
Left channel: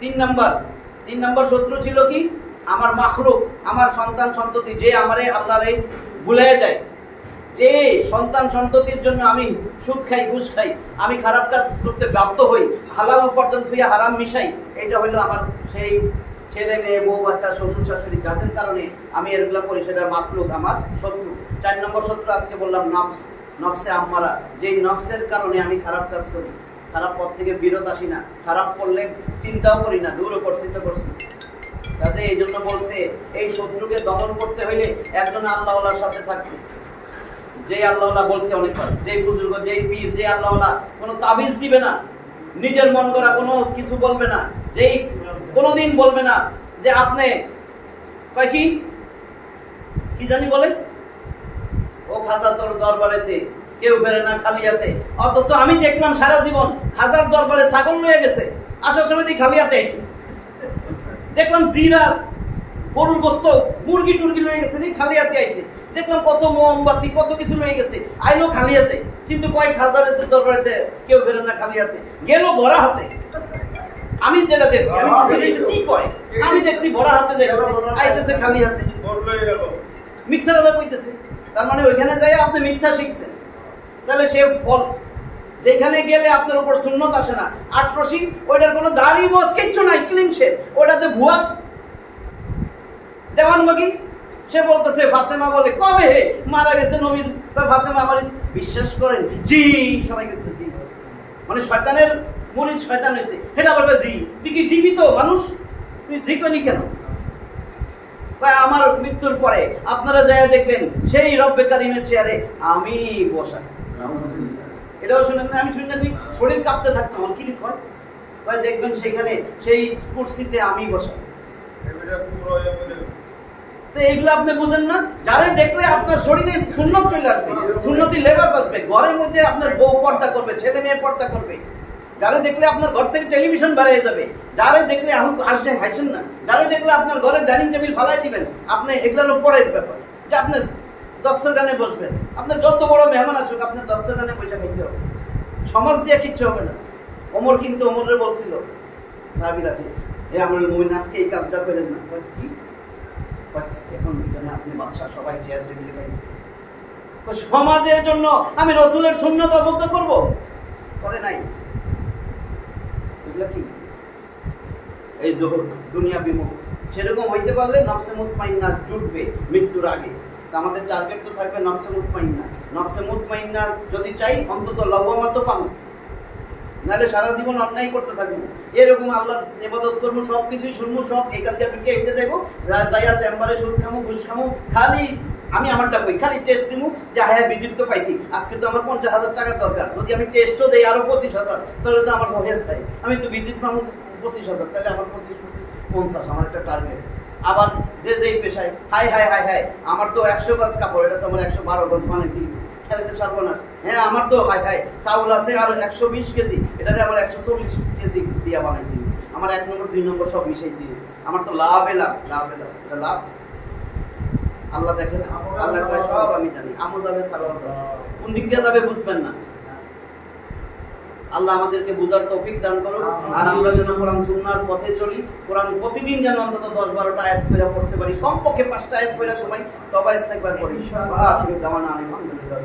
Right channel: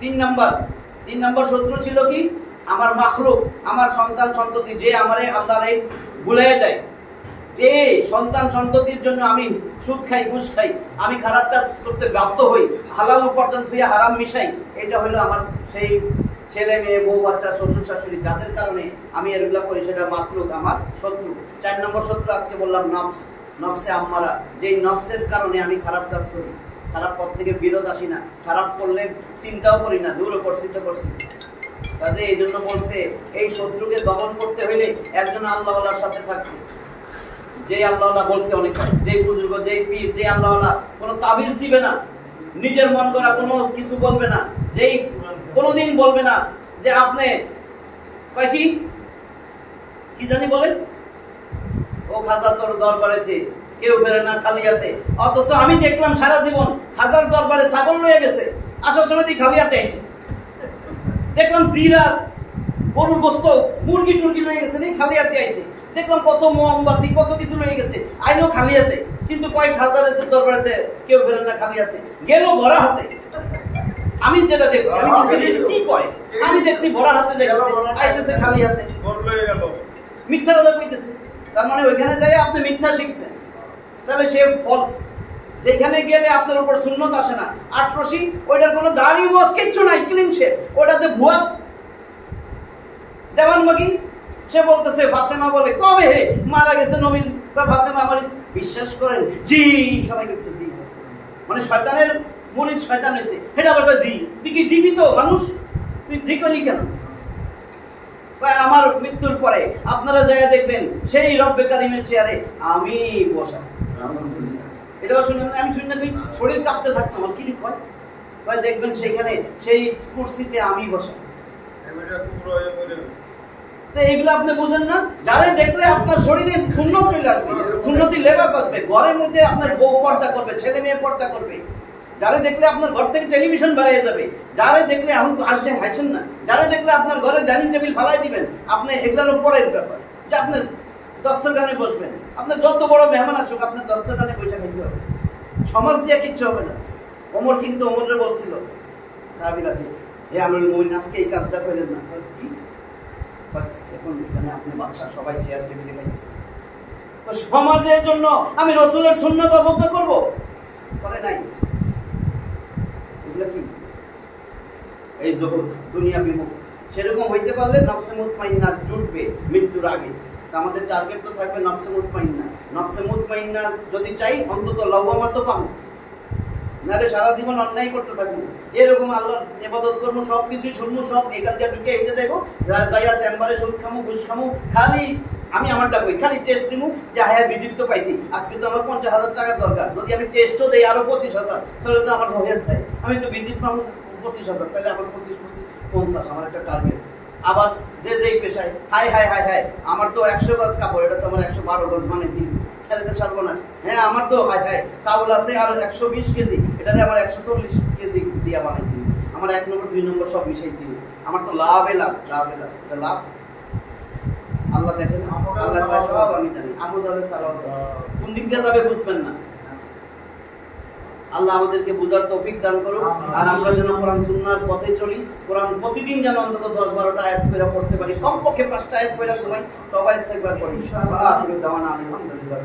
3 নাম্বার শত্রু ছিল কি? আমার মাখলুক, আমার সন্তান সন্ততি, যে আমারে আল্লাহরে ভুলিয়ে দেয়, যে সন্তান সন্ততির জন্য আমি সুদ খাই, ঘুষ খাই, আমি খারাপ কাজ করতে বাধ্য হই, হালাল উপার্জন থেকে হারাম মিশাই, এটা হলো আমার সেই ছেলে মেয়ে, বউ বাচ্চা, শ্বশুর শাশুড়ি, যাদের কারণে আমি এগুলো করি, সেটা মাখলুক, আমার শত্রু। 4 নম্বর শত্রু আজকে বললাম নফস, নফসে আম্মারা, যেই নফসের কারণে আমি খারাপ কাজ করি, খারাপ পথ থেকে ফিরত আসি না, খারাপ করলে চিন্তাও করি না, দূর করছি তো করছি। কাজে এই জন্য বলছে এই শত্রুকে দমন করতে হইলে একজন আল্লাহওয়ালার সাথে থাকতে। যে আল্লাহওয়ালা বলছে অনেকবার, যে বুজুর্গ, যে পীর, যে আল্লাহওয়ালা কোনো তাবিজ দিবে না, নিজের মন করা কোনো কিছু বলবে না, যেই কোনোদিন বলবে না যে আপনি কয় কি জানি বলে, ও খাজা তোর দরবারেতে কেউ ফেরে না খালিয়াতে। অথচ আমি দেখলাম সারা জীবন খাজার দরবারে ছাগল লয়ে গেছে, আসার সময় খালিয়াতে আইছে। দেখলাম জিরা, গরুর গোস্ত, মুরগি টুরগি লয়ে গেছে, খালিয়াতে আইছে। দেখলাম কত মোমবাতি, কত কিছু লয়ে গেছে, আইলো খালিয়াতে। কিন্তু কয় খাজারের দরবারেতে কেউ ফেরে না খালিয়াতে, গেল ভরা হাতে। আমি যেটা দেখছি, আমি কি কয়, আমি দেখছি ভরা হাতে যাইতেছে, আইতেছে খালি হাতে, মিথ্যা কথা কইতেছে। তার মানে ওইখানে যাই আপনি মিথ্যা শিখছেন, তাহলে সে ফলস। যেখানে গেলে আপনার উপর সুন্নত আসে না, আটরশি, ওইটার কোনো দাড়ি বস কিচ্ছু নাই, ক্লিন শেভ, ওইটাতে ভুয়া দেওয়ানবাগি। সে বলতেছে ফাতেমা বলে কবে মারা গেছে নবীর, ফাতেমা আমার বিশ্বাস করেন? জি, সবাই বলছে জি। মানে শয়তানের মুরিদ শয়তান হয়েছে, এটা আবার জি। তুই কি জীবিত মানুষ, তুই জি করলি কেন? আমার মৃত্যুর পরে আপনারা যাই দেখবেন সেই রব্বে কারিমের চেয়ারে আমি বসা। এটাও শুনেন না? আমি শুনি না, তুই শরীর কাঁপতে থাকতো আমার, কি কয় কয় দেখবেন সেইখানে সেই কুরসিতে আমি বসা। তো এইগুলো আপনি বুঝেন না? যারা দেখলে আপনার শরীরে সুন্নত চলে আসবে, সুন্নতি লেবাস আসবে, ঘরের মধ্যে আপনার বউ পর্দা করবে, ছেলে মেয়ে পর্দা করবে। যারা দেখলে আপনার ঘর থেকে টেলিভিশন বেরিয়ে যাবে, যারা দেখলে এখন আসছেন হাসছেন না, যারা দেখলে আপনার ঘরের ডাইনিং টেবিল ফালাই দিবেন, আপনি এগুলোর পরের ব্যাপার যে আপনি দস্তরখানে বসবেন। আপনার যত বড় মেহমান আসুক, আপনার দস্তরখানে বসে খাইতে হবে, সমাজ দিয়ে কিচ্ছু হবে না। ওমর কিন্তু ওমরে বলছিল সাহাবীরা, হে আমরুল মুমিন, আজকে এই কাজটা করেন না। কি এখন আপনি বাদশা, সবাই চেয়ার টেবিলে খাইছে, সমাজের জন্য আমি রসুলের সুন্নাত অবজ্ঞা করবো? করে নাই। এগুলো কি? এই জহুদ, দুনিয়া বিমুখ। সেরকম হইতে পারলে নফসে মুতমাইন্না জুটবে মৃত্যুর আগে। আমাদের টার্গেট তো থাকবে নফসে মুতমাইন্না। নফসে মুতমাইন্না যদি চাই, অন্তত লবমা তো পাবো, নাহলে সারা জীবন অন্যায় করতে থাকবো। এরকম আল্লাহর ইবাদত করবো, সব কিছুই শুনবো, সব এখান থেকে ঢুকে এগিয়ে যাইবো, যাইয়া চেম্বারে সুদ খামু, ঘুষ খামু, খালি আমি আমারটা কই, খালি টেস্ট দিব যে হ্যাঁ ভিজিট তো পাইছি, আজকে তো আমার 50,000 টাকা দরকার, যদি আমি টেস্টও দেই আরো 25,000, তাহলে তো আমার হয়ে যায়। আমি তো ভিজিট পাবো 25,000, তাহলে আমার 25, 50, আমার একটা টার্গেট। আবার যে যেই পেশায় হাই হাই হাই হাই, আমার তো 100 গজ কাপড়, এটা তো আমার 112 গজ মানে দিন, খেলে তো সর্বনাশ। হ্যাঁ, আমার তো হাই হাই চাউল আছে আর 120 কেজি, এটাতে আমার 140 কেজি দিয়া বানাই দিই, আমার 1 নম্বর 2 নম্বর সব মিশাই দিই, আমার তো লাভে লাভ, লাভে লাভ, এটা লাভ। আল্লাহ দেখেন, আল্লাহ সব আমি জানি, আমু যাবে সালাও যাবে, কোন দিক দিয়ে যাবে বুঝবেন না। আল্লাহ আমাদেরকে বুঝার তৌফিক দান করুক, আর আমরা যেন কোরআন সুন্নাহর পথে চলি। কোরআন প্রতিদিন যেন অন্তত 10-12টা আয়াত করে পড়তে পারি, কমপক্ষে 5টা আয়াত করে সময় তবা ইস্তেগফার করি। আখিরু দাওয়ানা আলহামদুলিল্লাহ।